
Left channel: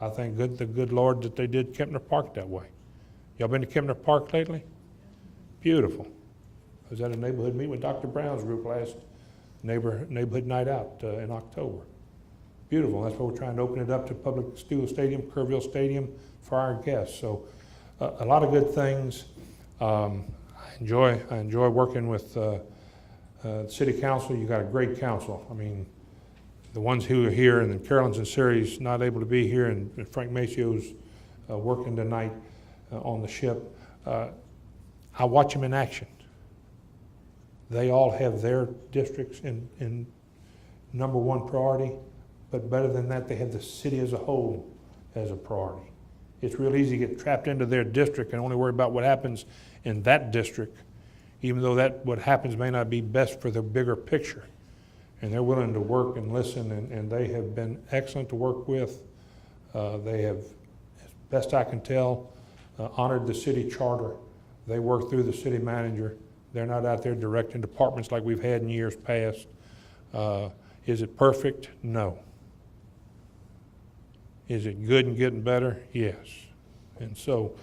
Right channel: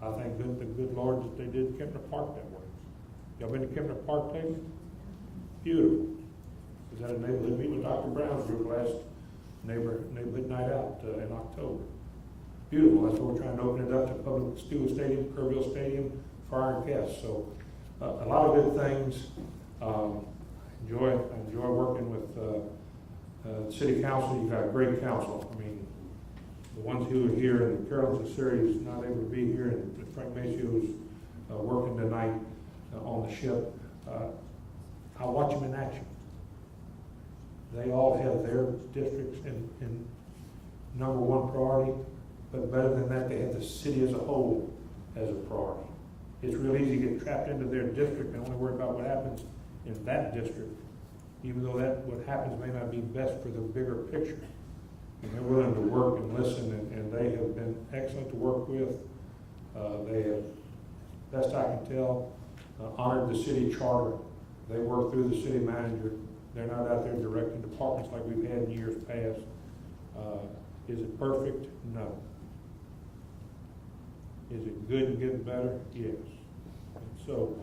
I thank the good Lord that they did Kempner Park that way. Y'all been to Kempner Park lately? Beautiful. I was at a neighborhood meeting with Dr. Brown's group last neighborhood night out in October. Beautiful. That's why we're trying to open it up to public Steel Stadium, Kerrville Stadium for our guests. So a lot of good things. I enjoy working with City Council. You got a great council. I mean, the ones who are here, and Carolyn's and Siri's not able to be here, and Frank Macio's working tonight on the ship. I watch them in action. They all have their districts in number one priority, but better than that, they have the city as a whole as a priority. It's real easy to get trapped into their district and only worry about what happens in that district, even though what happens may not be best for the bigger picture. And they're willing to work and listen, and they have been excellent to work with. They have, as best I can tell, honored the city charter. They work through the city manager. They're not out there directing departments like we've had in years past. Is it perfect? No. Is it good and getting better? Yes. And so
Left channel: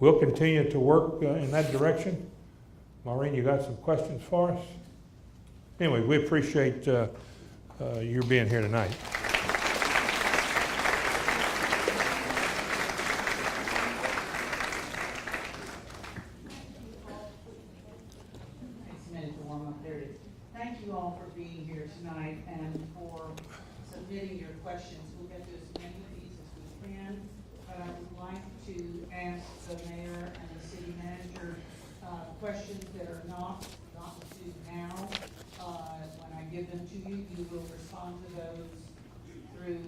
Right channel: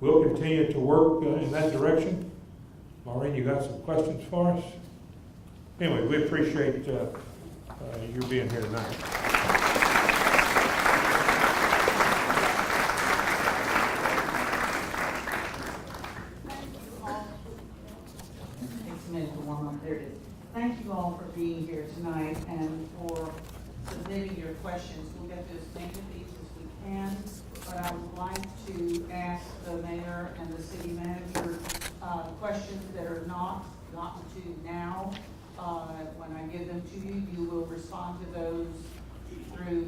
we'll continue to work in that direction. Maureen, you got some questions for us? Anyway, we appreciate your being here tonight. Thank you all for being here tonight and for submitting your questions. We'll get to as many of these as we can, but I would like to ask the mayor and the city manager questions that are not gotten to now. When I give them to you, you will respond to those through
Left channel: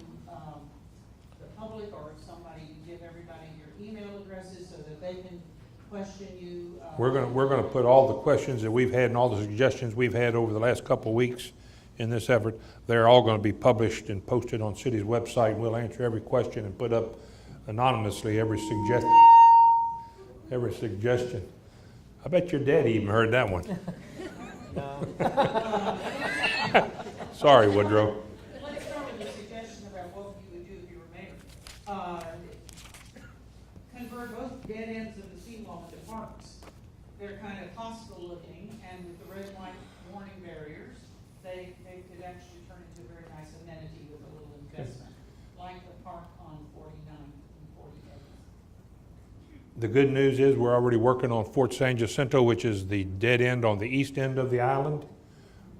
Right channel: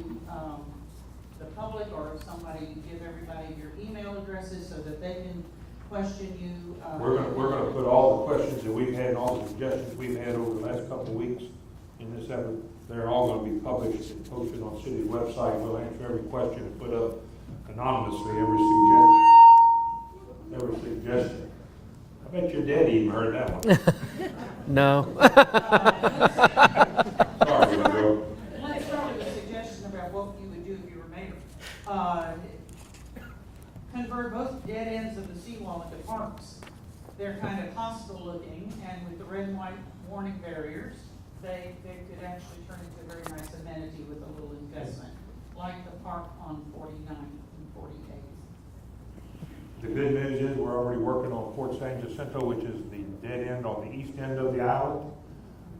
the public, or if somebody, you give everybody your email addresses so that they can question you. We're going to put all the questions that we've had and all the suggestions we've had over the last couple of weeks in this effort. They're all going to be published and posted on city's website. We'll answer every question and put up anonymously every suggestion. I bet your daddy even heard that one. No. Sorry, Woodrow. Let's start with a suggestion about what you would do if you were mayor. Convert both dead ends of the seawall into parks. They're kind of hostile looking, and with the red and white warning barriers, they could actually turn into a very nice amenity with a little investment, like the park on 49 and 48. The good news is we're already working on Fort San Jacinto, which is the dead end on the east end of the island.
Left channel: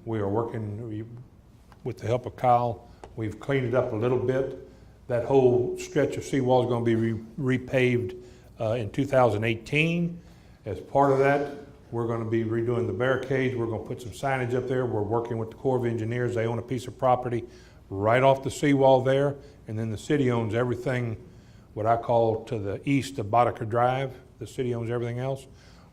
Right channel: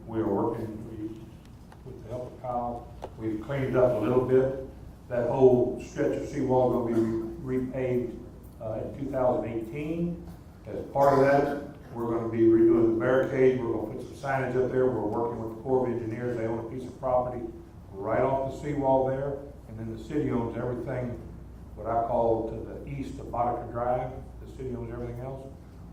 We are working with the help of Kyle. We've cleaned it up a little bit. That whole stretch of seawall is going to be repaved in 2018. As part of that, we're going to be redoing the barricades. We're going to put some signage up there. We're working with the Corps of Engineers. They own a piece of property right off the seawall there, and then the city owns everything, what I call to the east of Boddicker Drive. The city owns everything else.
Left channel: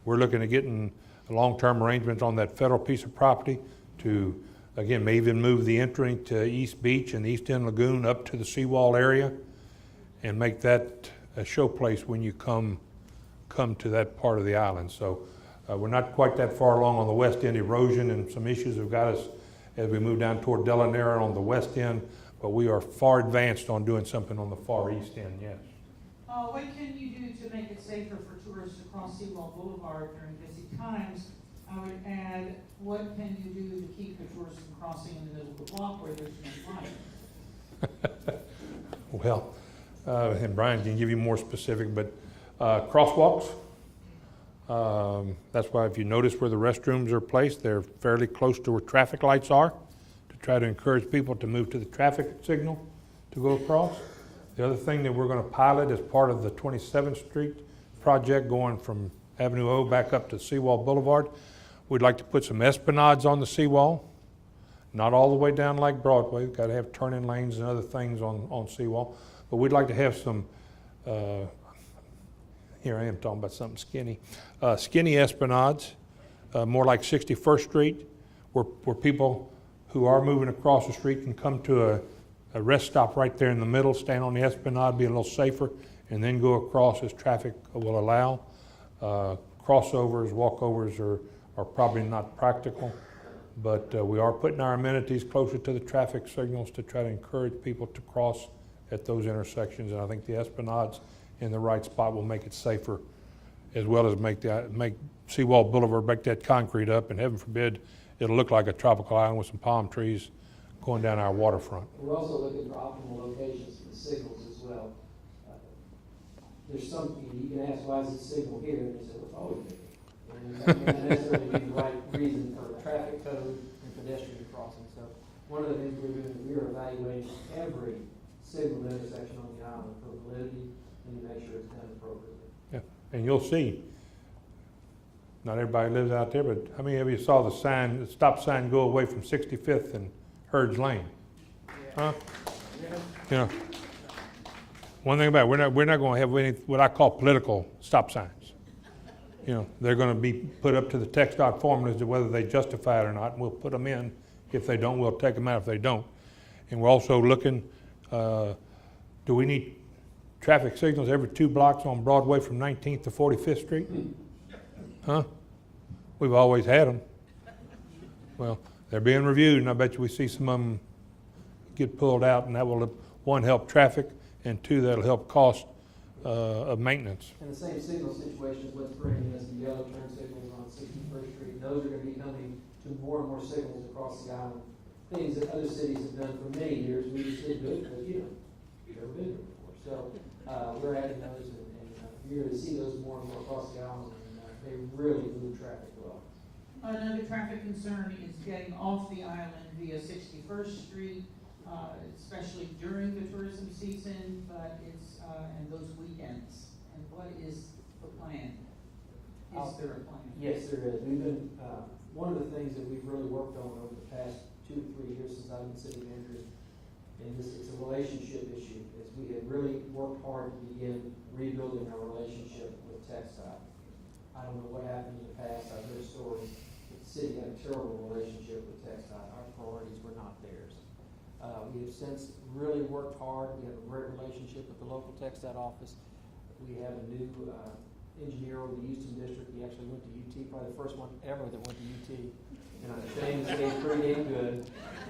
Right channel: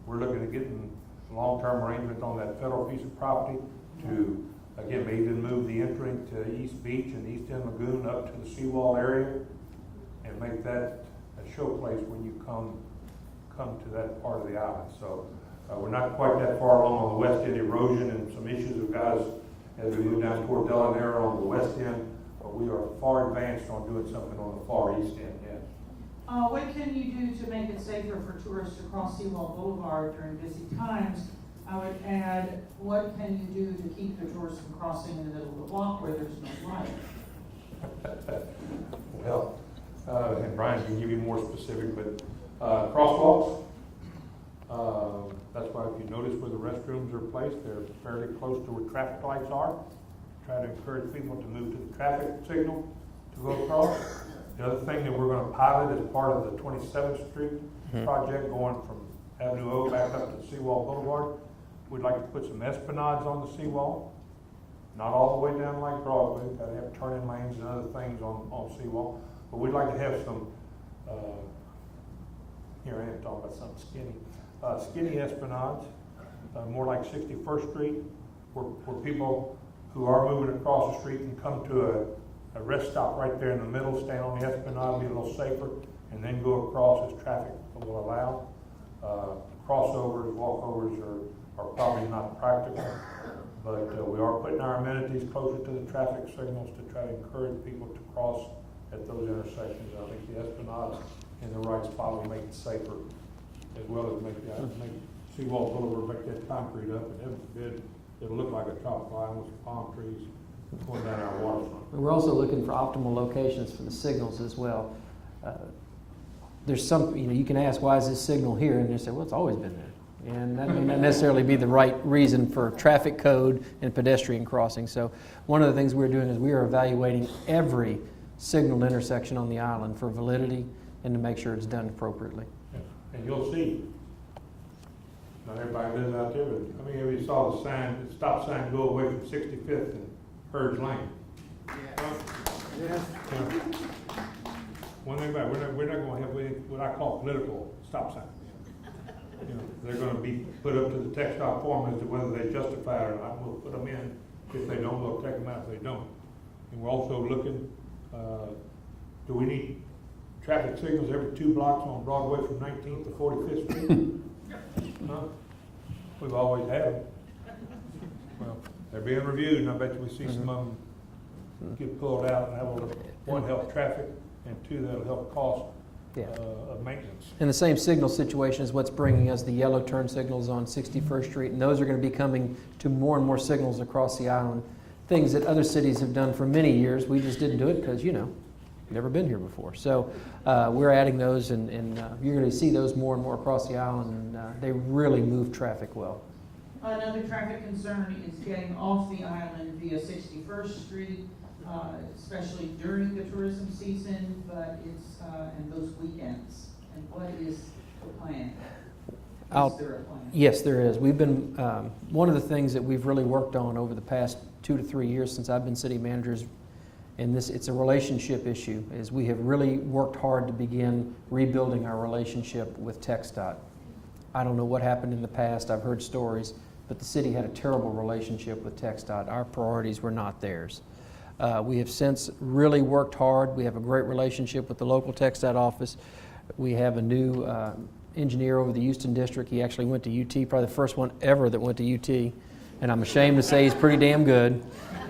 We're looking at getting long-term arrangements on that federal piece of property to, again, may even move the entry to East Beach and the East End Lagoon up to the seawall area and make that a showplace when you come to that part of the island. So we're not quite that far along on the west end. Erosion and some issues have got us as we move down toward Delanera on the west end, but we are far advanced on doing something on the far east end, yes. What can you do to make it safer for tourists to cross Seawall Boulevard during busy times? I would add, what can you do to keep the tourists from crossing in the middle of the block where there's no light? Well, and Brian can give you more specific, but crosswalks. That's why if you notice where the restrooms are placed, they're fairly close to where traffic lights are, to try to encourage people to move to the traffic signal to go across. The other thing that we're going to pilot as part of the 27th Street project going from Avenue O back up to Seawall Boulevard, we'd like to put some esplanades on the seawall, not all the way down like Broadway. We've got to have turning lanes and other things on seawall, but we'd like to have some Here I am talking about something skinny. Skinny esplanades, more like 61st Street, where people who are moving across the street can come to a rest stop right there in the middle, stand on the esplanade, be a little safer, and then go across as traffic will allow. Crossovers, walkovers are probably not practical, but we are putting our amenities closer to the traffic signals to try to encourage people to cross at those intersections. And I think the esplanades in the right spot will make it safer, as well as make Seawall Boulevard, make that concrete up, and heaven forbid, it'll look like a tropical island with some palm trees going down our waterfront. We're also looking for optimal locations for the signals as well. There's some, you can ask, why is this signal here? And they say, well, it's always been there. And that may not necessarily be the right reason for traffic code and pedestrian crossing. So one of the things we're doing is we are evaluating every signaled intersection on the island for validity and to make sure it's done appropriately. Yeah. And you'll see, not everybody lives out there, but how many of you saw the stop sign go away from 65th and Hurds Lane? Huh? Yeah. You know, one thing about it, we're not going to have any what I call political stop signs. You know, they're going to be put up to the TxDOT formulas as to whether they justify it or not. We'll put them in. If they don't, we'll take them out if they don't. And we're also looking, do we need traffic signals every 2 blocks on Broadway from 19th to 45th Street? Huh? We've always had them. Well, they're being reviewed, and I bet you we see some of them get pulled out, and that will, one, help traffic, and 2, that'll help cost of maintenance. And the same signal situation is what's bringing us the yellow turn signals on 61st Street, and those are going to be coming to more and more signals across the island. Things that other cities have done for many years. We just didn't do it because, never been here before. So we're adding those, and you're going to see those more and more across the island, and they really move traffic well. Another traffic concern is getting off the island via 61st Street, especially during the tourism season, but it's and those weekends. And what is the plan? Is there a plan? Yes, there is. We've been, one of the things that we've really worked on over the past 2 to 3 years since I've been city manager, and it's a relationship issue, is we have really worked hard to begin rebuilding our relationship with TxDOT. I don't know what happened in the past. I've heard stories, but the city had a terrible relationship with TxDOT. Our priorities were not theirs. We have since really worked hard. We have a great relationship with the local TxDOT office. We have a new engineer over the Houston district. He actually went to UT, probably the first one ever that went to UT, and I'm ashamed to say he's pretty damn good.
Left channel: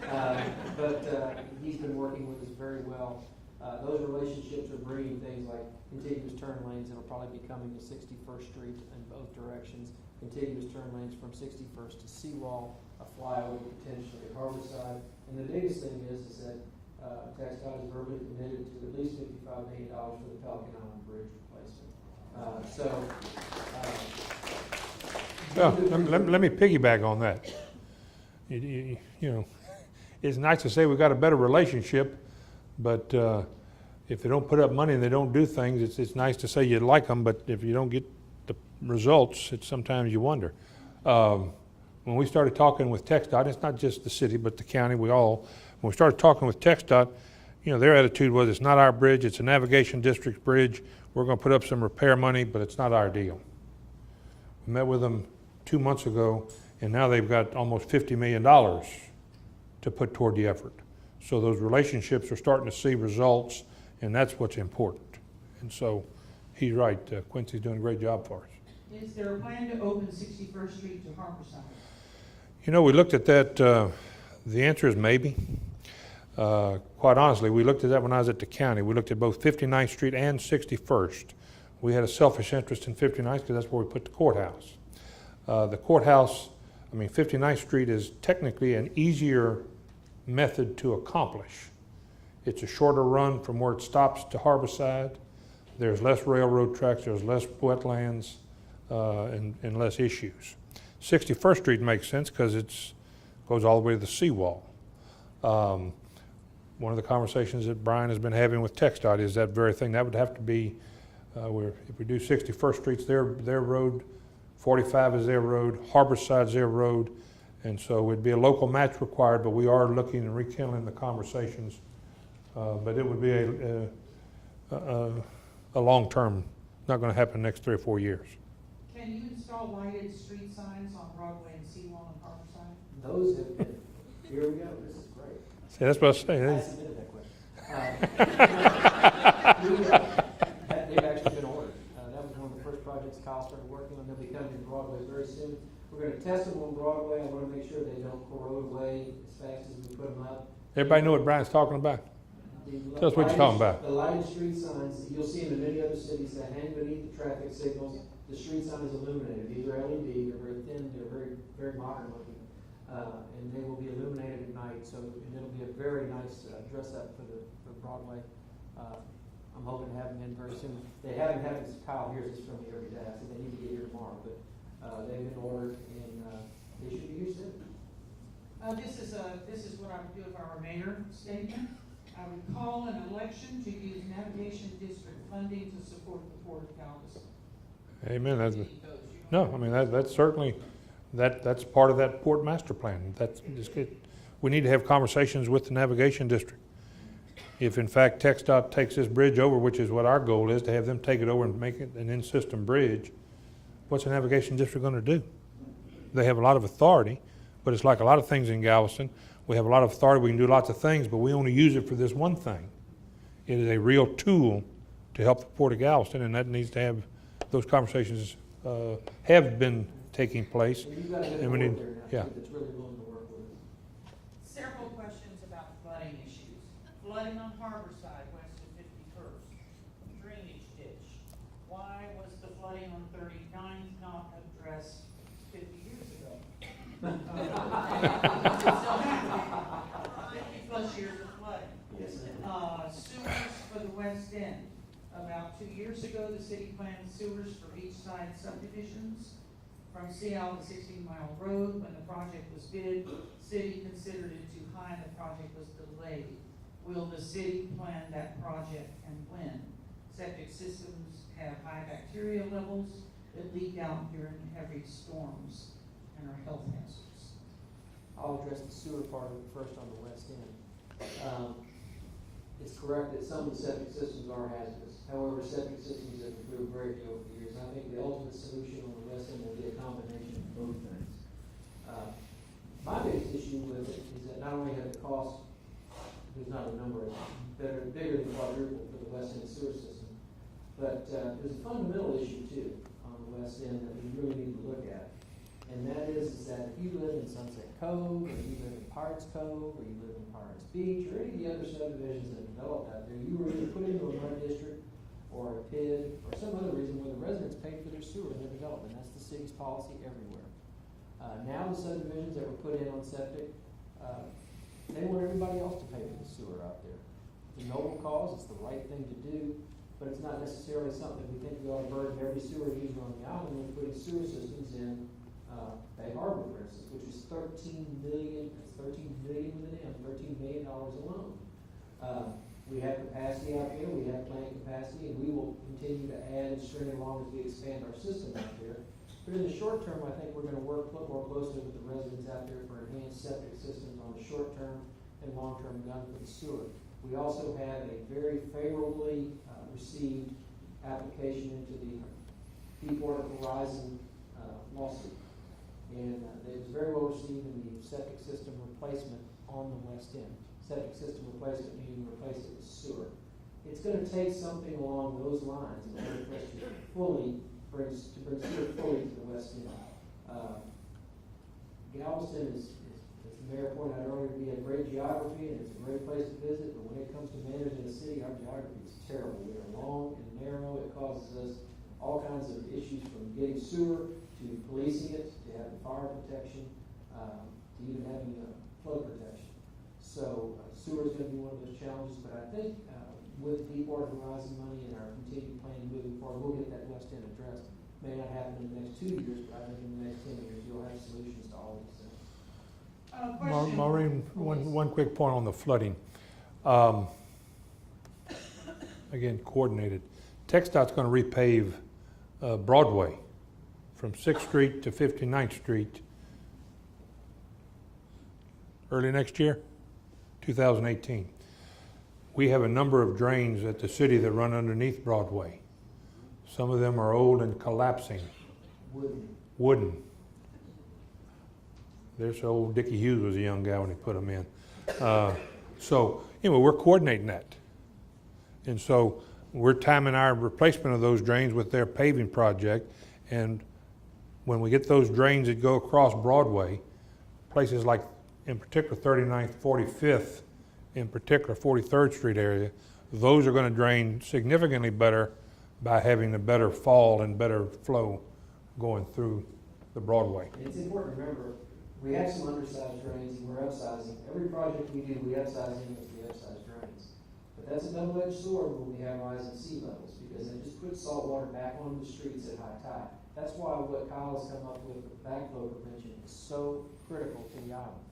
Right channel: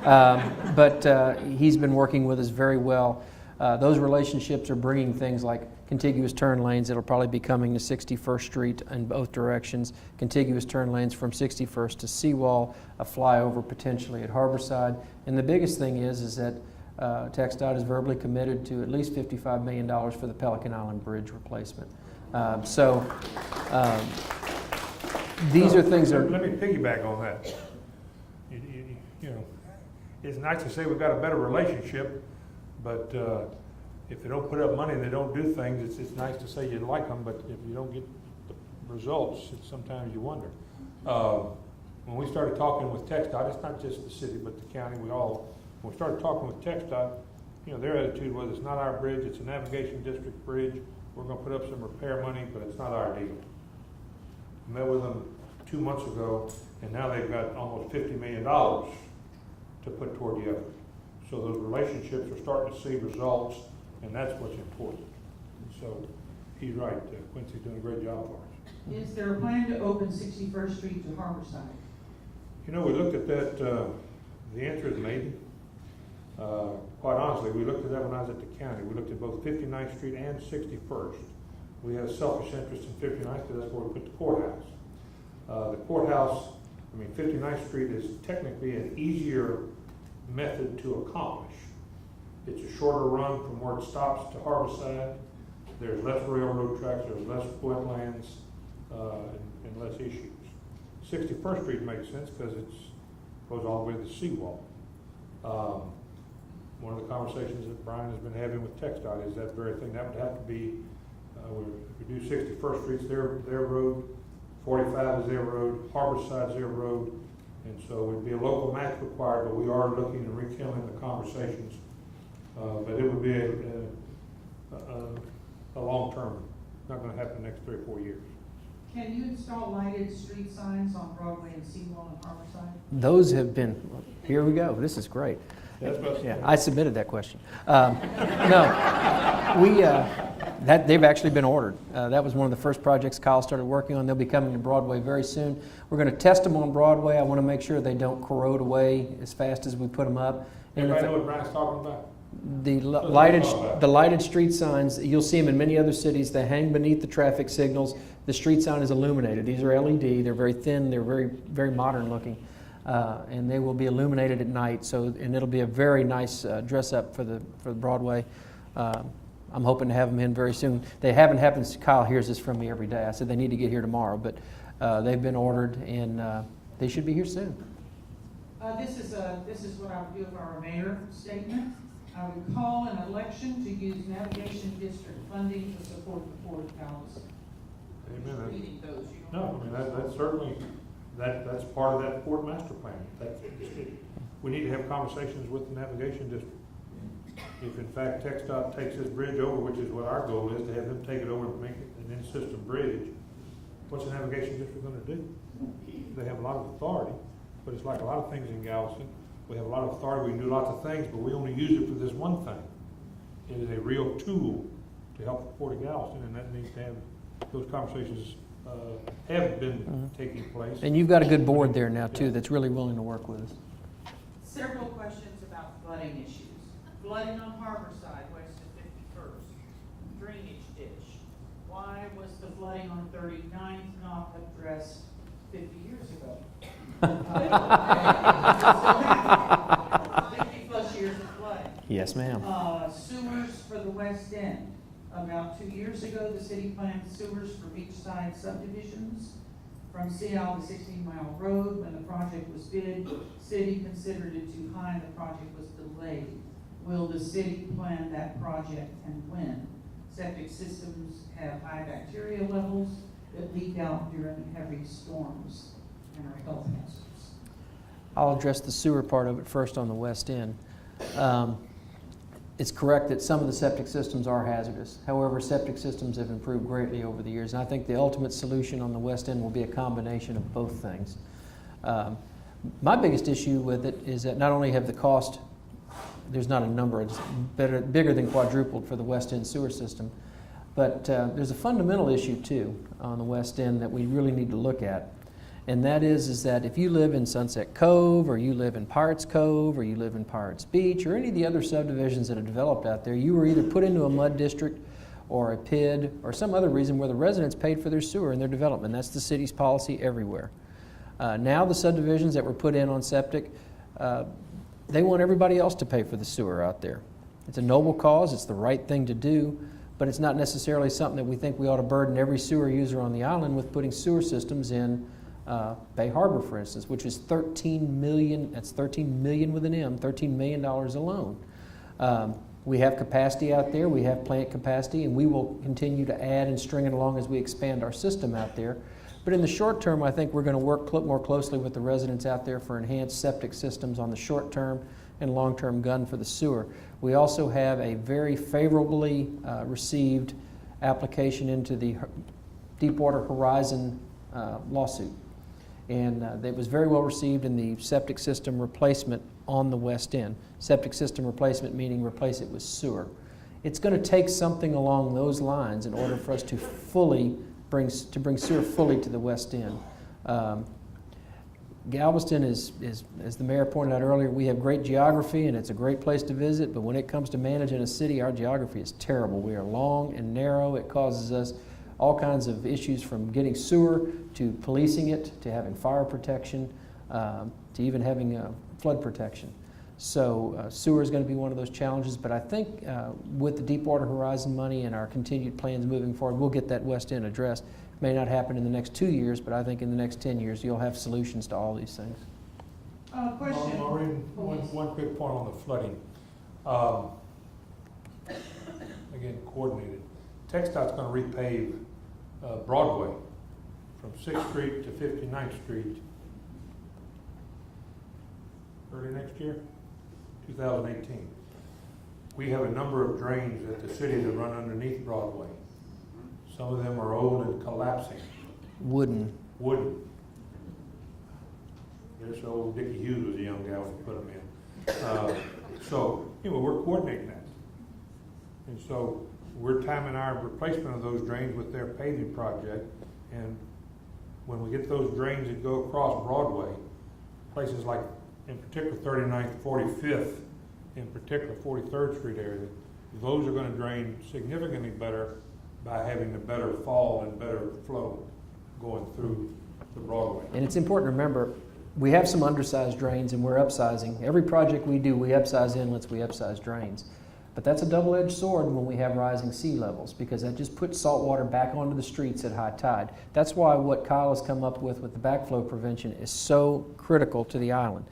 But he's been working with us very well. Those relationships are bringing things like contiguous turn lanes that'll probably be coming to 61st Street in both directions, contiguous turn lanes from 61st to Seawall, a flyover potentially at Harborside. And the biggest thing is that TxDOT is verbally committed to at least $55 million for the Pelican Island Bridge replacement. These are things that... Let me piggyback on that. It's nice to say we've got a better relationship, but if they don't put up money and they don't do things, it's nice to say you like them, but if you don't get the results, sometimes you wonder. When we started talking with TxDOT, it's not just the city, but the county, when we started talking with TxDOT, their attitude was, it's not our bridge, it's a navigation district bridge. We're going to put up some repair money, but it's not our deal. I met with them 2 months ago, and now they've got almost $50 million to put toward the effort. So those relationships are starting to see results, and that's what's important. And so he's right, Quincy's doing a great job for us. Is there a plan to open 61st Street to Harborside? We looked at that. The answer is maybe. Quite honestly, we looked at that when I was at the county. We looked at both 59th Street and 61st. We had a selfish interest in 59th because that's where we put the courthouse. The courthouse, 59th Street is technically an easier method to accomplish. It's a shorter run from where it stops to Harborside. There's less railroad tracks, there's less wetlands, and less issues. 61st Street makes sense because it goes all the way to the seawall. One of the conversations that Brian has been having with TxDOT is that very thing. That would have to be, if we do 61st Street's their road, 45 is their road, Harborside's their road, and so it'd be a local match required, but we are looking and rekindling the conversations. But it would be a long-term not gonna happen in the next 3 or 4 years. Can you install lighted street signs on Broadway and Seibel and Harborside? Those have been, here we go, this is great. Yeah, that's what I was saying. I submitted that question. No, they've actually been ordered. That was one of the first projects Kyle started working on. They'll be coming to Broadway very soon. We're going to test them on Broadway. I want to make sure they don't corrode away as fast as we put them up. Everybody know what Brian's talking about? The what he's talking about. the lighted street signs, you'll see them in many other cities. They hang beneath the traffic signals. The street sign is illuminated. These are LED. They're very thin. They're very, very modern looking. And they will be illuminated at night. And it'll be a very nice dress up for the Broadway. I'm hoping to have them in very soon. They haven't happened. Kyle hears this from me every day. I said they need to get here tomorrow, but they've been ordered and they should be here soon. This is what I would do with our mayor statement. I would call an election to use navigation district funding to support the Port of Galveston. Amen. You need those. You don't No, I mean, that's certainly, that's part of that port master plan. That's just good. We need to have conversations with the navigation district. If in fact TxDOT takes this bridge over, which is what our goal is, to have them take it over and make it an in-system bridge, what's the navigation district gonna do? They have a lot of authority, but it's like a lot of things in Galveston. We have a lot of authority, we can do lots of things, but we only use it for this one thing. It is a real tool to help the Port of Galveston, and that needs to have, those conversations have been taking place. And you've got a good And we board need- there now too yeah. that's really willing to work with us. Several questions about flooding issues. Flooding on Harborside west of 51st. Drainage ditch. Why was the flooding on 39th not addressed 50 years ago? 50 plus years of flooding. Yes, ma'am. Sewers for the West End. About 2 years ago, the city planned sewers for beachside subdivisions from Seattle to 16-Mile Road. When the project was bid, city considered it too high and the project was delayed. Will the city plan that project and when? Septic systems have high bacteria levels that leak out during heavy storms and are health hazards. I'll address the sewer part of it first on the west end. It's correct that some of the septic systems are hazardous. However, septic systems have improved greatly over the years. And I think the ultimate solution on the west end will be a combination of both things. My biggest issue with it is that not only have the cost, there's not a number, it's bigger than quadrupled for the west end sewer system, but there's a fundamental issue too on the west end that we really need to look at. And that is that if you live in Sunset Cove, or you live in Pirates Cove, or you live in Pirates Beach, or any of the other subdivisions that are developed out there, you were either put into a mud district or a PID or some other reason where the residents paid for their sewer and their development. That's the city's policy everywhere. Now the subdivisions that were put in on septic, they want everybody else to pay for the sewer out there. It's a noble cause, it's the right thing to do, but it's not necessarily something that we think we ought to burden every sewer user on the island with putting sewer systems in Bay Harbor, for instance, which is $13 million, that's $13 million with an M, $13 million alone. We have capacity out there, we have plant capacity, and we will continue to add and string it along as we expand our system out there. But in the short term, I think we're going to work more closely with the residents out there for enhanced septic systems on the short term and long term gun for the sewer. We also have a very favorably received application into the Deepwater Horizon lawsuit. And it was very well received in the septic system replacement on the west end. Septic system replacement meaning replace it with sewer. It's going to take something along those lines in order for us to bring sewer fully to the west end. Galveston is, as the mayor pointed out earlier, we have great geography and it's a great place to visit, but when it comes to managing a city, our geography is terrible. We are long and narrow. It causes us all kinds of issues, from getting sewer to policing it, to having fire protection, to even having flood protection. So sewer is going to be one of those challenges, but I think with the Deepwater Horizon money and our continued plans moving forward, we'll get that west end addressed. It may not happen in the next 2 years, but I think in the next 10 years you'll have solutions to all these things. Question. Maureen, one quick point on the flooding. Again, coordinated. TxDOT's going to repave Broadway from 6th Street to 59th Street early next year, 2018. We have a number of drains at the city that run underneath Broadway. Some of them are old and collapsing, Wooden. wooden. There's old Dickie Hughes was a young guy when he put them in. So anyway, we're coordinating that. And so we're timing our replacement of those drains with their paving project. And when we get those drains that go across Broadway, places like, in particular, 39th, 45th, in particular 43rd Street area, those are gonna drain significantly better by having a better fall and better flow going through the Broadway. And it's important to remember, we have some undersized drains and we're upsizing. Every project we do, we upsize inlets, we upsize drains. But that's a double-edged sword when we have rising sea levels, because that just puts salt water back onto the streets at high tide. That's why what Kyle has come up with the backflow prevention is so critical to the island.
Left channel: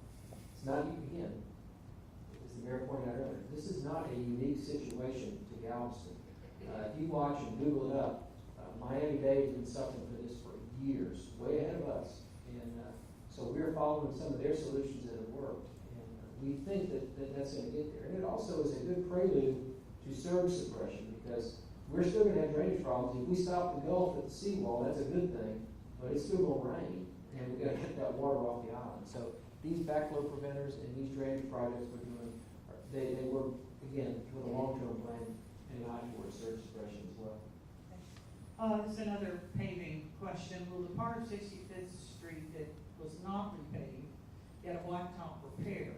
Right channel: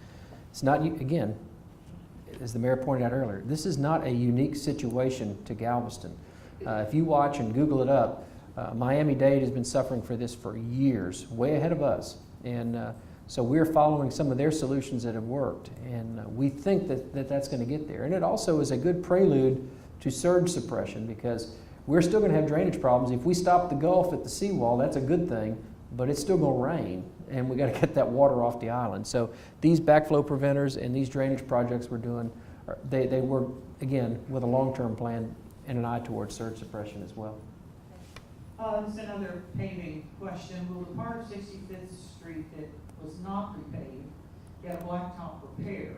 It's not, again, as the mayor pointed out earlier, this is not a unique situation to Galveston. If you watch and Google it up, Miami-Dade has been suffering for this for years, way ahead of us. And so we're following some of their solutions that have worked, and we think that that's going to get there. And it also is a good prelude to surge suppression, because we're still going to have drainage problems. If we stop the Gulf at the seawall, that's a good thing, but it's still going to rain, and we got to get that water off the island. So these backflow preventers and these drainage projects we're doing, they work, again, with a long-term plan and an eye towards surge suppression as well. This is another paving question. Will the part of 65th Street that was not repaved get a blacktop repair?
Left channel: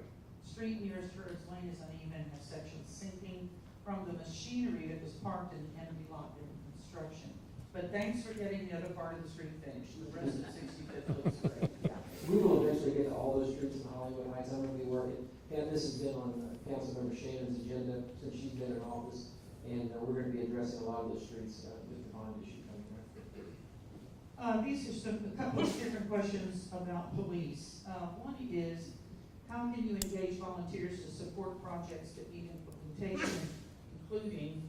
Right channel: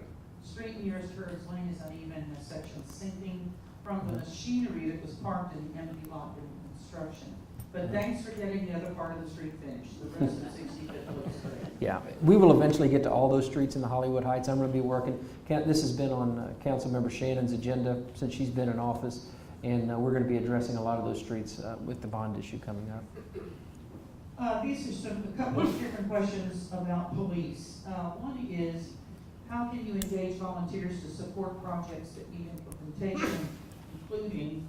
Street nearest Herb's Lane is uneven in a section sinking from the machinery that was parked in the empty lot in construction. But thanks for getting the other part of the street finished. The rest of 65th looks great. Yeah, we will eventually get to all those streets in the Hollywood Heights. I'm going to be working. This has been on Councilmember Shannon's agenda since she's been in office, and we're going to be addressing a lot of those streets with the bond issue coming up. These are a couple of different questions about police. One is, how can you engage volunteers to support projects that need implementation, including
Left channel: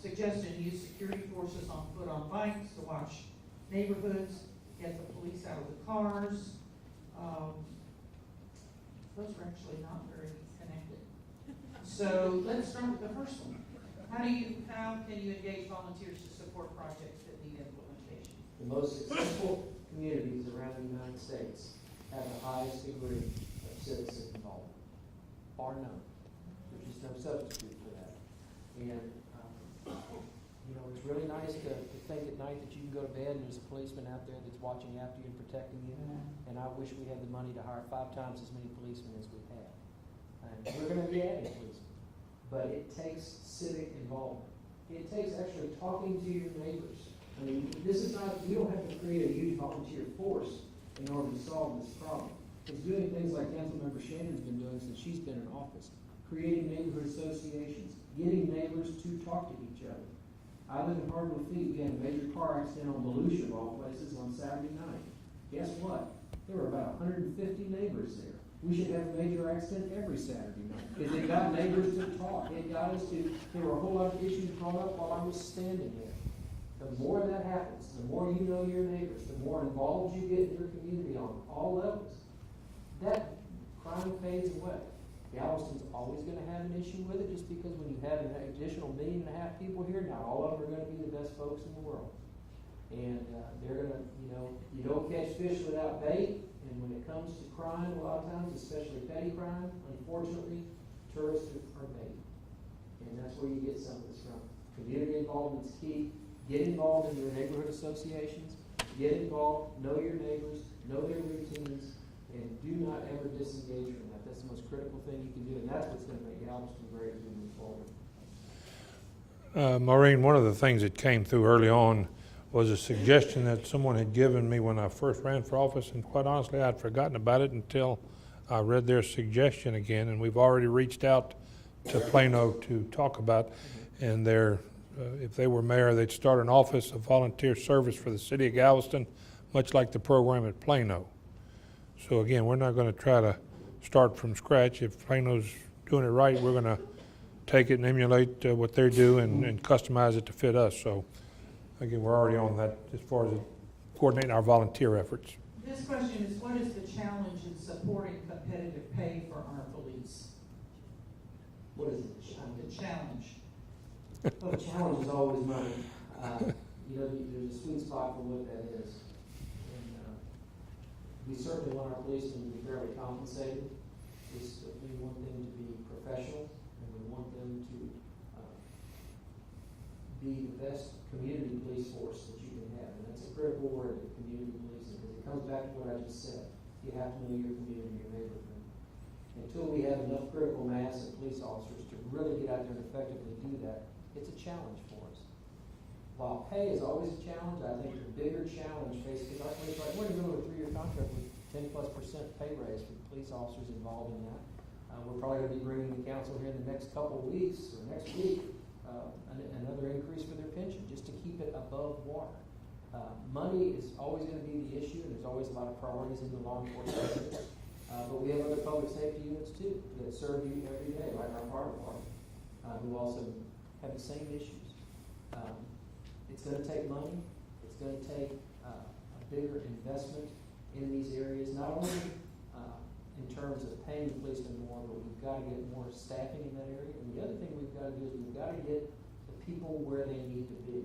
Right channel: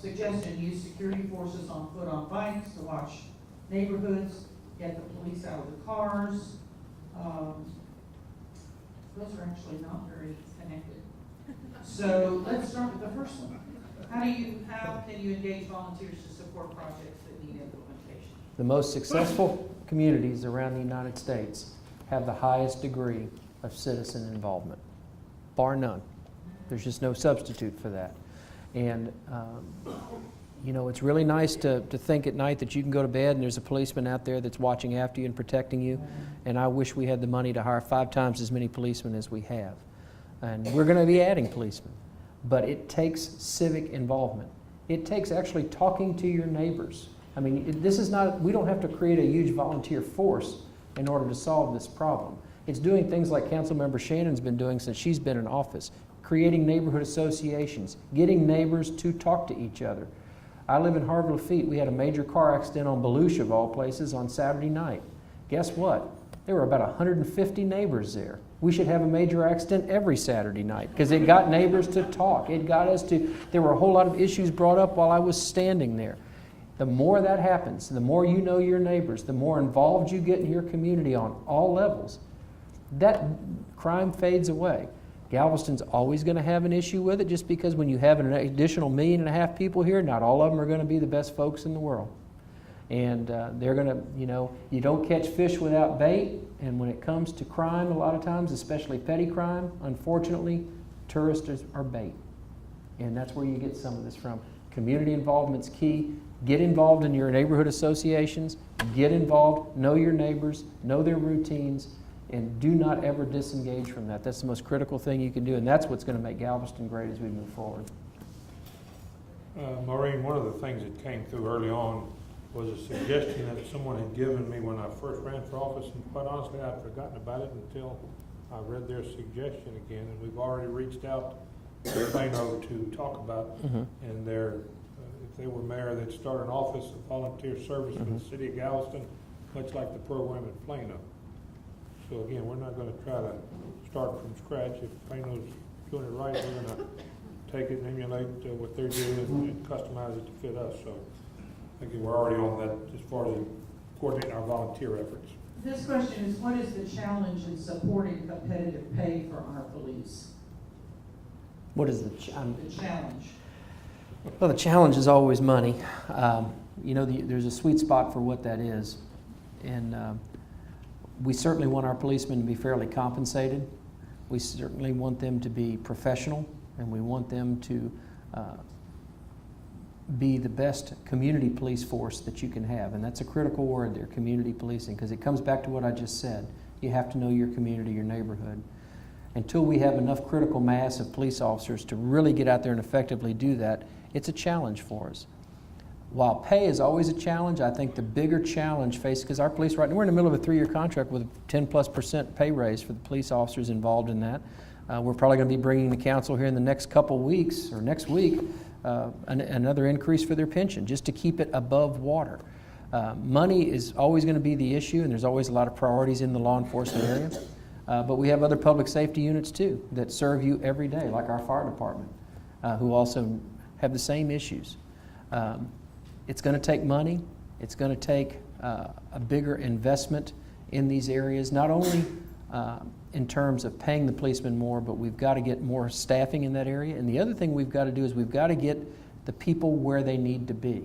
suggestion use security forces on foot on bikes to watch neighborhoods, get the police out of the cars. Those are actually not very connected. So let's start with the first one. How can you engage volunteers to support projects that need implementation? The most successful communities around the United States have the highest degree of citizen involvement, bar none. There's just no substitute for that. And you know, it's really nice to think at night that you can go to bed and there's a policeman out there that's watching after you and protecting you. And I wish we had the money to hire 5 times as many policemen as we have. And we're going to be adding policemen. But it takes civic involvement. It takes actually talking to your neighbors. I mean, this is not, we don't have to create a huge volunteer force in order to solve this problem. It's doing things like Councilmember Shannon's been doing since she's been in office, creating neighborhood associations, getting neighbors to talk to each other. I live in Harvard Lafitte. We had a major car accident on Belushi, of all places, on Saturday night. Guess what? There were about 150 neighbors there. We should have a major accident every Saturday night, because it got neighbors to talk. It got us to, there were a whole lot of issues brought up while I was standing there. The more that happens, the more you know your neighbors, the more involved you get in your community on all levels, that crime fades away. Galveston's always going to have an issue with it, just because when you have an additional 1.5 million people here, not all of them are going to be the best folks in the world. And they're going to, you know, you don't catch fish without bait. And when it comes to crime, a lot of times, especially petty crime, unfortunately, tourists are bait. And that's where you get some of this from. Community involvement's key. Get involved in your neighborhood associations. Get involved, know your neighbors, know their routines, and do not ever disengage from that. That's the most critical thing you can do, and that's what's going to make Galveston great as we move forward. Maureen, one of the things that came through early on was a suggestion that someone had given me when I first ran for office, and quite honestly, I'd forgotten about it until I read their suggestion again, and we've already reached out to Plano to talk about, and if they were mayor, they'd start an office of volunteer service for the city of Galveston, much like the program at Plano. So again, we're not going to try to start from scratch. If Plano's doing it right, we're going to take it and emulate what they do and customize it to fit us. So again, we're already on that as far as coordinating our volunteer efforts. This question is, what is the challenge in supporting competitive pay for our police? What is the challenge? Well, the challenge is always money. There's a sweet spot for what that is. And we certainly want our policemen to be fairly compensated. We certainly want them to be professional, and we want them to be the best community police force that you can have. And that's a critical word there, community policing, because it comes back to what I just said. You have to know your community, your neighborhood. Until we have enough critical mass of police officers to really get out there and effectively do that, it's a challenge for us. While pay is always a challenge, I think the bigger challenge faced, because our police, right now, we're in the middle of a 3-year contract with a 10+% pay raise for the police officers involved in that. We're probably going to be bringing the council here in the next couple weeks, or next week, another increase for their pension, just to keep it above water. Money is always going to be the issue, and there's always a lot of priorities in the law enforcement area. But we have other public safety units too that serve you every day, like our fire department, who also have the same issues. It's going to take money. It's going to take a bigger investment in these areas, not only in terms of paying the policemen more, but we've got to get more staffing in that area. And the other thing we've got to do is we've got to get the people where they need to be.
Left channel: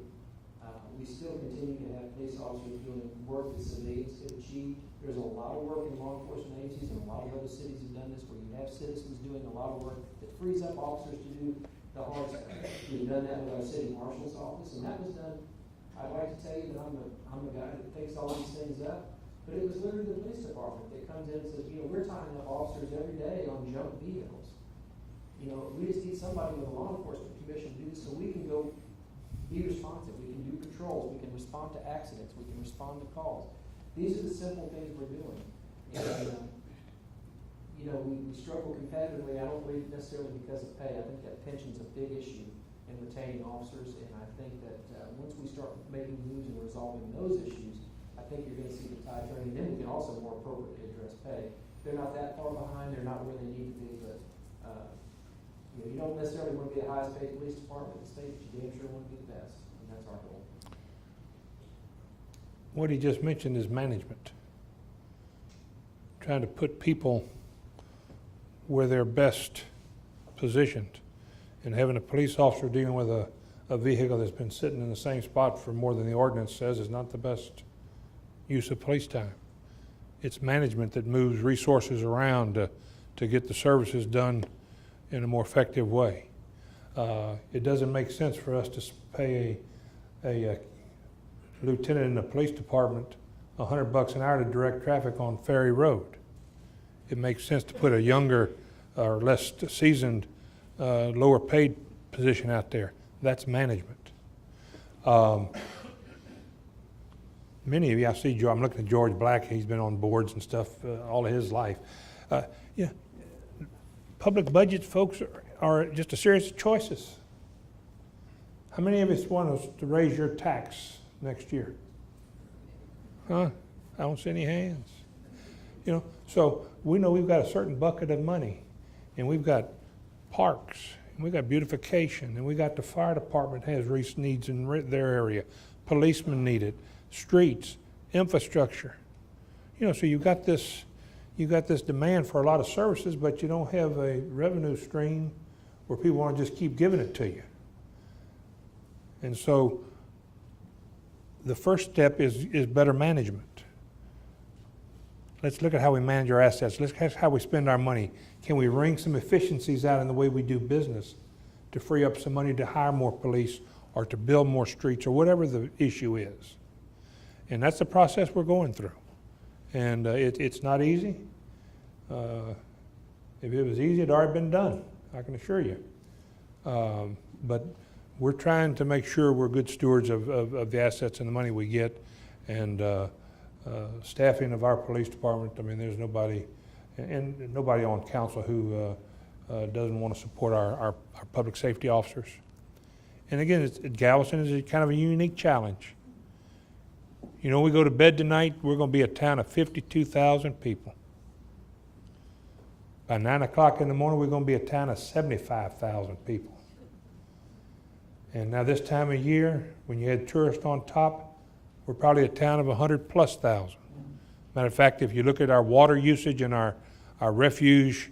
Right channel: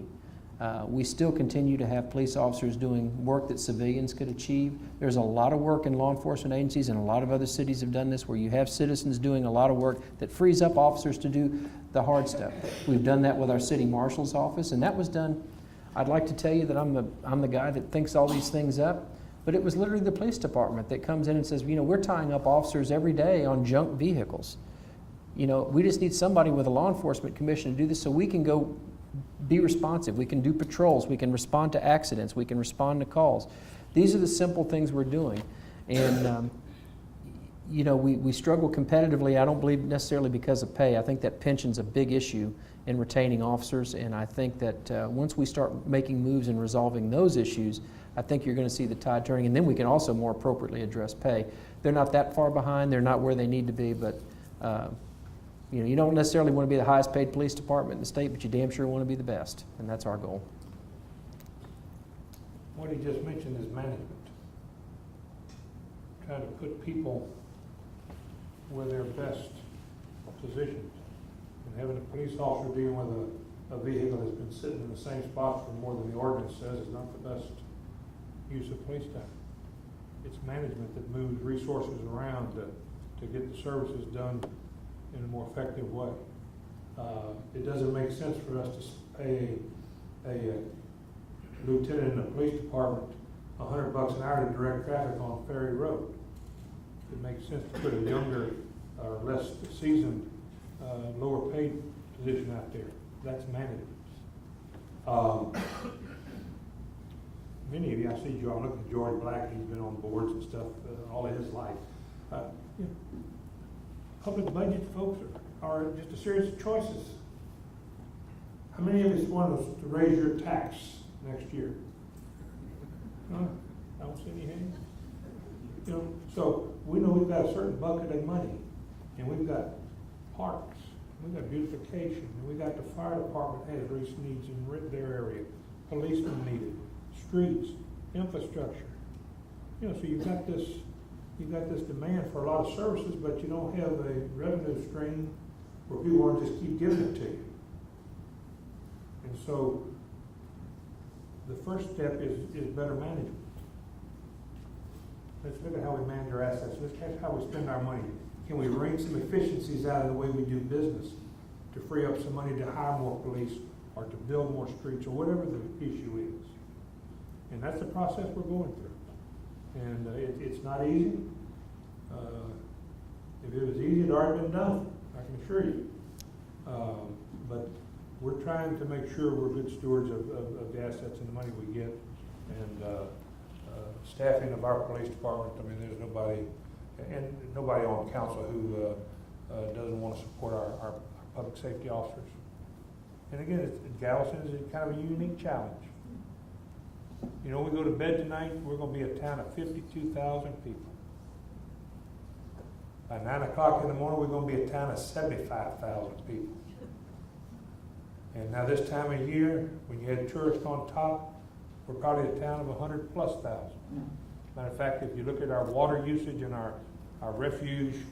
We still continue to have police officers doing work that civilians could achieve. There's a lot of work in law enforcement agencies, and a lot of other cities have done this, where you have citizens doing a lot of work that frees up officers to do the hard stuff. We've done that with our city marshal's office, and that was done. I'd like to tell you that I'm the guy that thinks all these things up, but it was literally the police department that comes in and says, we're tying up officers every day on junk vehicles. We just need somebody with a law enforcement commission to do this so we can go be responsive. We can do patrols. We can respond to accidents. We can respond to calls. These are the simple things we're doing. And, we struggle competitively, I don't believe necessarily because of pay. I think that pension's a big issue in retaining officers, and I think that once we start making moves and resolving those issues, I think you're going to see the tide turning, and then we can also more appropriately address pay. They're not that far behind. They're not where they need to be, but you don't necessarily want to be the highest paid police department in the state, but you damn sure want to be the best, and that's our goal. What he just mentioned is management. Trying to put people where they're best positioned, and having a police officer dealing with a vehicle that's been sitting in the same spot for more than the ordinance says is not the best use of police time. It's management that moves resources around to get the services done in a more effective way. It doesn't make sense for us to pay a lieutenant in the police department $100 an hour to direct traffic on Ferry Road. It makes sense to put a younger or less seasoned, lower paid position out there. That's management. Many of you, I see, I'm looking at George Black, he's been on boards and stuff all of his life. Public budgets, folks, are just a series of choices. How many of us want us to raise your tax next year? Huh? I don't see any hands. So we know we've got a certain bucket of money, and we've got parks, and we've got beautification, and we got the fire department has needs in their area, policemen need it, streets, infrastructure. So you've got this demand for a lot of services, but you don't have a revenue stream where people want to just keep giving it to you. And so the first step is better management. Let's look at how we manage our assets. Let's look at how we spend our money. Can we wring some efficiencies out in the way we do business to free up some money to hire more police or to build more streets or whatever the issue is? And that's the process we're going through. And it's not easy. If it was easy, it'd already been done, I can assure you. But we're trying to make sure we're good stewards of the assets and the money we get. And staffing of our police department, there's nobody, and nobody on council who doesn't want to support our public safety officers. And again, Galveston is kind of a unique challenge. We go to bed tonight, we're going to be a town of 52,000 people. By 9 o'clock in the morning, we're going to be a town of 75,000 people. And now this time of year, when you had tourists on top, we're probably a town of 100+ thousand. Matter of fact, if you look at our water usage and our refuge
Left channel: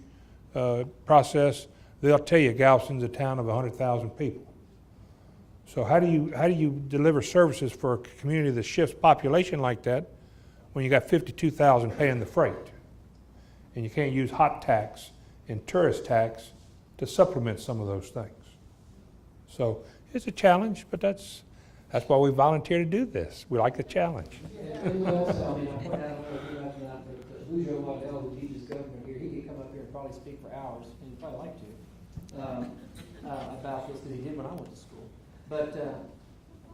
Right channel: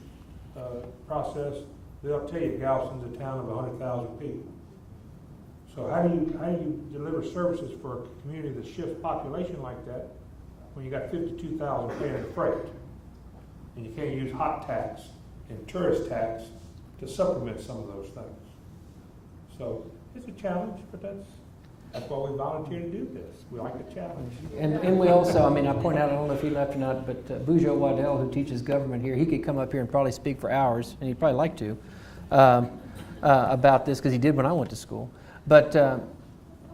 process, they'll tell you Galveston's a town of 100,000 people. So how do you deliver services for a community that shifts population like that when you got 52,000 paying the freight? And you can't use hot tax and tourist tax to supplement some of those things. So it's a challenge, but that's why we volunteer to do this. We like the challenge. And we also, I mean, I point out, I don't know if he left or not, but Bujo Waddell, who teaches government here, he could come up here and probably speak for hours, and he'd probably like to, about this, because he did when I went to school. But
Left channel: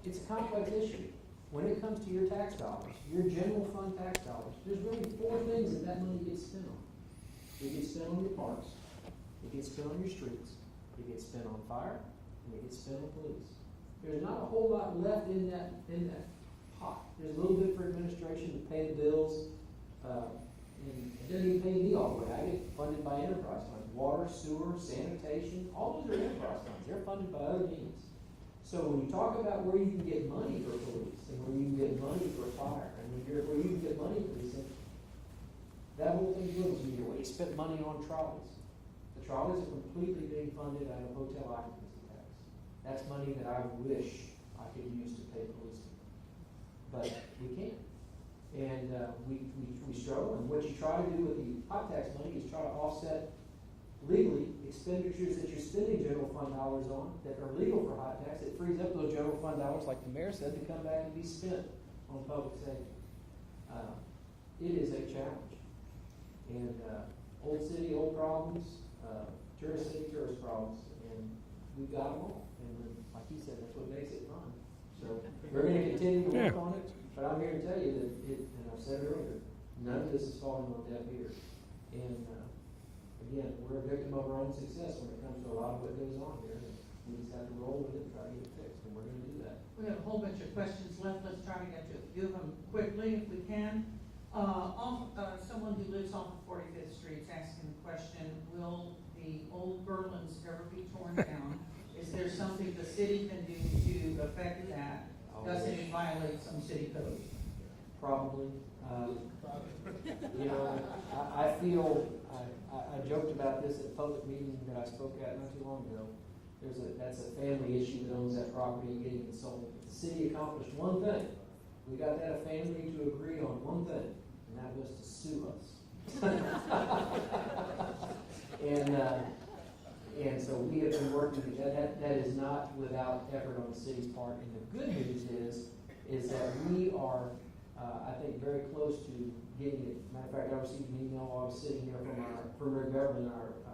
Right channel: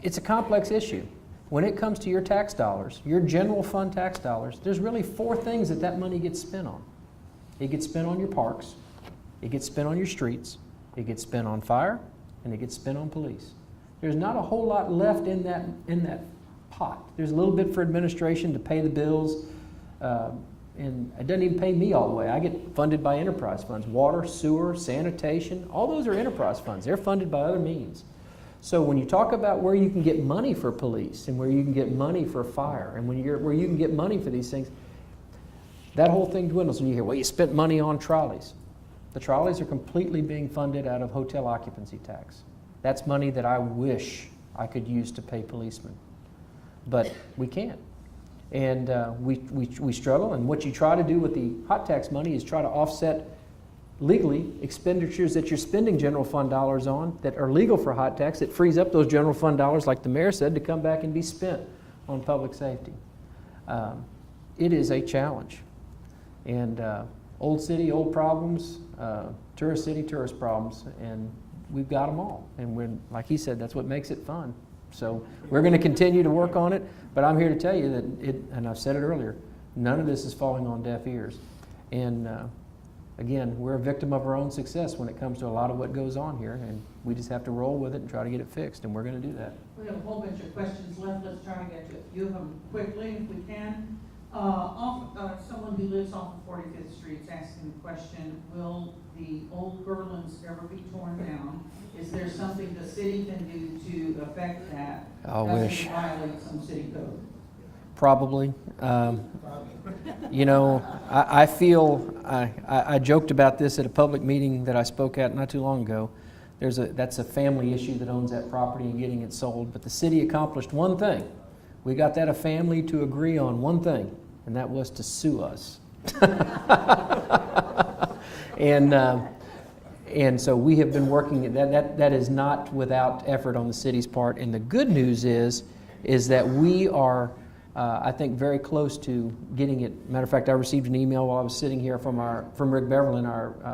it's a complex issue. When it comes to your tax dollars, your general fund tax dollars, there's really 4 things that money gets spent on. It gets spent on your parks, it gets spent on your streets, it gets spent on fire, and it gets spent on police. There's not a whole lot left in that pot. There's a little bit for administration to pay the bills, and it doesn't even pay me all the way. I get funded by enterprise funds. Water, sewer, sanitation, all those are enterprise funds. They're funded by other means. So when you talk about where you can get money for police and where you can get money for fire and where you can get money for these things, that whole thing dwindles when you hear, well, you spent money on trolleys. The trolleys are completely being funded out of hotel occupancy tax. That's money that I wish I could use to pay policemen, but we can't. And we struggle, and what you try to do with the hot tax money is try to offset legally expenditures that you're spending general fund dollars on that are legal for hot tax. It frees up those general fund dollars, like the mayor said, to come back and be spent on public safety. It is a challenge. And old city, old problems, tourist city, tourist problems, and we've got them all. And when, like he said, that's what makes it fun. So we're going to continue to work on it, but I'm here to tell you that and I've said it earlier, none of this is falling on deaf ears. And again, we're a victim of our own success when it comes to a lot of what goes on here, and we just have to roll with it and try to get it fixed, and we're going to do that. We have a whole bunch of questions left. Let's try to get to a few of them quickly if we can. Someone who lives off of 45th Street is asking the question, will the old Berlins ever be torn down? Is there something the city can do to affect that? I wish. Doesn't violate some city code? Probably. You know, I feel, I joked about this at a public meeting that I spoke at not too long ago. That's a family issue that owns that property and getting it sold. But the city accomplished one thing. We got that a family to agree on one thing, and that was to sue us. And so we have been working, that is not without effort on the city's part. And the good news is that we are, I think, very close to getting it. Matter of fact, I received an email while I was sitting here from Rick Beverlin,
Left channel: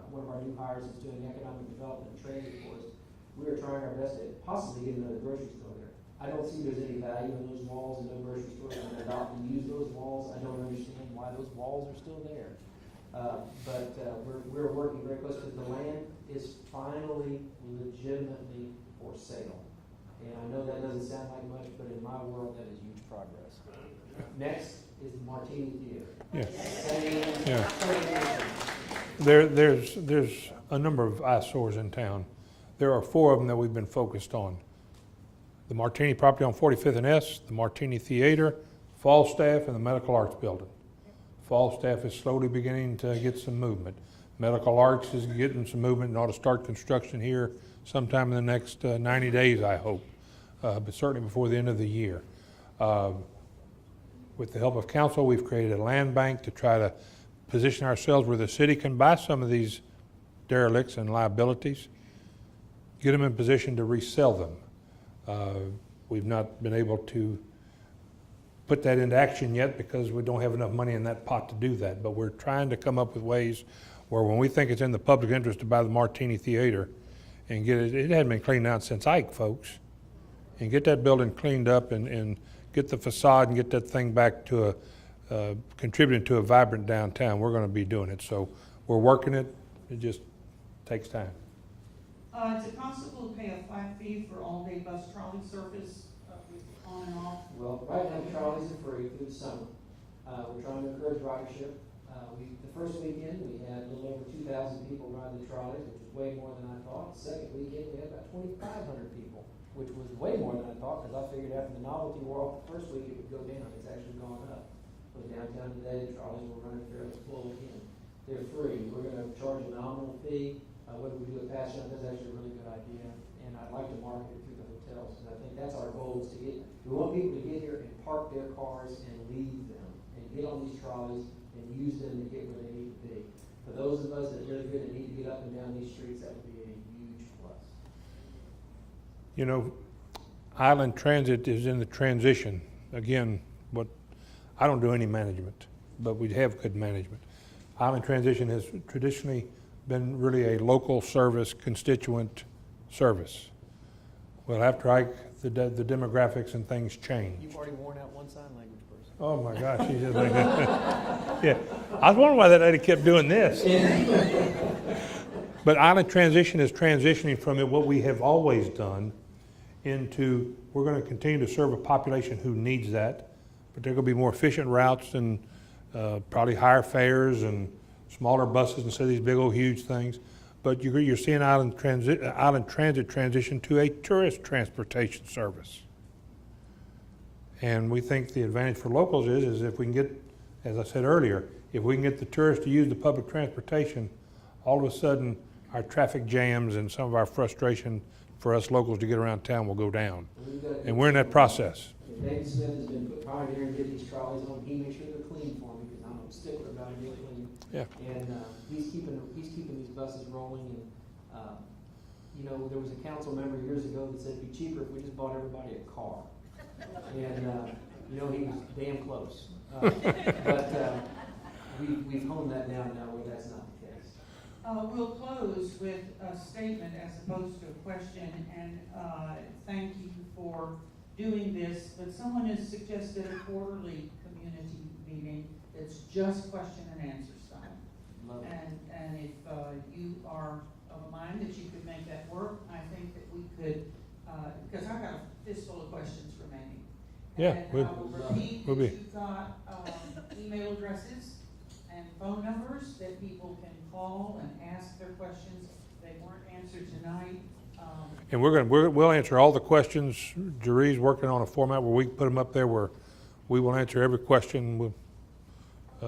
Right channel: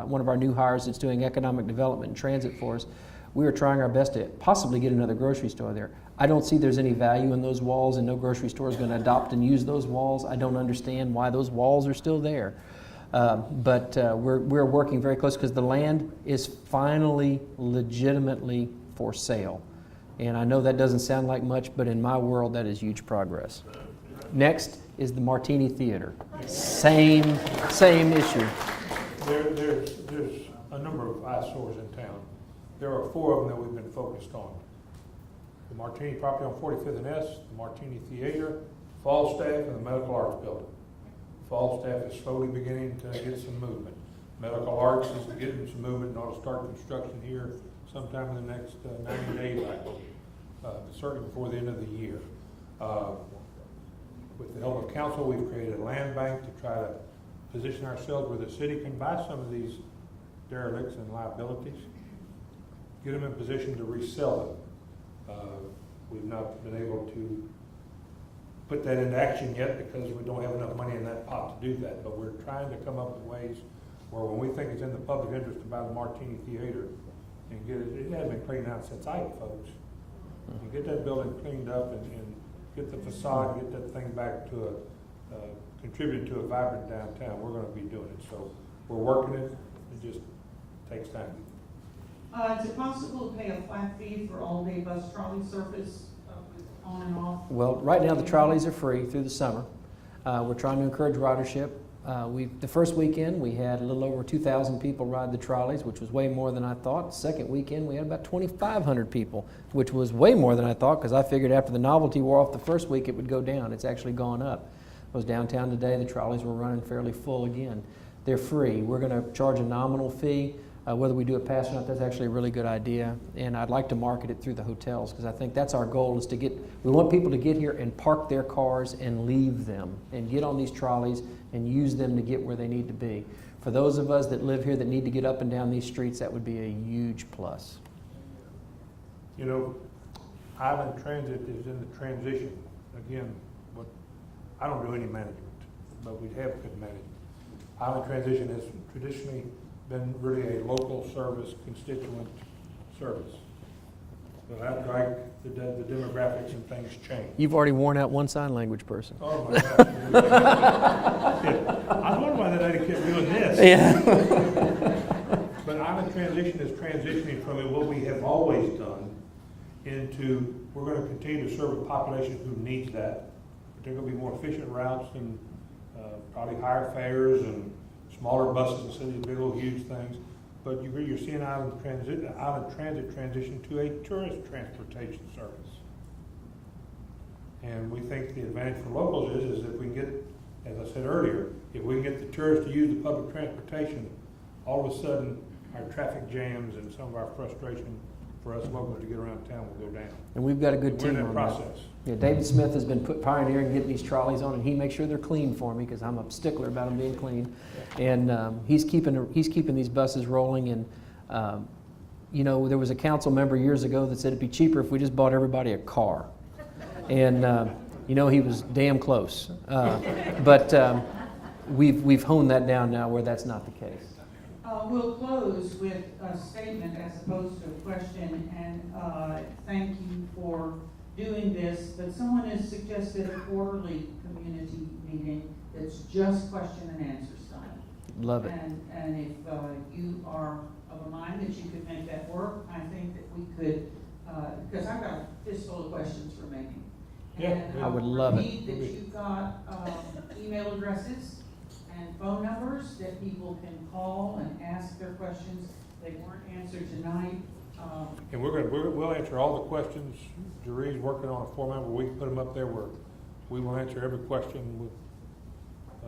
one of our new hires that's doing economic development and transit for us. We are trying our best to possibly get another grocery store there. I don't see there's any value in those walls, and no grocery store is going to adopt and use those walls. I don't understand why those walls are still there. But we're working very close because the land is finally legitimately for sale. And I know that doesn't sound like much, but in my world, that is huge progress. Next is the Martini Theater. Yes. Same issue. There's a number of eyesores in town. There are 4 of them that we've been focused on. The Martini property on 45th and S, the Martini Theater, Falstaff, and the Medical Arts Building. Falstaff is slowly beginning to get some movement. Medical Arts is getting some movement and ought to start construction here sometime in the next 90 days, I hope, but certainly before the end of the year. With the help of council, we've created a land bank to try to position ourselves where the city can buy some of these derelicts and liabilities, get them in position to resell them. We've not been able to put that into action yet because we don't have enough money in that pot to do that, but we're trying to come up with ways where when we think it's in the public interest to buy the Martini Theater and get it hadn't been cleaned out since Ike, folks, and get that building cleaned up and get the facade and get that thing back to contributing to a vibrant downtown. We're going to be doing it, so we're working it. It just takes time. Is it possible to pay a flat fee for all-day bus trolley service on and off? Well, right now the trolleys are free through the summer. We're trying to encourage ridership. The first weekend we had a little over 2,000 people ride the trolleys, which was way more than I thought. Second weekend we had about 2,500 people, which was way more than I thought because I figured after the novelty wore off the first week it would go down. It's actually gone up. I was downtown today. The trolleys were running fairly full again. They're free. We're going to charge a nominal fee. Whether we do it pass or not, that's actually a really good idea. And I'd like to market it through the hotels, because I think that's our goal, is to get, we want people to get here and park their cars and leave them and get on these trolleys and use them to get where they need to be. For those of us that live here that need to get up and down these streets, that would be a huge plus. You know, Island Transit is in the transition. Again, I don't do any management, but we have good management. Island Transition has traditionally been really a local service, constituent service. Well, after the demographics and things change. You've already worn out one sign language person. Oh my gosh. Yeah. I was wondering why that lady kept doing this. Yeah. But Island Transition is transitioning from what we have always done into, we're going to continue to serve a population who needs that, but they're going to be more efficient routes and probably higher fares and smaller buses instead of these big old huge things. But you're seeing Island Transit transition to a tourist transportation service. And we think the advantage for locals is if we can get, as I said earlier, if we can get the tourists to use the public transportation, all of a sudden our traffic jams and some of our frustration for us locals to get around town will go down. And we've got a good And we're in team that on process. Yeah, David Smith has been pioneering getting these trolleys on, and he makes sure they're clean for me, because I'm a stickler about them being clean. Yeah. And he's keeping these buses rolling. And you know, there was a council member years ago that said it'd be cheaper if we just bought everybody a car. And you know, he was damn close. But we've honed that down now where that's not the case. We'll close with a statement as opposed to a question, and thank you for doing this. But someone has suggested a quarterly community meeting that's just question and answer style. Love it. And if you are of a mind that you could make that work, I think that we could, because I've got a fistful of questions remaining. Yeah, And I would love it. that you've got email addresses and phone numbers that people can call and ask their questions. They weren't answered tonight. And we'll answer all the questions. Jerry's working on a format where we can put them up there where we will answer every question.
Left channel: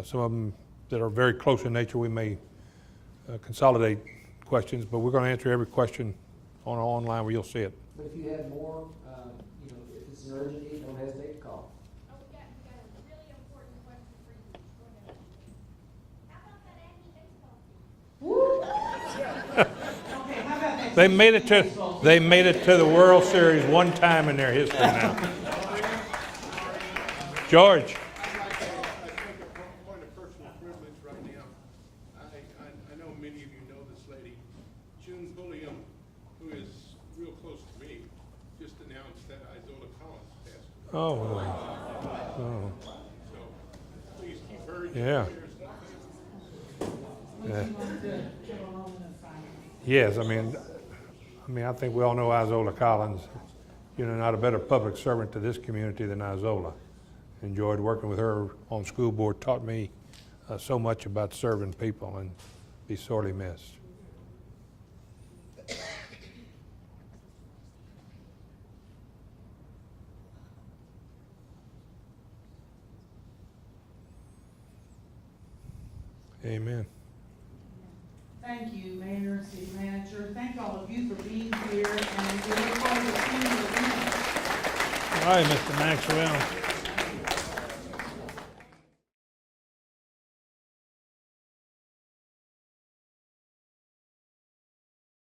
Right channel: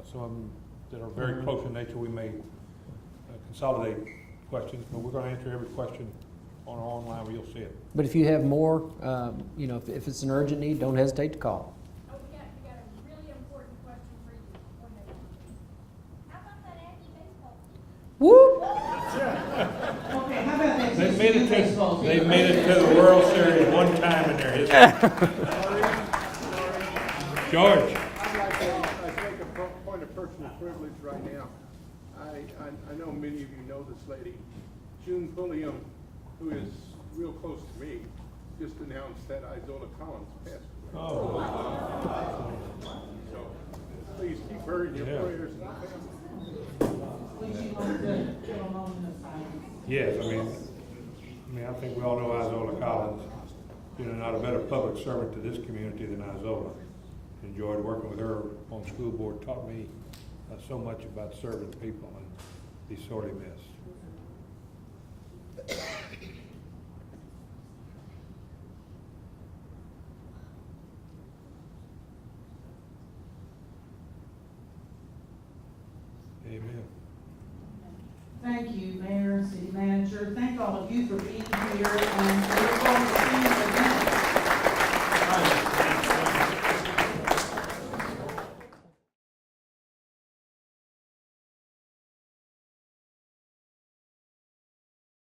Some of them that are very close in nature, we may consolidate questions, but we're going to answer every question online where you'll see it. But if you have more, you know, if it's an urgent need, don't hesitate to call. Oh, we got a really important question for you. How about that anti-baseball? Woo! Okay, how about that? They made it to the World Series one time in their history now. George. I'd like to make a point of personal privilege right now. I know many of you know this lady, June Pulliam, who is real close to me, just announced that Isola Collins passed away. Oh. So please keep her in your prayers and the family. Would you like to give a moment of silence? Yes, I mean, I think we all know Isola Collins. You know, not a better public servant to this community than Isola. Enjoyed working with her on school board, taught me so much about serving people, and be sorely missed. Amen. Thank you, Mayor, City Manager. Thank all of you for being here, and we look forward to seeing you again. All right, Mr. Maxwell.